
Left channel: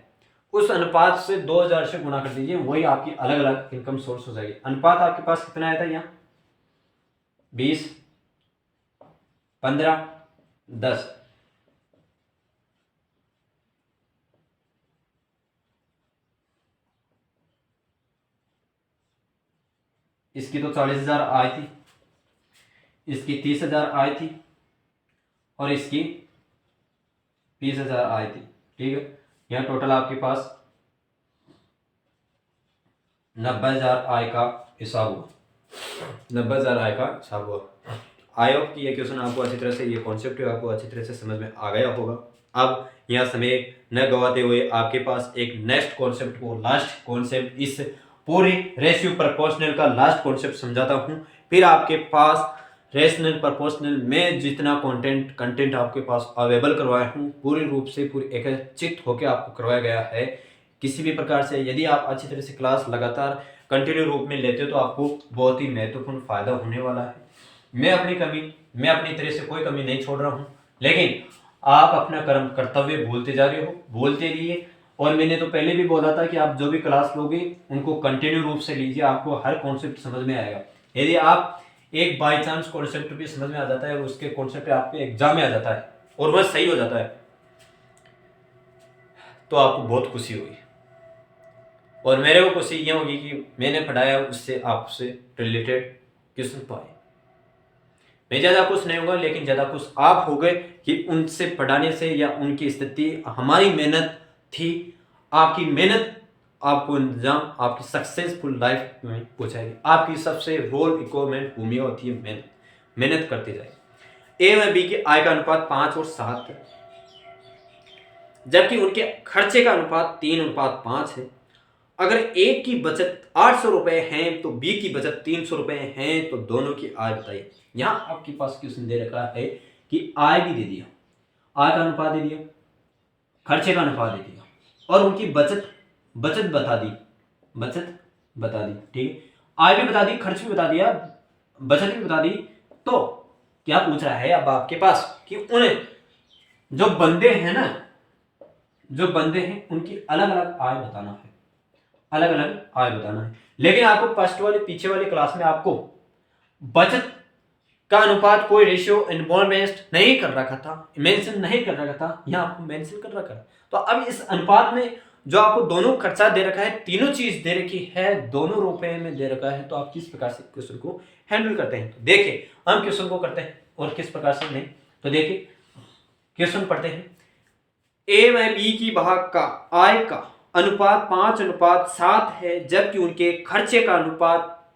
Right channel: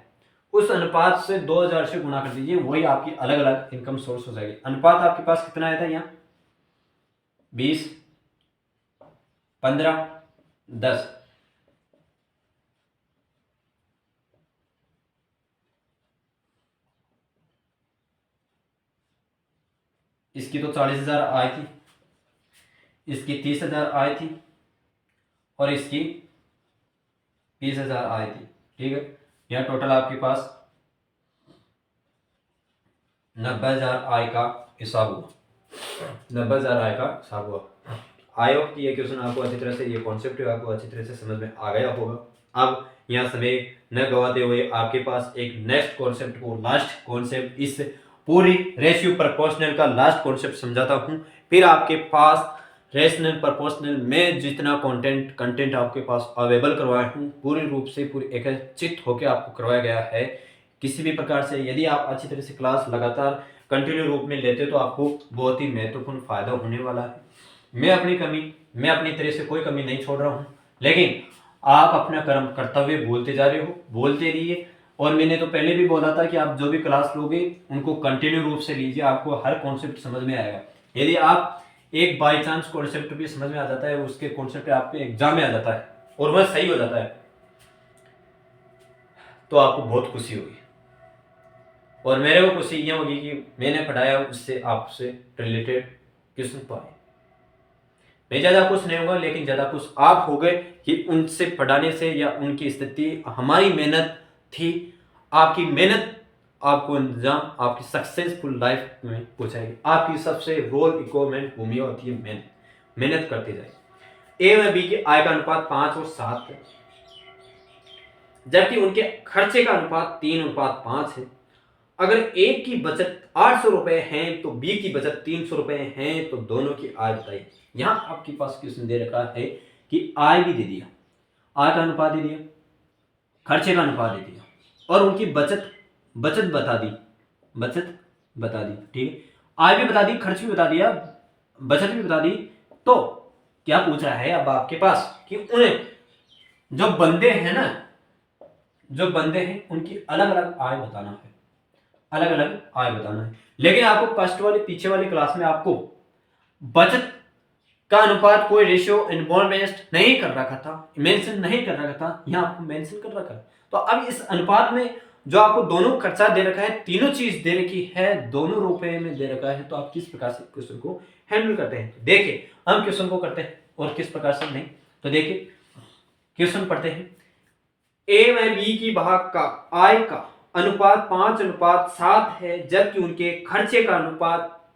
उस अनुपात से 2000 से गुणा कर दीजिए, वही आपकी अलग अलग इनकम सोर्स हो जाएगी। अनुपात आपके पास कितना आया था यहाँ, 20, 15, 10। इसकी तो 40,000 आई थी, इसकी 30,000 आई थी और इसकी 20,000 आई थी, ठीक है। यह टोटल आपके पास 90,000 आय का हिसाब हुआ, 90,000 आय का हिसाब हुआ। आई होप कि ये क्वेश्चन आपको अच्छी तरह से, ये कॉन्सेप्ट आपको अच्छी तरह से समझ में आ गया होगा। अब यहाँ समय न गवाते हुए आपके पास एक नेक्स्ट कॉन्सेप्ट को, लास्ट कॉन्सेप्ट, इस पूरी रेशियो प्रोपोर्शनल का लास्ट कॉन्सेप्ट समझाता हूँ। फिर आपके पास रेशनल प्रोपोर्शनल में जितना कंटेंट आपके पास अवेलेबल करवाया हूँ, पूरी रूप से पूरी एकत्रित होकर आपको करवाया गया है। किसी भी प्रकार से यदि आप अच्छी तरह से क्लास लगातार कंटिन्यू रूप में लेते हो तो आपको बहुत ही महत्वपूर्ण फायदा होने वाला है। मैं अपनी तरह से कोई कमी नहीं छोड़ रहा हूँ, लेकिन आप अपना कर्तव्य बोलते जा रहे हो, बोलते रहिए। और मैंने तो पहले भी बोला था कि आप जो भी क्लास लोगे उनको कंटिन्यू रूप से लीजिए, आपको हर कॉन्सेप्ट समझ में आएगा। यदि आप एक बाई चांस कॉन्सेप्ट भी समझ में आ जाता है, उसके कॉन्सेप्ट आपके एग्जाम में आ जाता है और वह सही हो जाता है, तो आपको बहुत खुशी होगी। और मेरे को खुशी ये होगी कि मैंने पढ़ाया उससे आपसे रिलेटेड क्वेश्चन पाए। मैं ज़्यादा खुश नहीं होगा, लेकिन ज़्यादा खुश आप हो गए कि उनसे पढ़ाने से, या उनकी स्थिति, हमारी मेहनत थी, आपकी मेहनत आपको इंतजाम आपकी सक्सेसफुल लाइफ में पहुंचाएगी। आपकी सबसे रोल रिक्वायरमेंट भूमिका होती है मेहनत करते जाए। ए व बी के आय का अनुपात 5 और 7 है, जबकि उनके खर्चे का अनुपात 3:5 है। अगर ए की बचत 800 रुपए है तो बी की बचत 300 रुपए है, तो दोनों की आय बताइए। यहां आपके पास क्वेश्चन दे रखा है कि आय भी दे दिया, आय का अनुपात दे दिया, खर्चे का अनुपात दे दिया, और उनकी बचत बता दी, ठीक है। आय भी बता दी, खर्च भी बता दिया, बचत भी बता दी। तो क्या पूछ रहा है अब आपके पास कि उन्हें जो बंदे हैं ना, जो बंदे हैं उनकी अलग अलग आय बताना है, अलग अलग आय बताना है। लेकिन आपको फर्स्ट वाले पीछे वाली क्लास में आपको बचत का अनुपात कोई रेशियो इन्वॉल्वमेंट नहीं कर रखा था, मेंशन नहीं कर रखा था, यहाँ आपको मेंशन कर रखा है। तो अब इस अनुपात में जो आपको दोनों खर्चा दे रखा है, तीनों चीज दे रखी है, दोनों रुपए में दे रखा है, तो आप किस प्रकार से क्वेश्चन को हैंडल करते हैं। तो देखिए हम क्वेश्चन को करते हैं और किस प्रकार से नहीं। तो देखिए क्वेश्चन पढ़ते हैं। ए व बी की भाग का आय का अनुपात 5:7 है, जबकि उनके खर्चे का अनुपात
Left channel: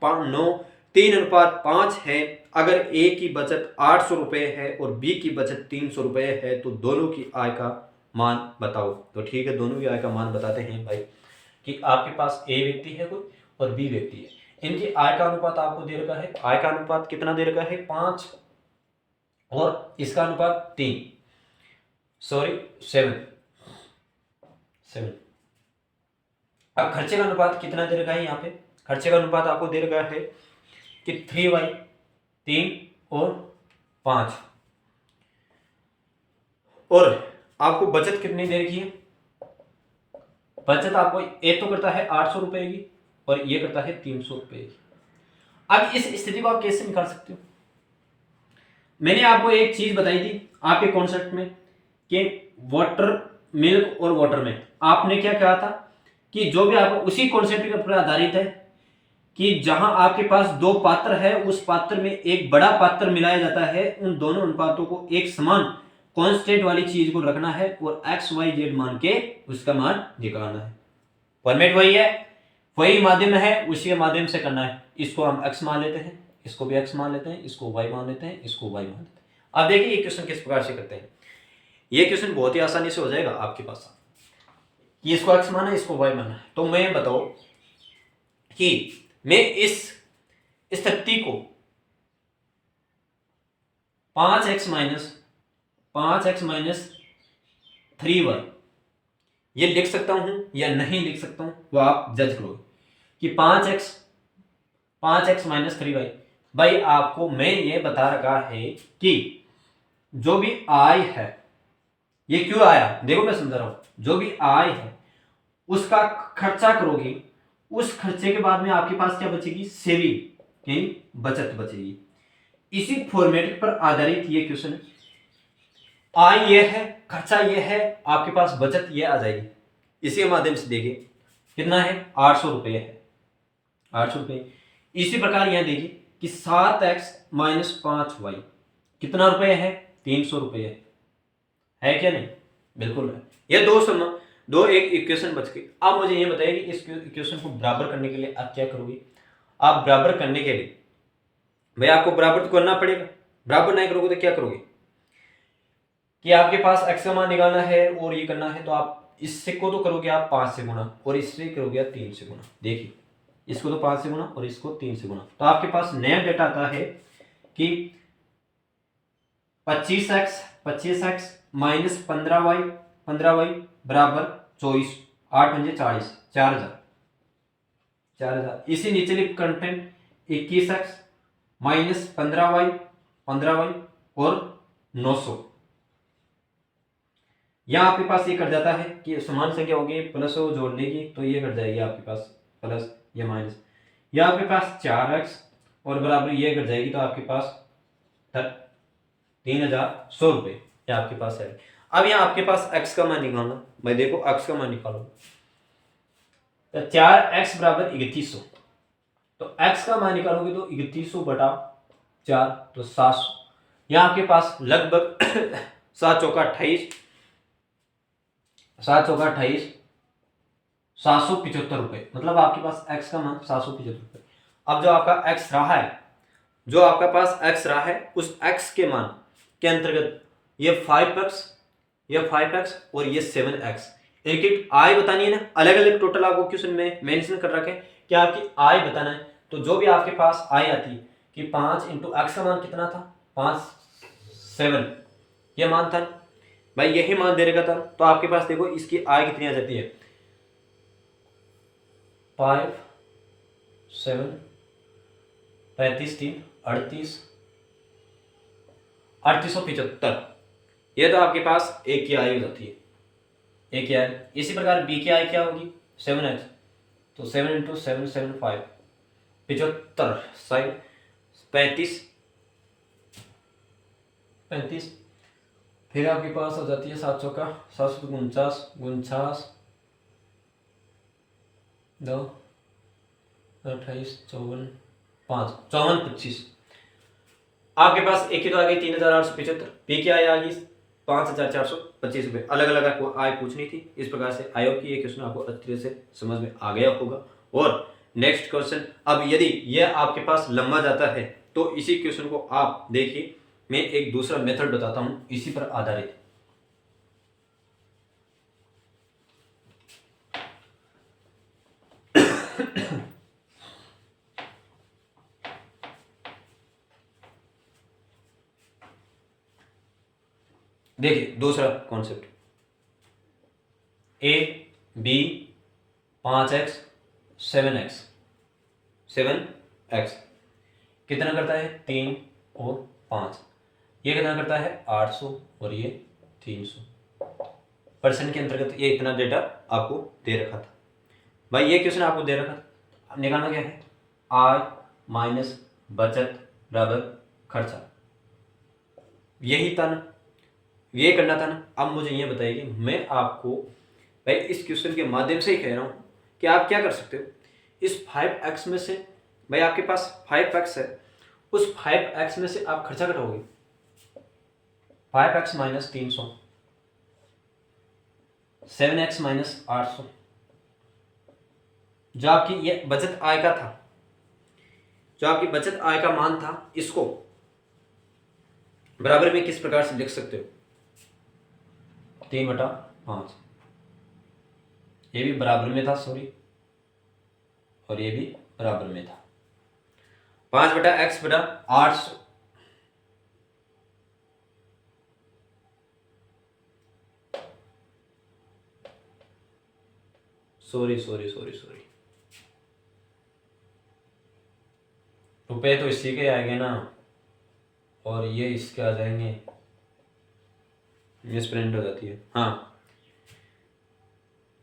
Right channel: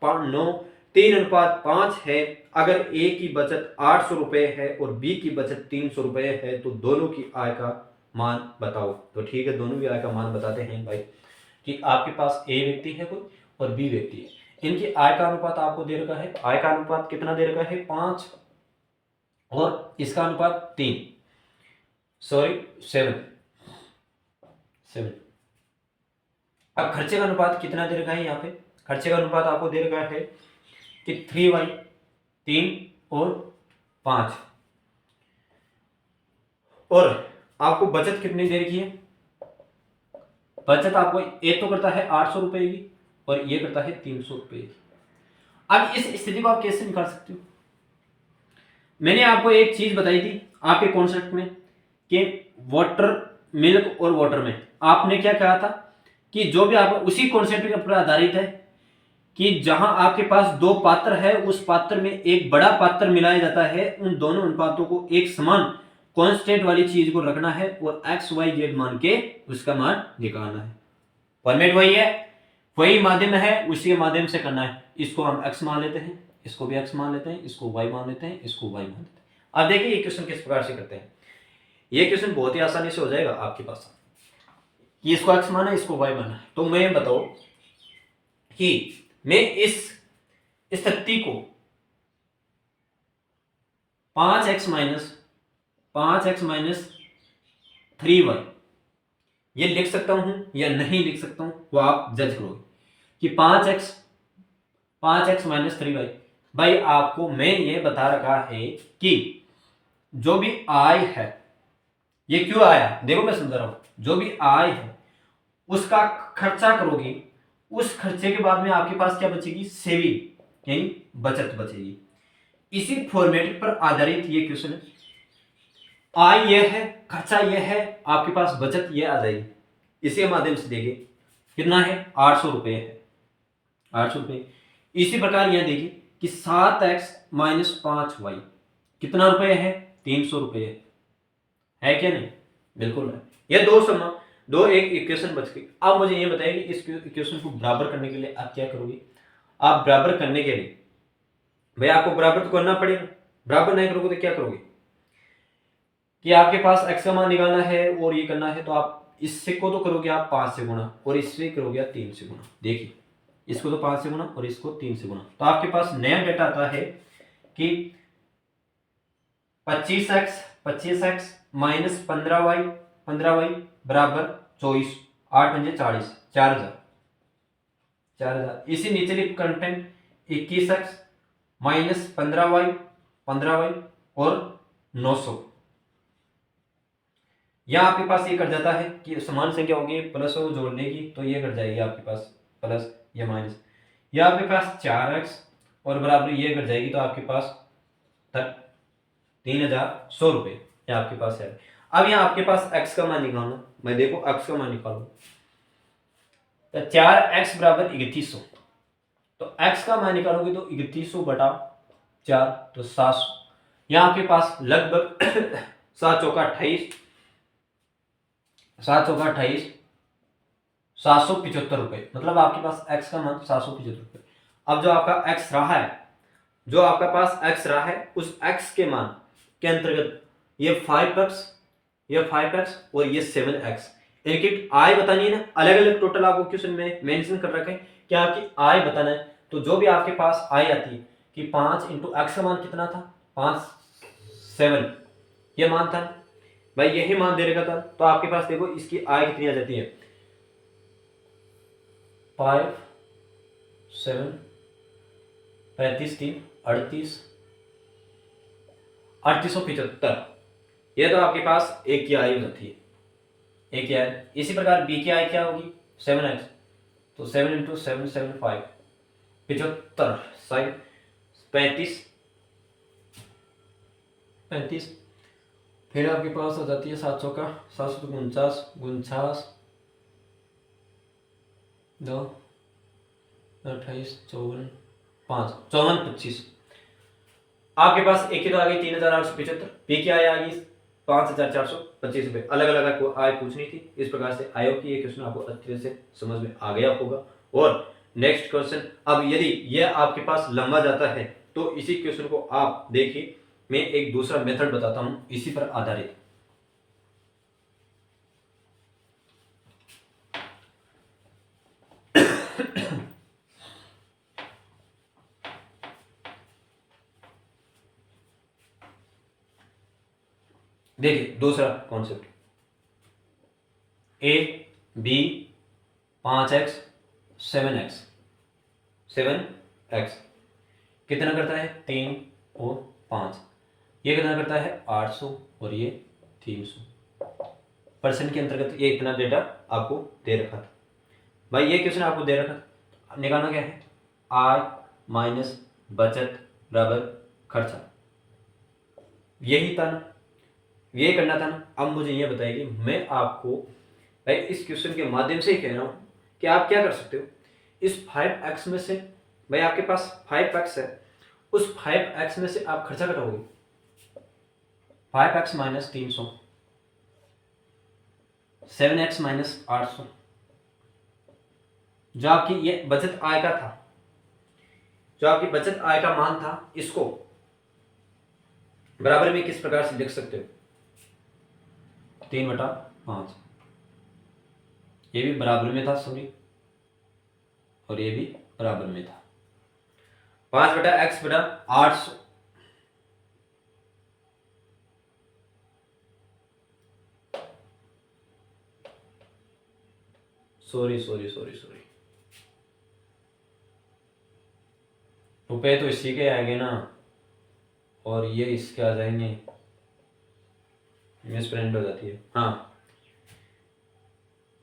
3:5 है। अगर ए की बचत 800 रुपए है और बी की बचत 300 रुपए है, तो दोनों की आय का मान बताओ। तो ठीक है, दोनों की आय का मान बताते हैं भाई, कि आपके पास ए व्यक्ति है कोई और बी व्यक्ति है, इनकी आय का अनुपात आपको दे रखा है। आय का अनुपात कितना दे रखा है? 5, और इसका अनुपात 3, सॉरी 7। अब खर्चे का अनुपात कितना दे रखा है? यहाँ पे खर्चे का अनुपात आपको दे रखा है कि 3/3 और 5, और आपको बचत कितनी दे रखी है? बचत आपको ये तो करता है 800 रुपए की और ये करता है 300 रुपए की। अब इस स्थिति को आप कैसे निकाल सकते हो? मैंने आपको एक चीज बताई थी आपके कॉन्सेप्ट में कि वाटर मिल्क और वाटर में आपने क्या कहा था कि जो भी आपको उसी कॉन्सेप्ट के ऊपर आधारित है कि जहां आपके पास दो पात्र है, उस पात्र में एक बड़ा पात्र मिलाया जाता है, उन दोनों अनुपातों को एक समान कांस्टेंट वाली चीज को रखना है और एक्स वाई जेड मान के उसका मान निकालना है। फॉर्मेट वही है, वही माध्यम है, उसी के माध्यम से करना है। इसको हम एक्स मान लेते हैं, इसको भी एक्स मान लेते हैं, इसको वाई मान लेते हैं, इसको वाई मान लेते हैं। अब देखिए ये क्वेश्चन किस प्रकार से करते हैं। ये क्वेश्चन बहुत ही आसानी से हो जाएगा आपके पास। ये इसको एक्स माना, इसको वाई माना, तो मैं बताओ कि मैं इस स्थिति को 5x माइनस 3y ये लिख सकता हूं या नहीं लिख सकता हूं, वो आप जज करोगे कि 5x माइनस 3y। भाई आपको मैं ये बता रखा है कि जो भी आय है, ये क्यों आया देखो मैं समझा रहा हूं। जो भी आय है उसका खर्चा करोगे, उस खर्चे के बाद में आपके पास क्या बचेगी? सेविंग यानी बचत बचेगी। इसी फॉर्मेट पर आधारित ये क्वेश्चन है। आय ये है, खर्चा ये है, आपके पास बचत ये आ जाएगी। इसी के माध्यम से देखिए कितना है? 800 रुपये है, 800 रुपये। इसी प्रकार यह देखिए कि 7x माइनस 5y कितना रुपये है? 300 रुपये है क्या नहीं? बिल्कुल है। ये दो एक इक्वेशन बच गई। अब मुझे ये बताइए कि इस इक्वेशन को बराबर करने के लिए आप क्या करोगे? आप बराबर करने के लिए भाई आपको बराबर तो करना पड़ेगा। बराबर नहीं करोगे तो क्या करोगे कि आपके पास x का मान निकालना है और ये करना है, तो आप इससे को तो करोगे आप 5 से गुणा और इससे करोगे आप 3 से गुणा। देखिए इसको तो 5 से गुणा और इसको 3 से गुणा, तो आपके पास नया डेटा आता है कि 25x माइनस 15y बराबर 24, 8×5 = 4000। इसी नीचे कंटेंट 21x माइनस 15y और 900। यहाँ आपके पास ये कट जाता है कि समान संख्या होगी, प्लस हो जोड़ लेगी तो ये कट जाएगी आपके पास प्लस या माइनस। यहाँ आपके पास 4x और बराबर ये कट जाएगी, तो आपके पास 3100 रुपये ये आपके पास है। अब यहाँ आपके पास x का मान निकालना, मैं देखो x का मान निकालो तो 4x बराबर 3100, तो x का मान निकालोगे तो 3100/4 तो 700। यहाँ आपके पास लगभग 7 चौका 28, 775 रुपये, मतलब आपके पास x का मान 775 रुपये। अब जो आपका x रहा है, जो आपका पास x रहा है, उस x के मान के अंतर्गत ये 5x और ये 7x, इनकी आय बतानी है ना, अलग अलग टोटल आपको क्वेश्चन में मेंशन कर रखे कि आपकी आय बताना है। तो जो भी आपके पास आय आती है कि 5 × x का मान कितना था? 7 ये मान था भाई, यही मान दे रखा था। तो आपके पास देखो इसकी आय कितनी आ जाती है? 5 7 35 3 38 3875। ये तो आपके पास ए की आई हो जाती है, ए की आई। इसी प्रकार बी की आई क्या होगी 7x, तो 7 इंटू 7 7 5 75 साइन 35 35। फिर आपके पास आ जाती है 700 का 749 दो 28 54 5 54 25। आपके पास एक की तो आ गई 3875, पी की आय आ गई 5425 रुपये। अलग अलग आपको आय पूछनी थी। इस प्रकार से आई होप कि ये क्वेश्चन आपको अच्छी तरह से समझ में आ गया होगा। और नेक्स्ट क्वेश्चन, अब यदि यह आपके पास लंबा जाता है तो इसी क्वेश्चन को आप देखिए, मैं एक दूसरा मेथड बताता हूं इसी पर आधारित। देखिए दूसरा concept, A B 5x 7x 7x कितना करता है 3 और 5, ये कितना करता है 800 और ये 300। परसेंट के अंतर्गत ये इतना डेटा आपको दे रखा था। भाई ये क्वेश्चन आपको दे रखा था, निकालना क्या है, आय माइनस बचत बराबर खर्चा, यही था ना, ये करना था ना। अब मुझे ये बताइए, मैं आपको भाई इस क्वेश्चन के माध्यम से ही कह रहा हूँ कि आप क्या कर सकते हो, इस 5x में से, भाई आपके पास 5x है, उस 5x में से आप खर्चा घटाओगे, 5x माइनस 300, 7x माइनस 800, जो आपकी ये बचत आय का था, जो आपकी बचत आय का मान था, इसको बराबर में किस प्रकार से लिख सकते हो, 3/5, ये भी बराबर में था, सॉरी, और ये भी बराबर में था, 5/x/800। Sorry sorry sorry sorry, रुपए तो इसी के आएंगे ना, और ये इसके आ जाएंगे, मिसप्रिंट हो जाती है। हाँ,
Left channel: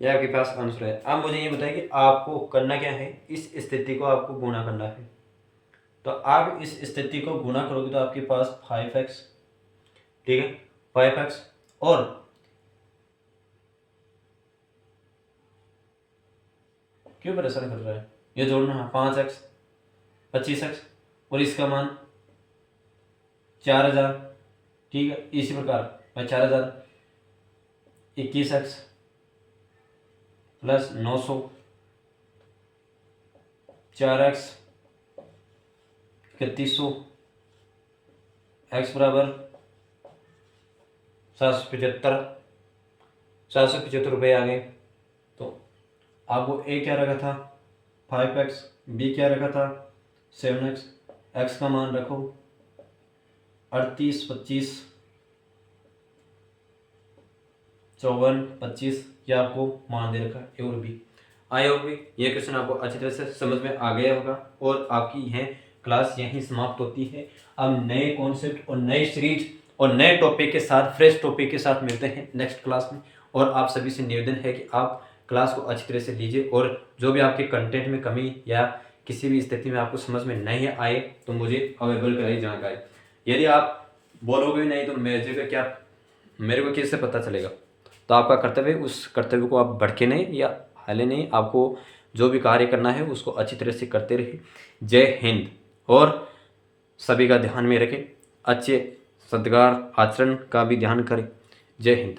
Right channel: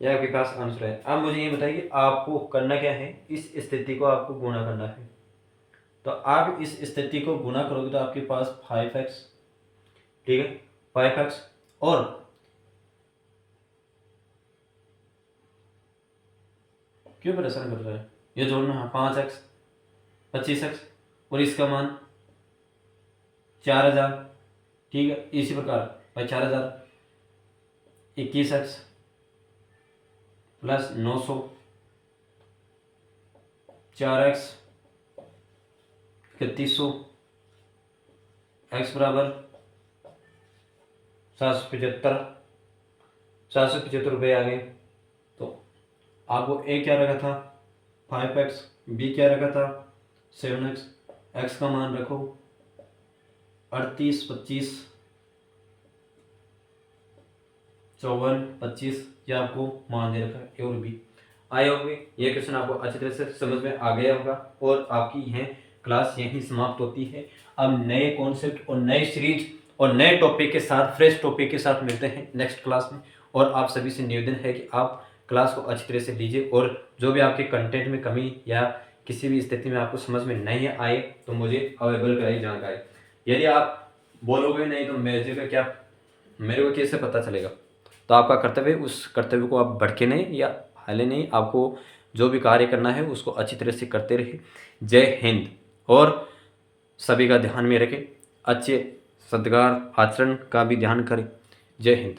ये आपके पास आंसर है। अब मुझे ये बताइए कि आपको करना क्या है, इस स्थिति को आपको गुणा करना है। तो आप इस स्थिति को गुणा करोगे तो आपके पास 5x, ठीक है, 5x, और क्यों परेशान कर रहा है, ये जोड़ना है 5x 25x, और इसका मान 4000, ठीक है। इसी प्रकार भाई 4000 21x प्लस 900, 4x 3100, x बराबर 775 रुपये आ गए। तो आपको ए क्या रखा था 5x, बी क्या रखा था 7x, x का मान रखो 38 25 54 25, ये आपको मान दे रखा है। और भी आए होंगे, ये क्वेश्चन आपको अच्छी तरह से समझ में आ गया होगा, और आपकी यह क्लास यहीं समाप्त होती है। अब नए कॉन्सेप्ट और नए सीरीज और नए टॉपिक के साथ, फ्रेश टॉपिक के साथ मिलते हैं नेक्स्ट क्लास में। और आप सभी से निवेदन है कि आप क्लास को अच्छी तरह से लीजिए, और जो भी आपके कंटेंट में कमी या किसी भी स्थिति में आपको समझ में नहीं आए तो मुझे अवेलेबल कराइए जानकारी। यदि आप बोलोगे नहीं तो मेरे को कैसे पता चलेगा। तो आपका कर्तव्य, उस कर्तव्य को आप भड़के नहीं या हाले नहीं, आपको जो भी कार्य करना है उसको अच्छी तरह से करते रहिए। जय हिंद। और सभी का ध्यान में रखें, अच्छे सद्गार आचरण का भी ध्यान करें। जय हिंद।